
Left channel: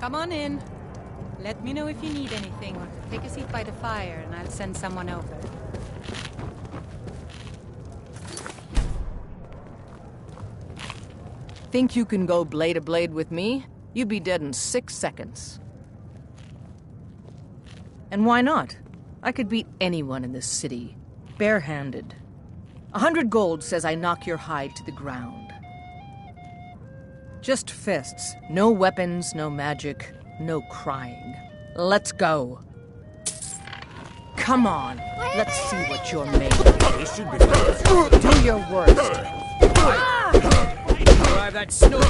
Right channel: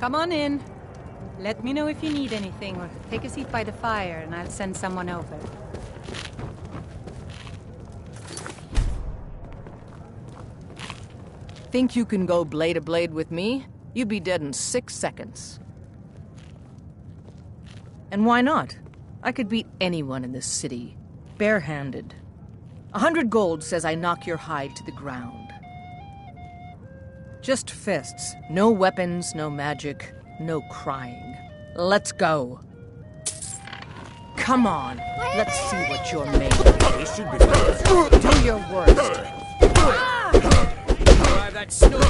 Come on in. Let me know if you need anything, or take a seat by the fire and I'll send someone over. Think you can go blade to blade with me? You'd be dead in 6 seconds. And why not? I could beat anyone in this city, barehanded. 100 gold says I knock your hide to the ground. Just fists. No weapons, no magic, no crying. Let's go. Come on. Let's see what you're made of. This should be fun. Do your worst. Drive that snoozer.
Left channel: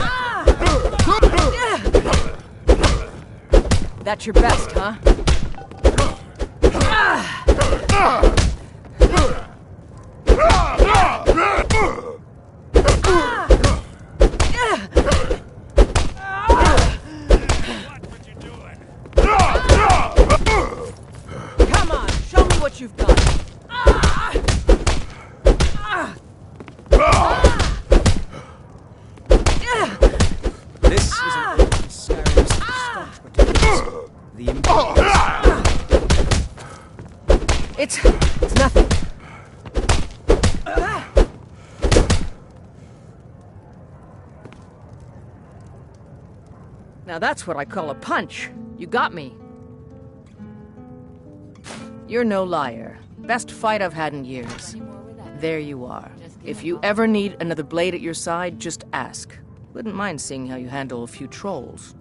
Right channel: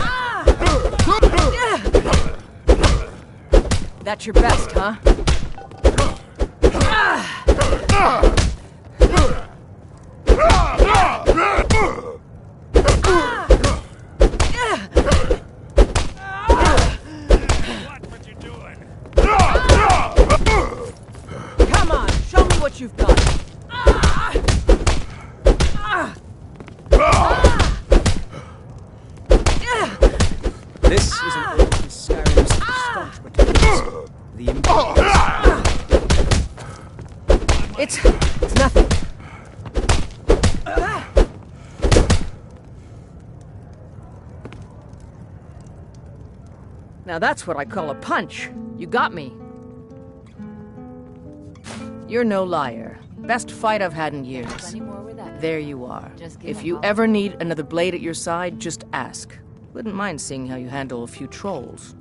That's your best, huh? Come on, show me what you've got. This is an old Skyrim's staunch protectors. The It's nothing. Now that's what I call a punch. You got me. You're no liar. Best fight I've had in years. There you are. If you ever need another blade at your side, just ask. Wouldn't mind seeing how you handle a few trolls.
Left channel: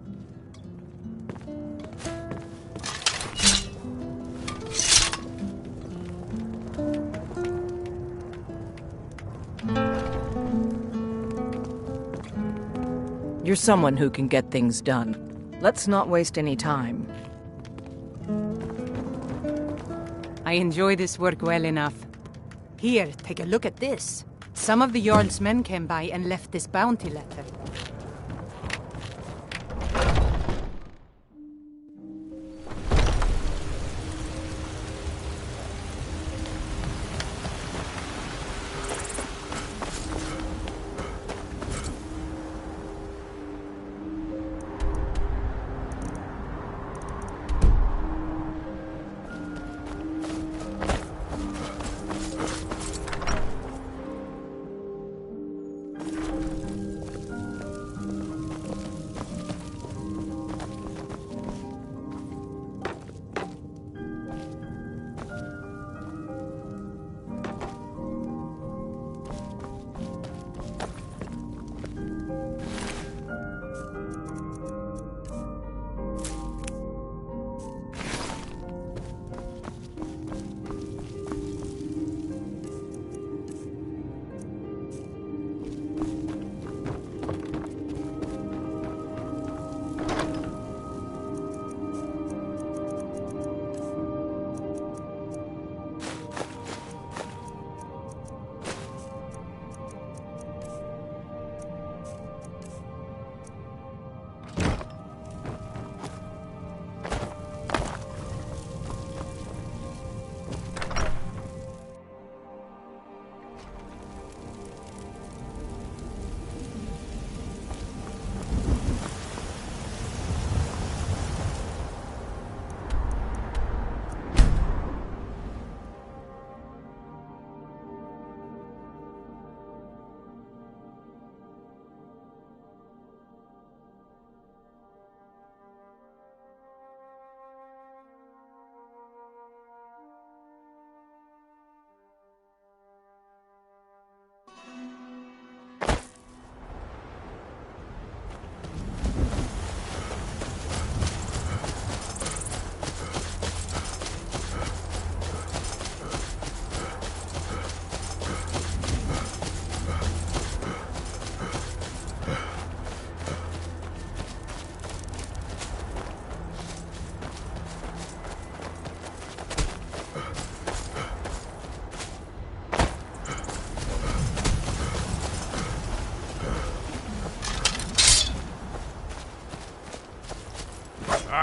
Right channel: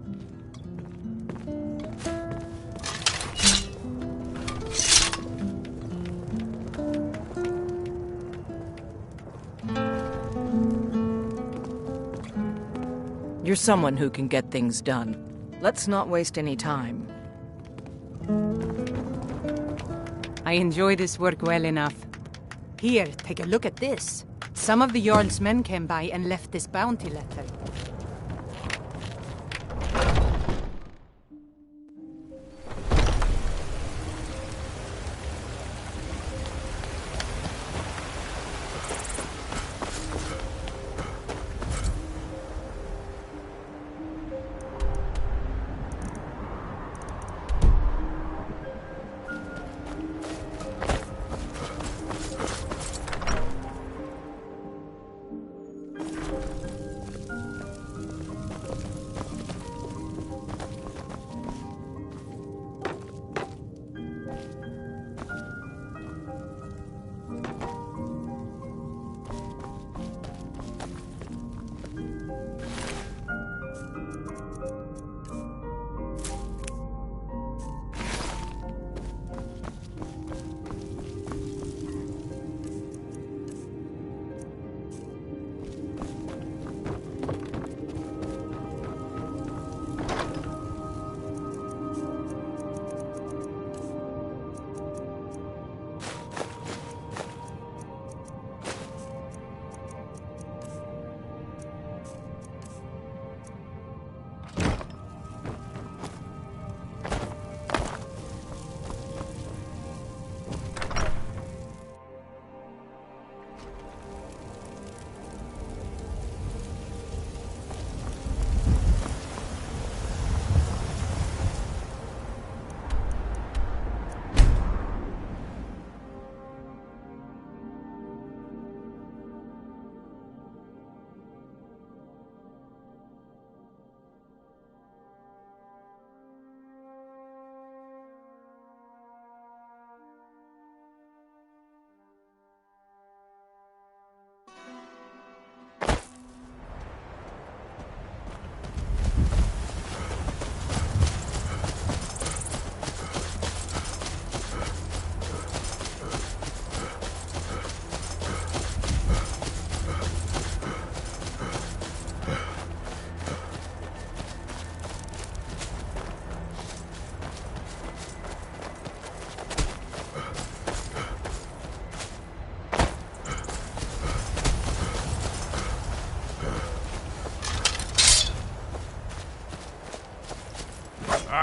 You're someone who can get things done. Let's not waste any time. I enjoy this work well enough. Here, take a look at this. Some of the Jarl's men came by and left this bounty letter.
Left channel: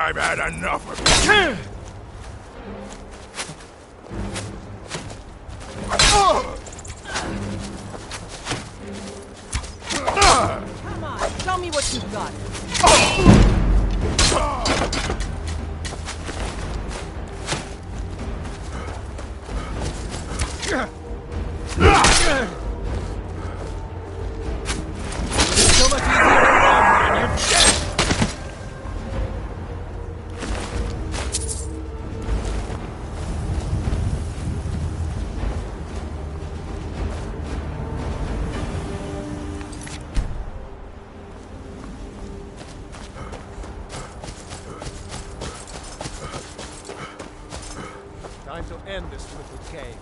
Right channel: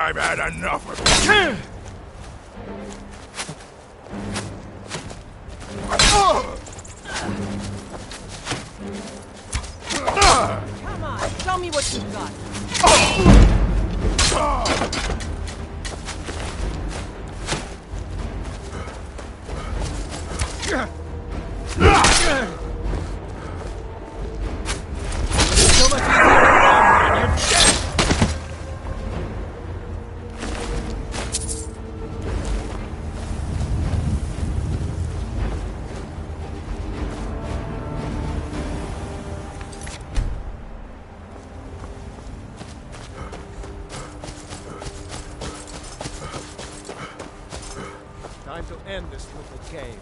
I've had enough of it. Come on, show me what you've got. So much easier to run when you're dead. Time to end this little game.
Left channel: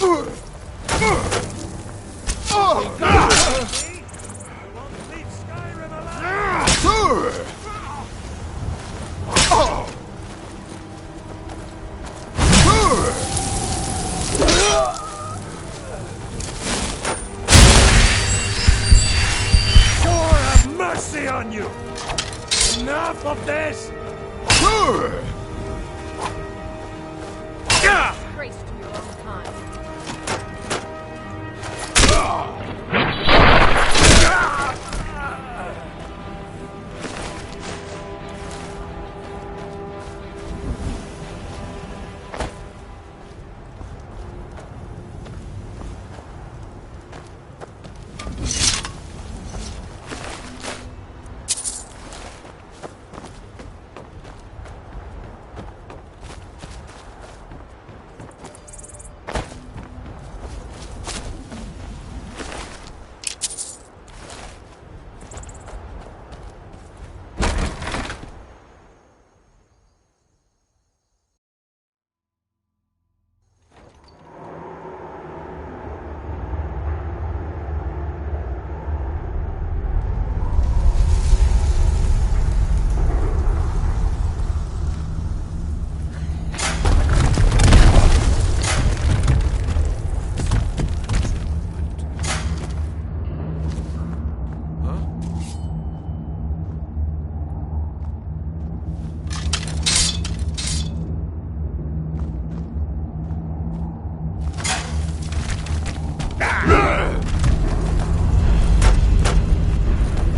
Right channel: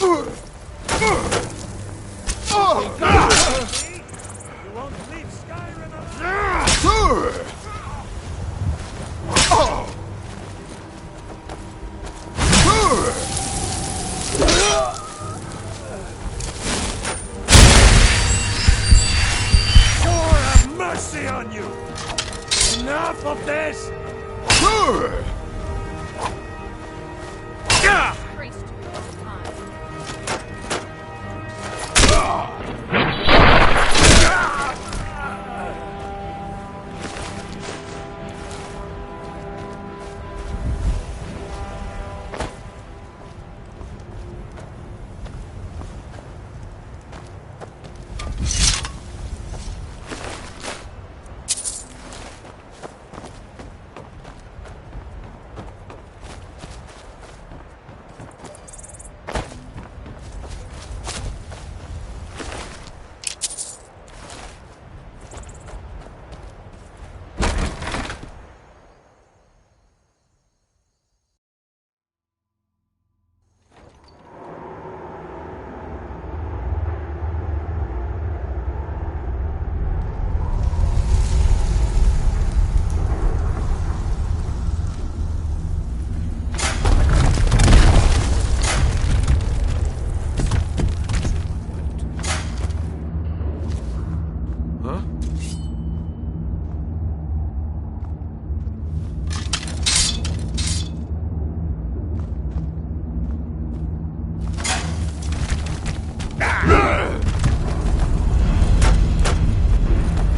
You won't leave Skyrim alive! Sure, have mercy on you! Enough of this! Trace to your own kind.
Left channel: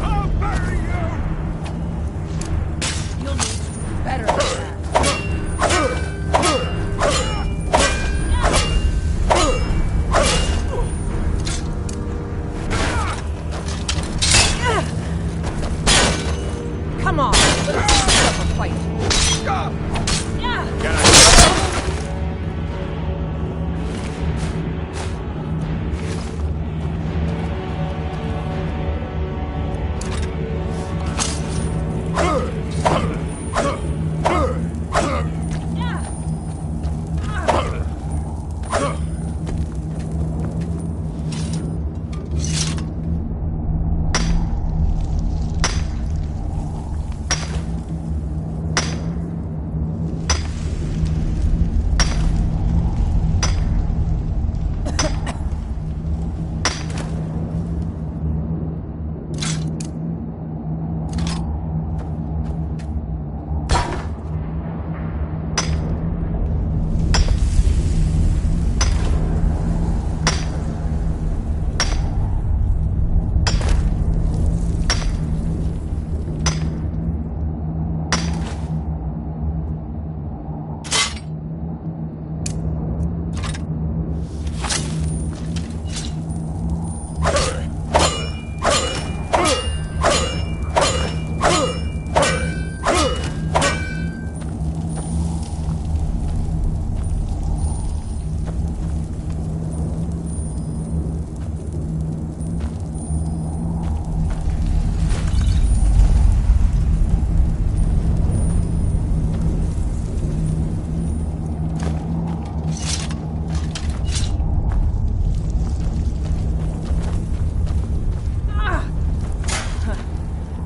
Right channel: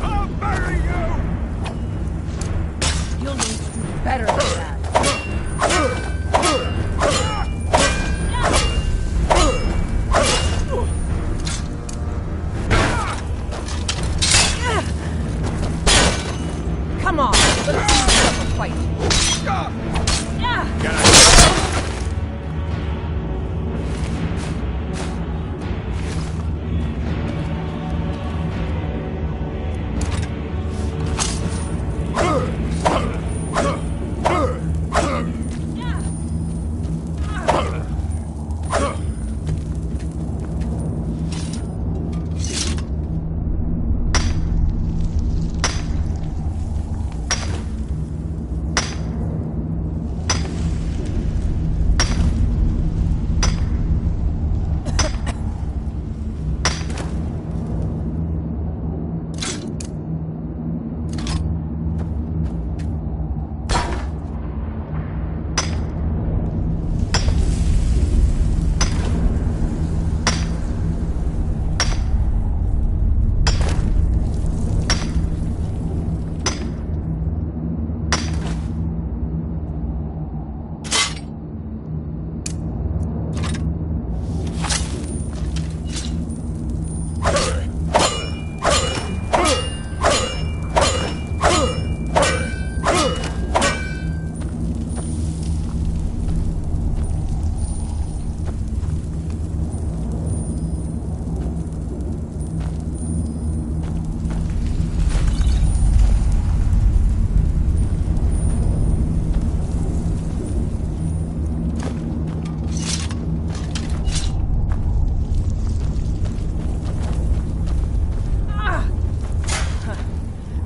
I'll bury you! You'll need to do better than that. Come on, let's see up a fight.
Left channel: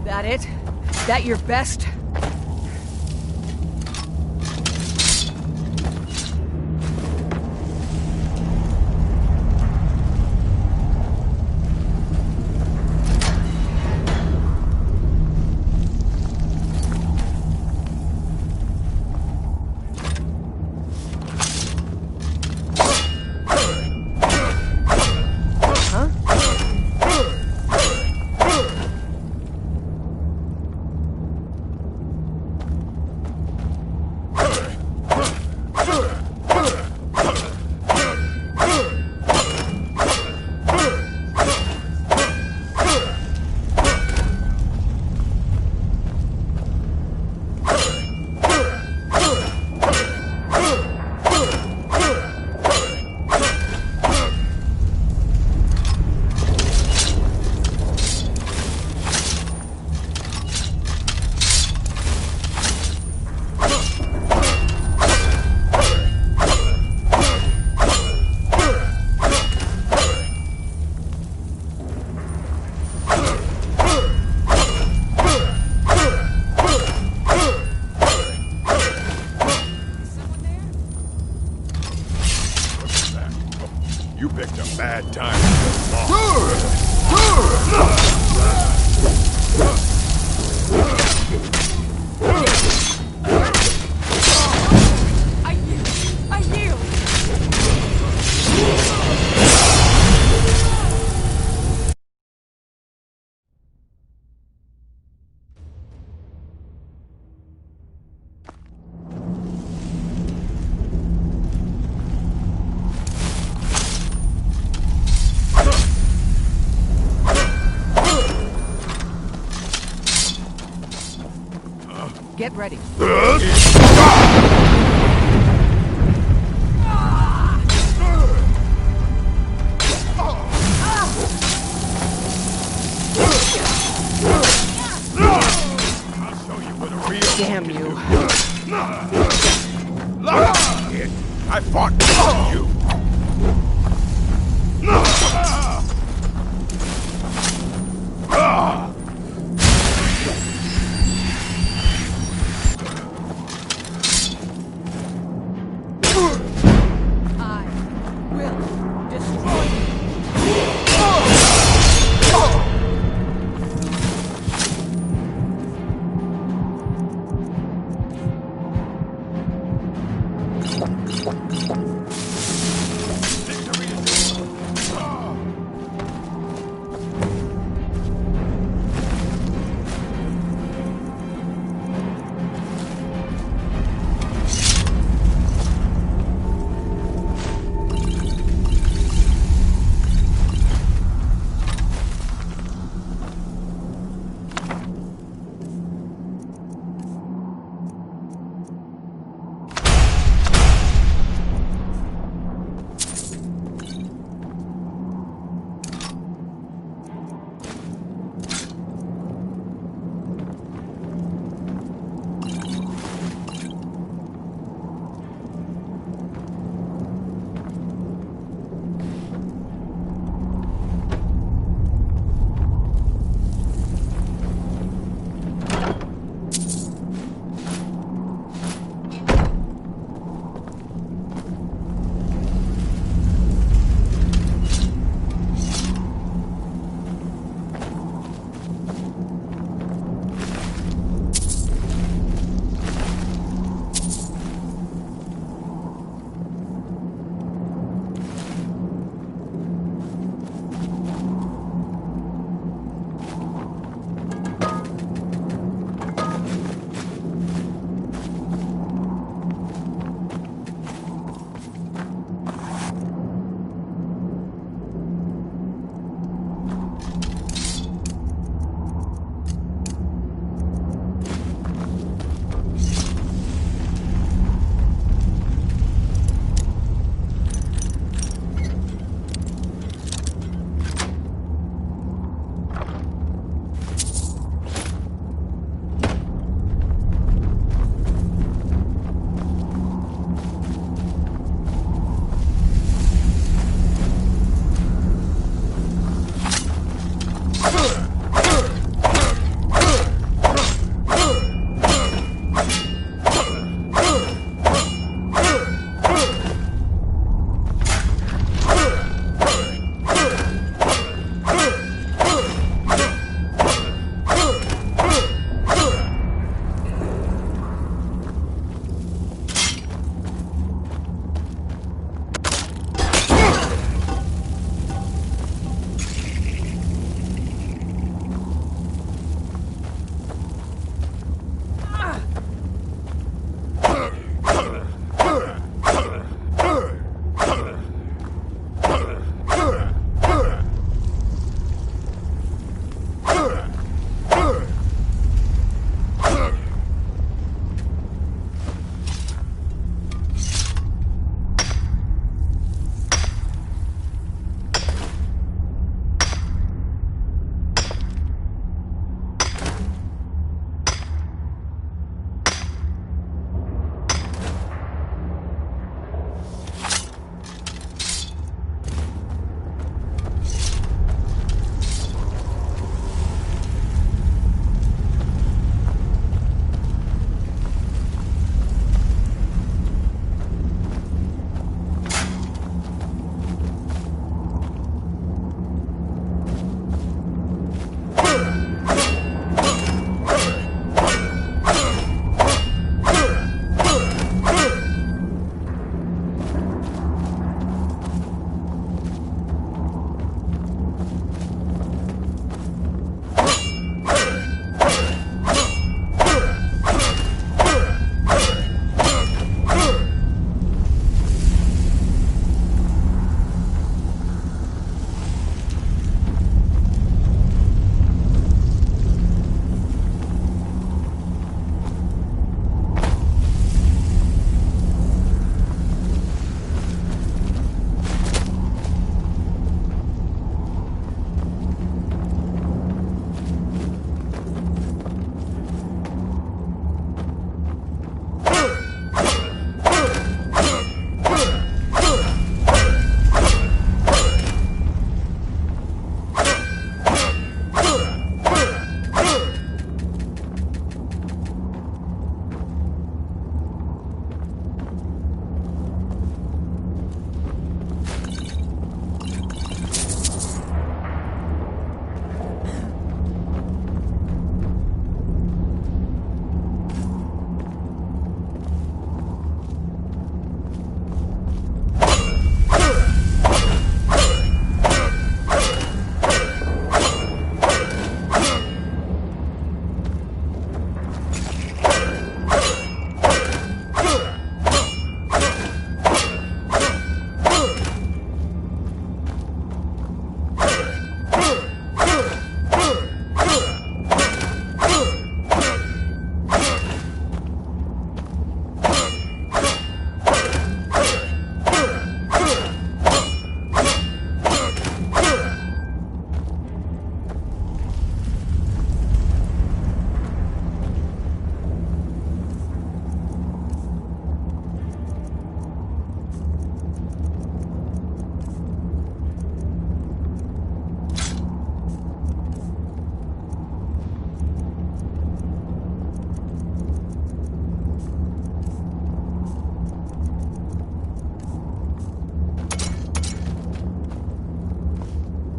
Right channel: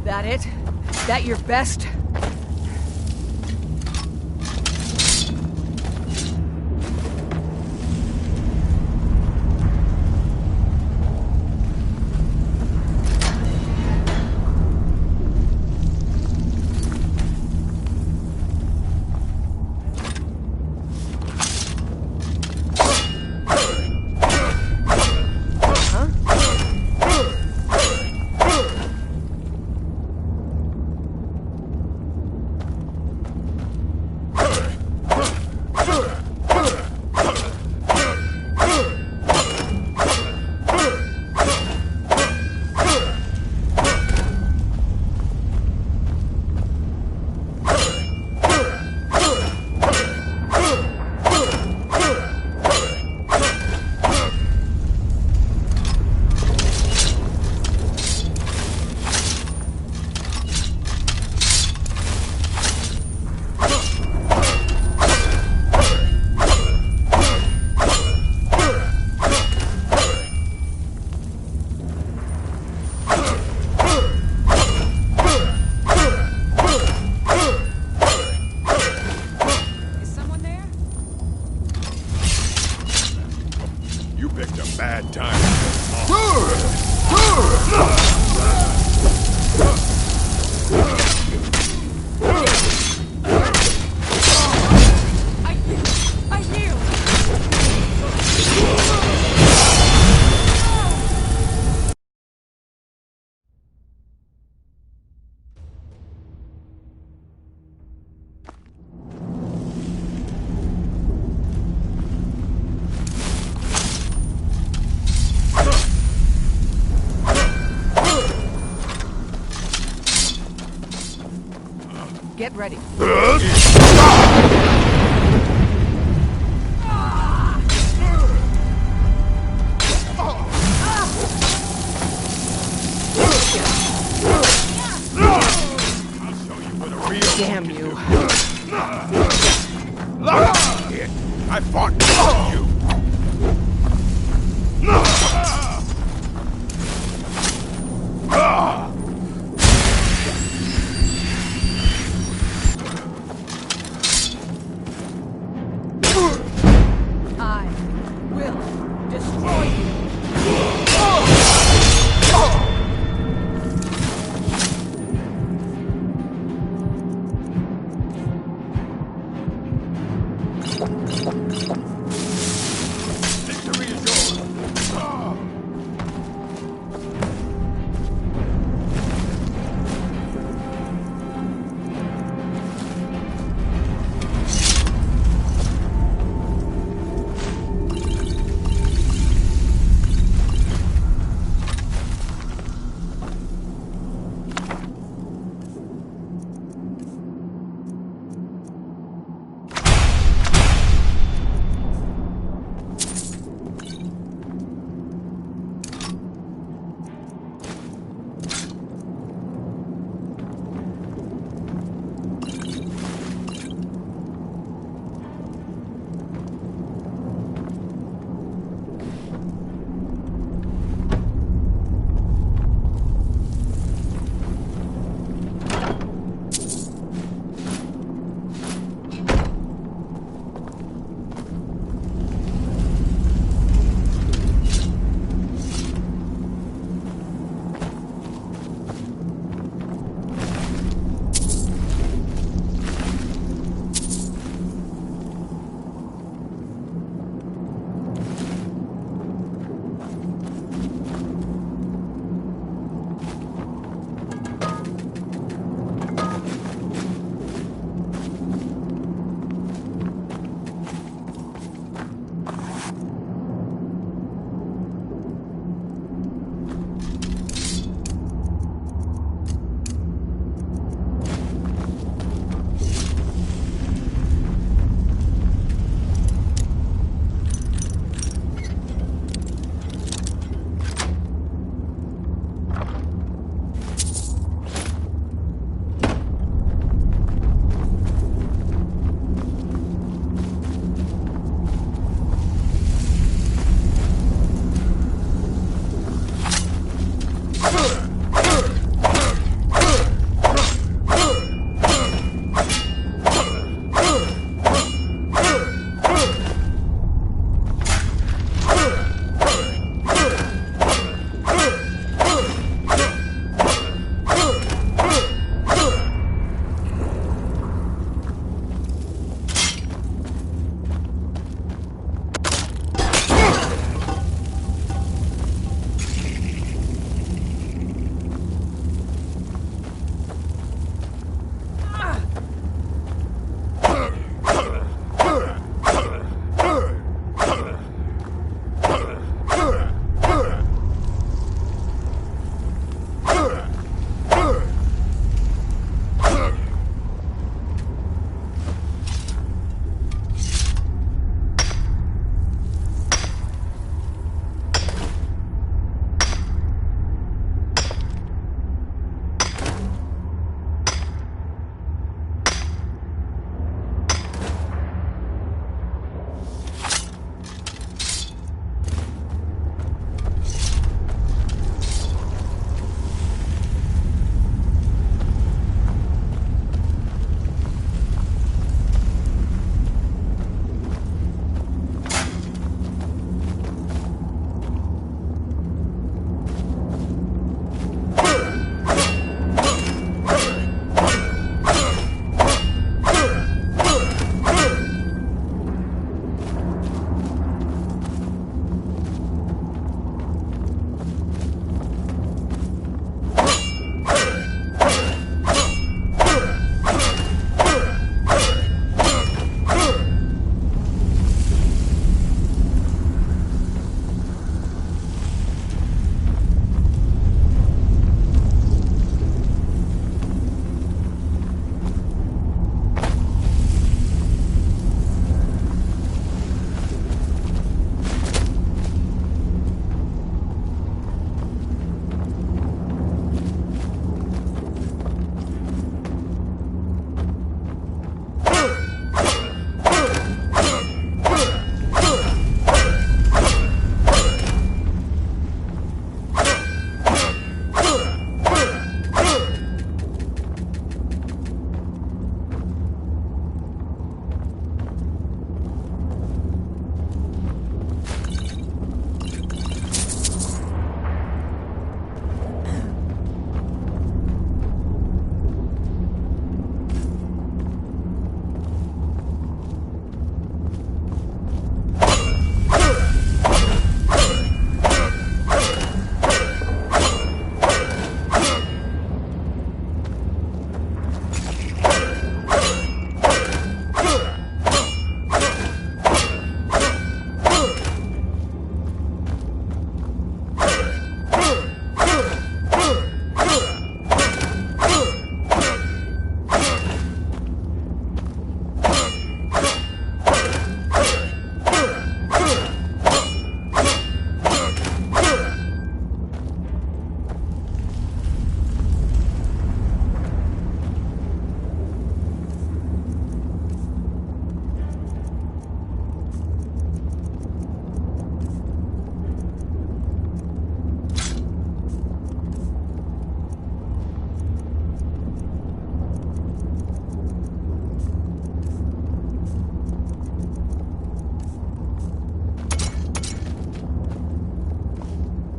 That it? That your best? Get ready. Damn you. I fought for you. I will destroy you.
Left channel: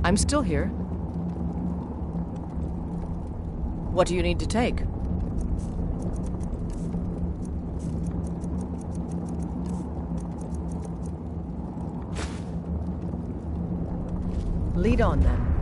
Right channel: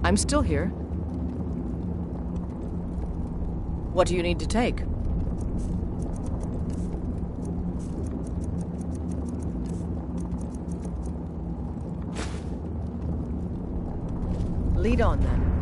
I'm still here. What do you need to take? Lead on, then.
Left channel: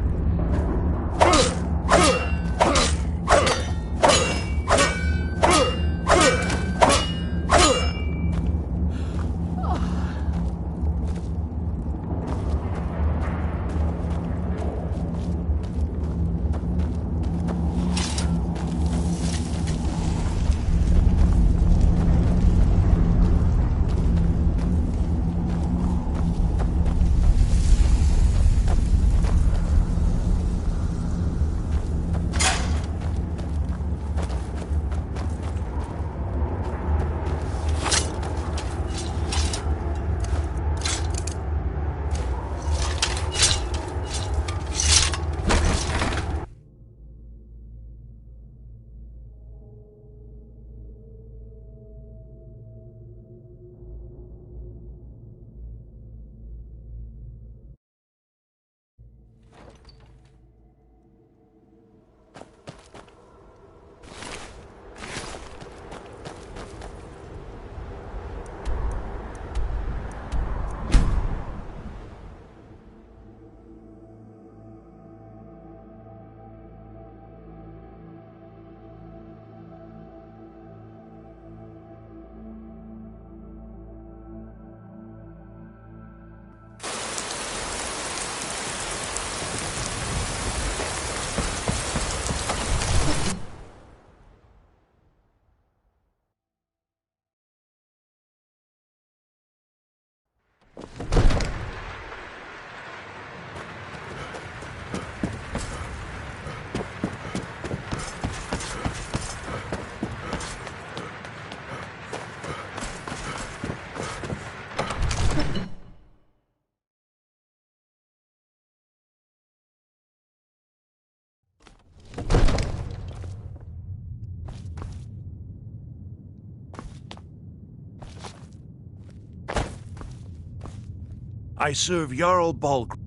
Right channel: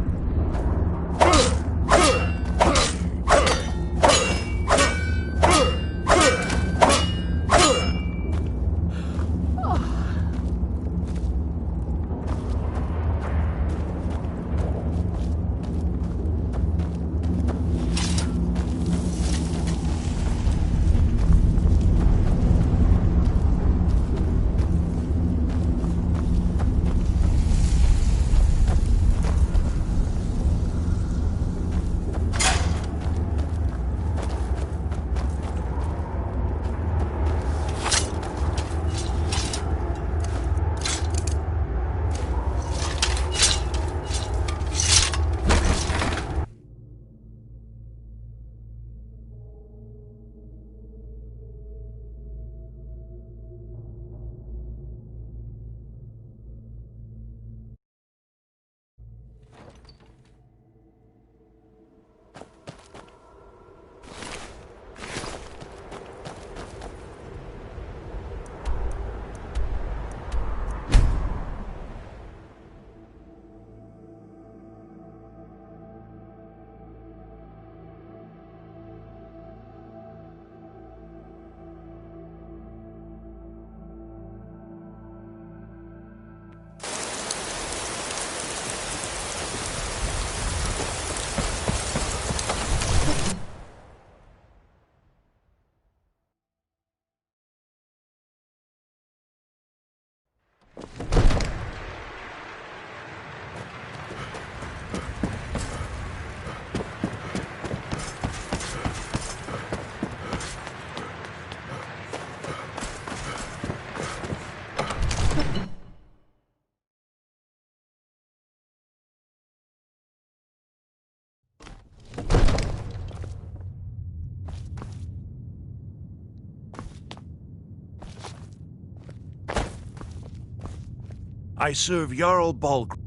I serve Jarl Balgruuf.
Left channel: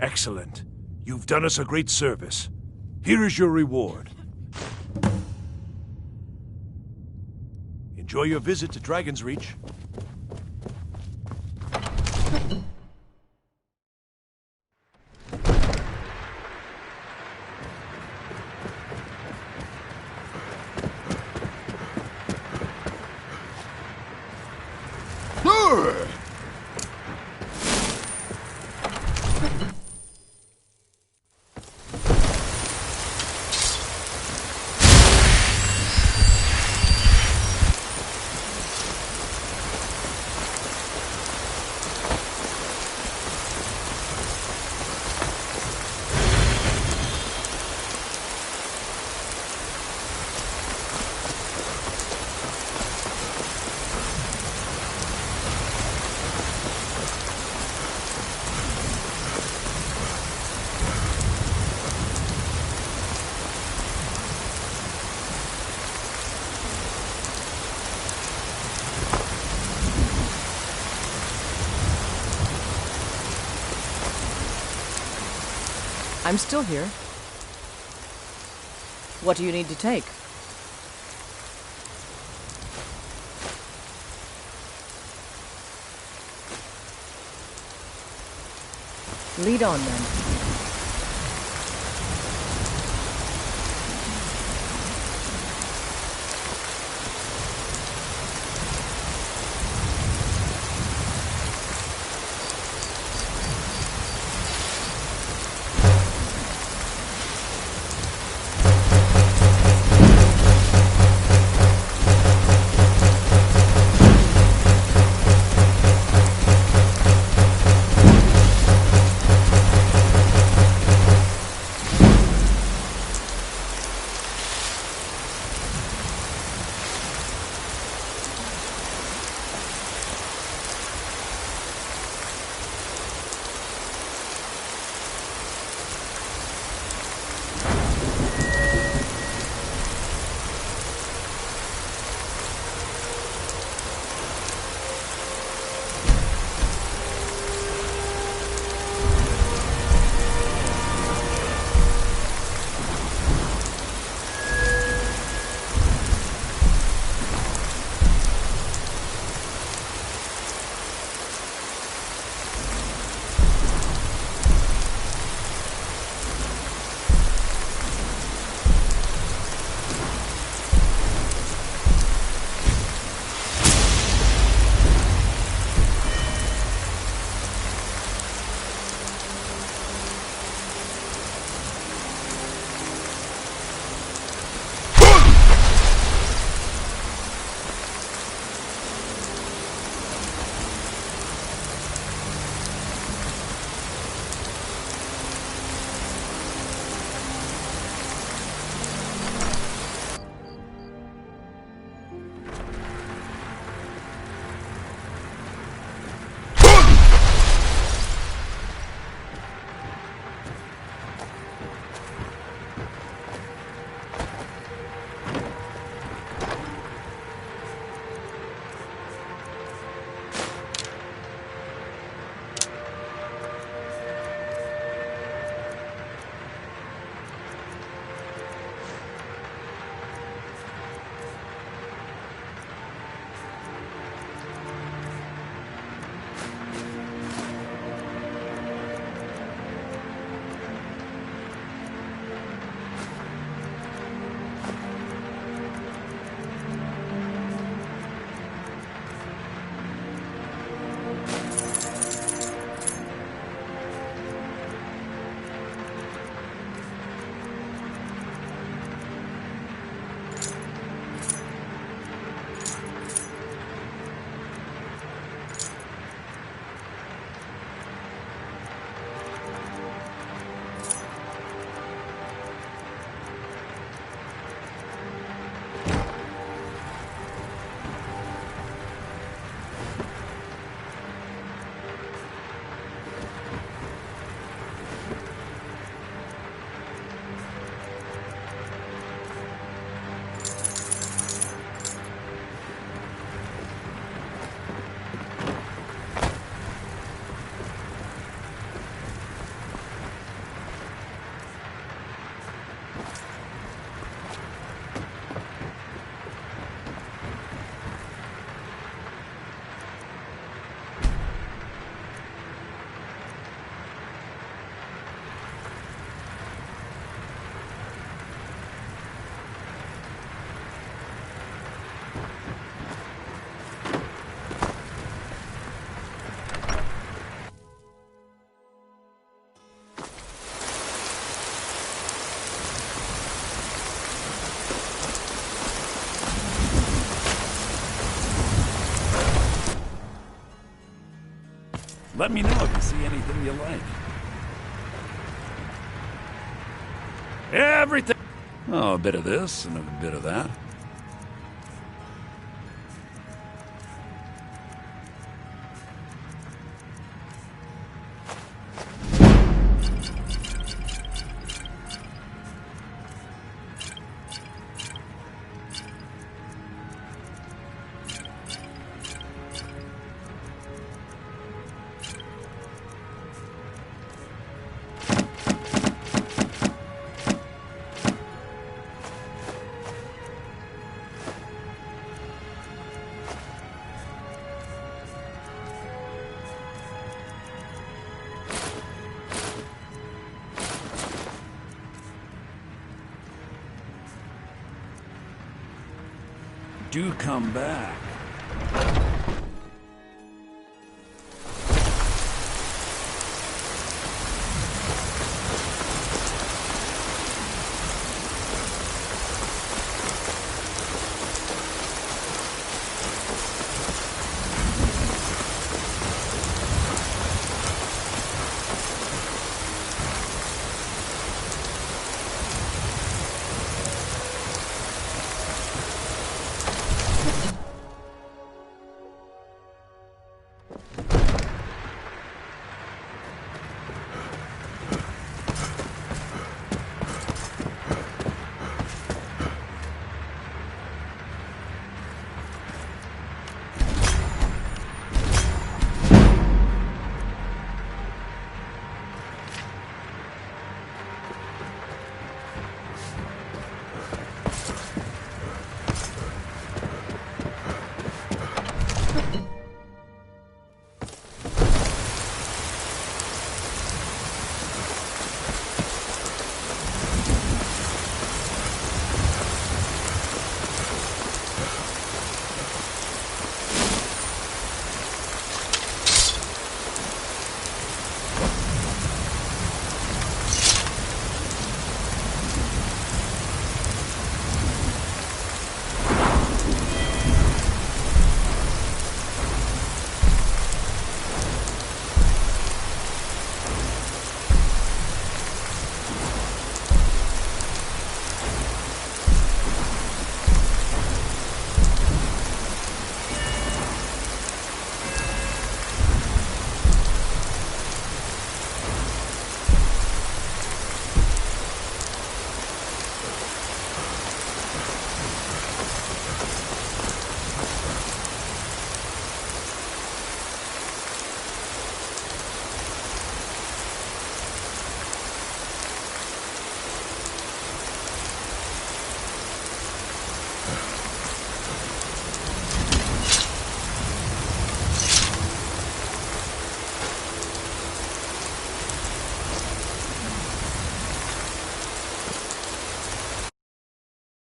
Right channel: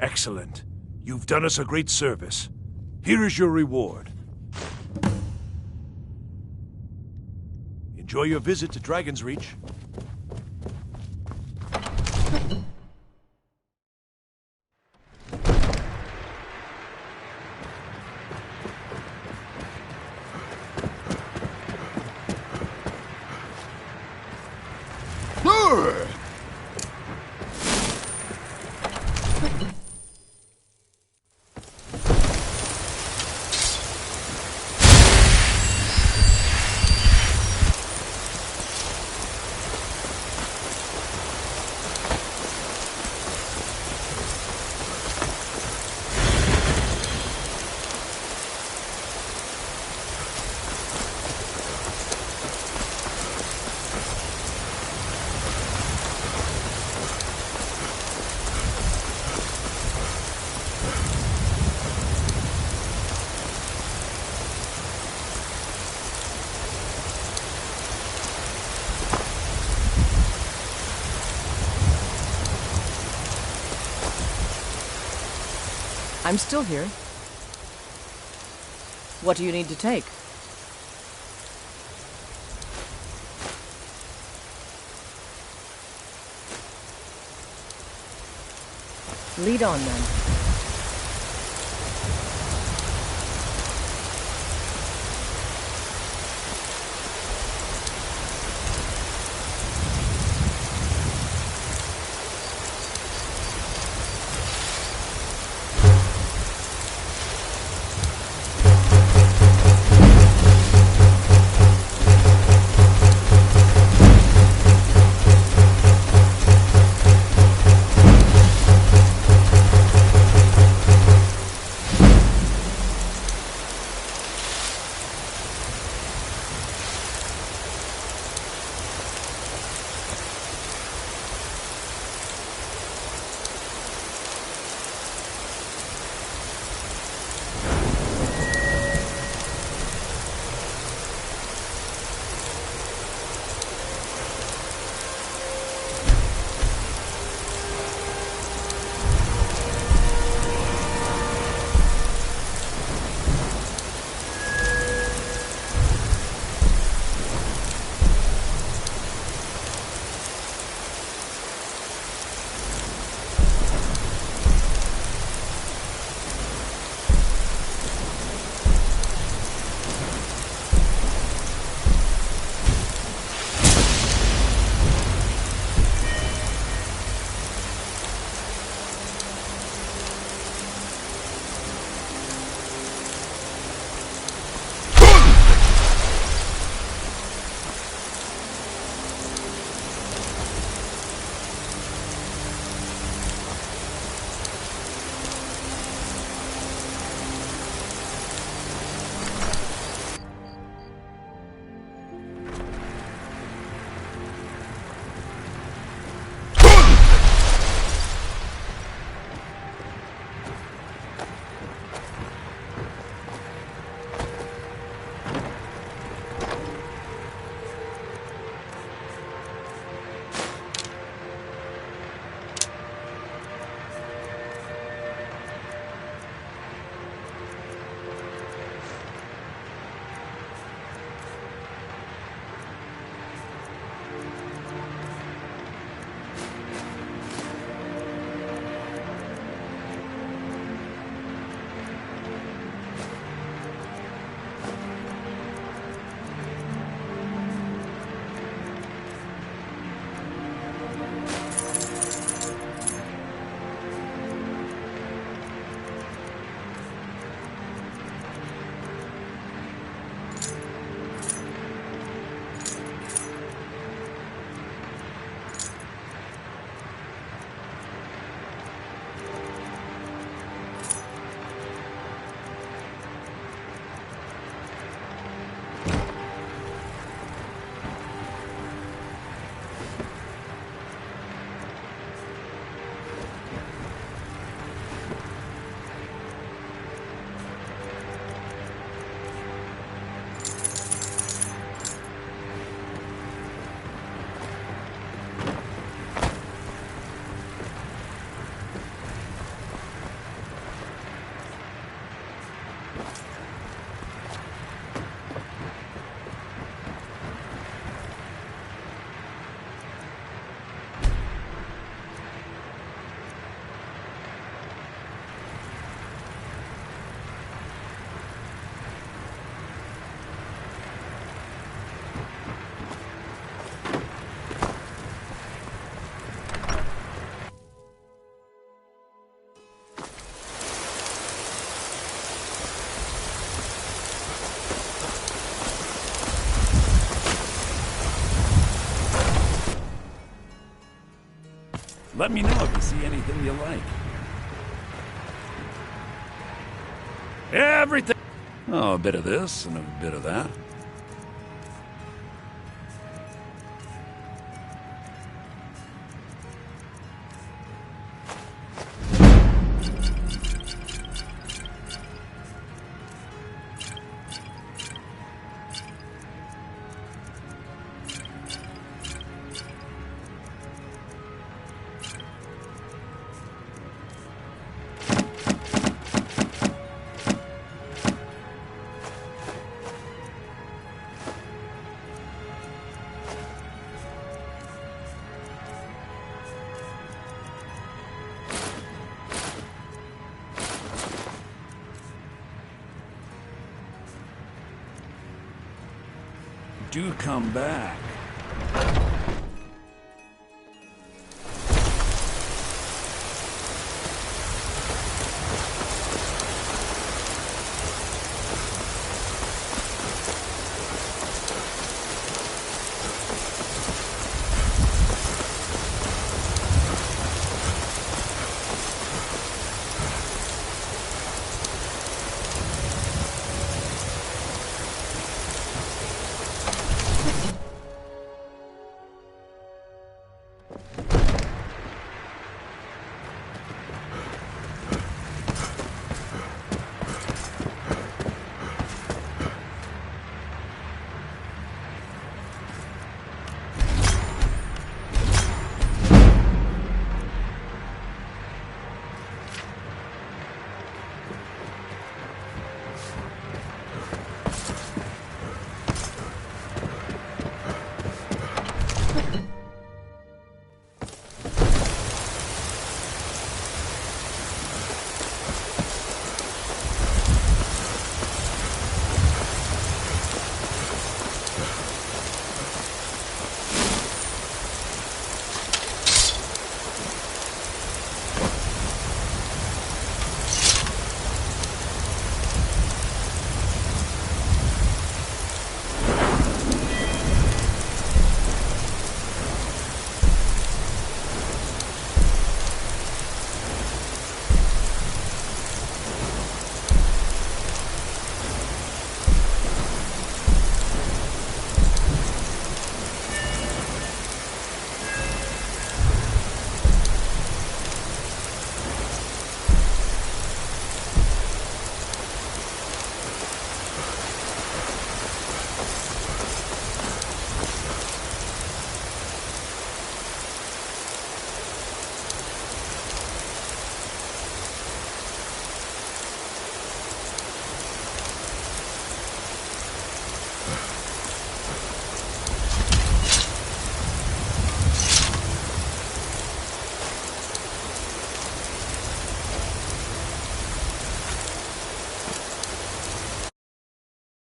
Excellent. You've done us a great service. Here is your reward. Enjoy your visit to Dragon's Reach. I'm still here. What do you need to take? Lead on, then. Let me know if you see anything you like. Everything. Oh, a bit of this and a bit of that. Do come back.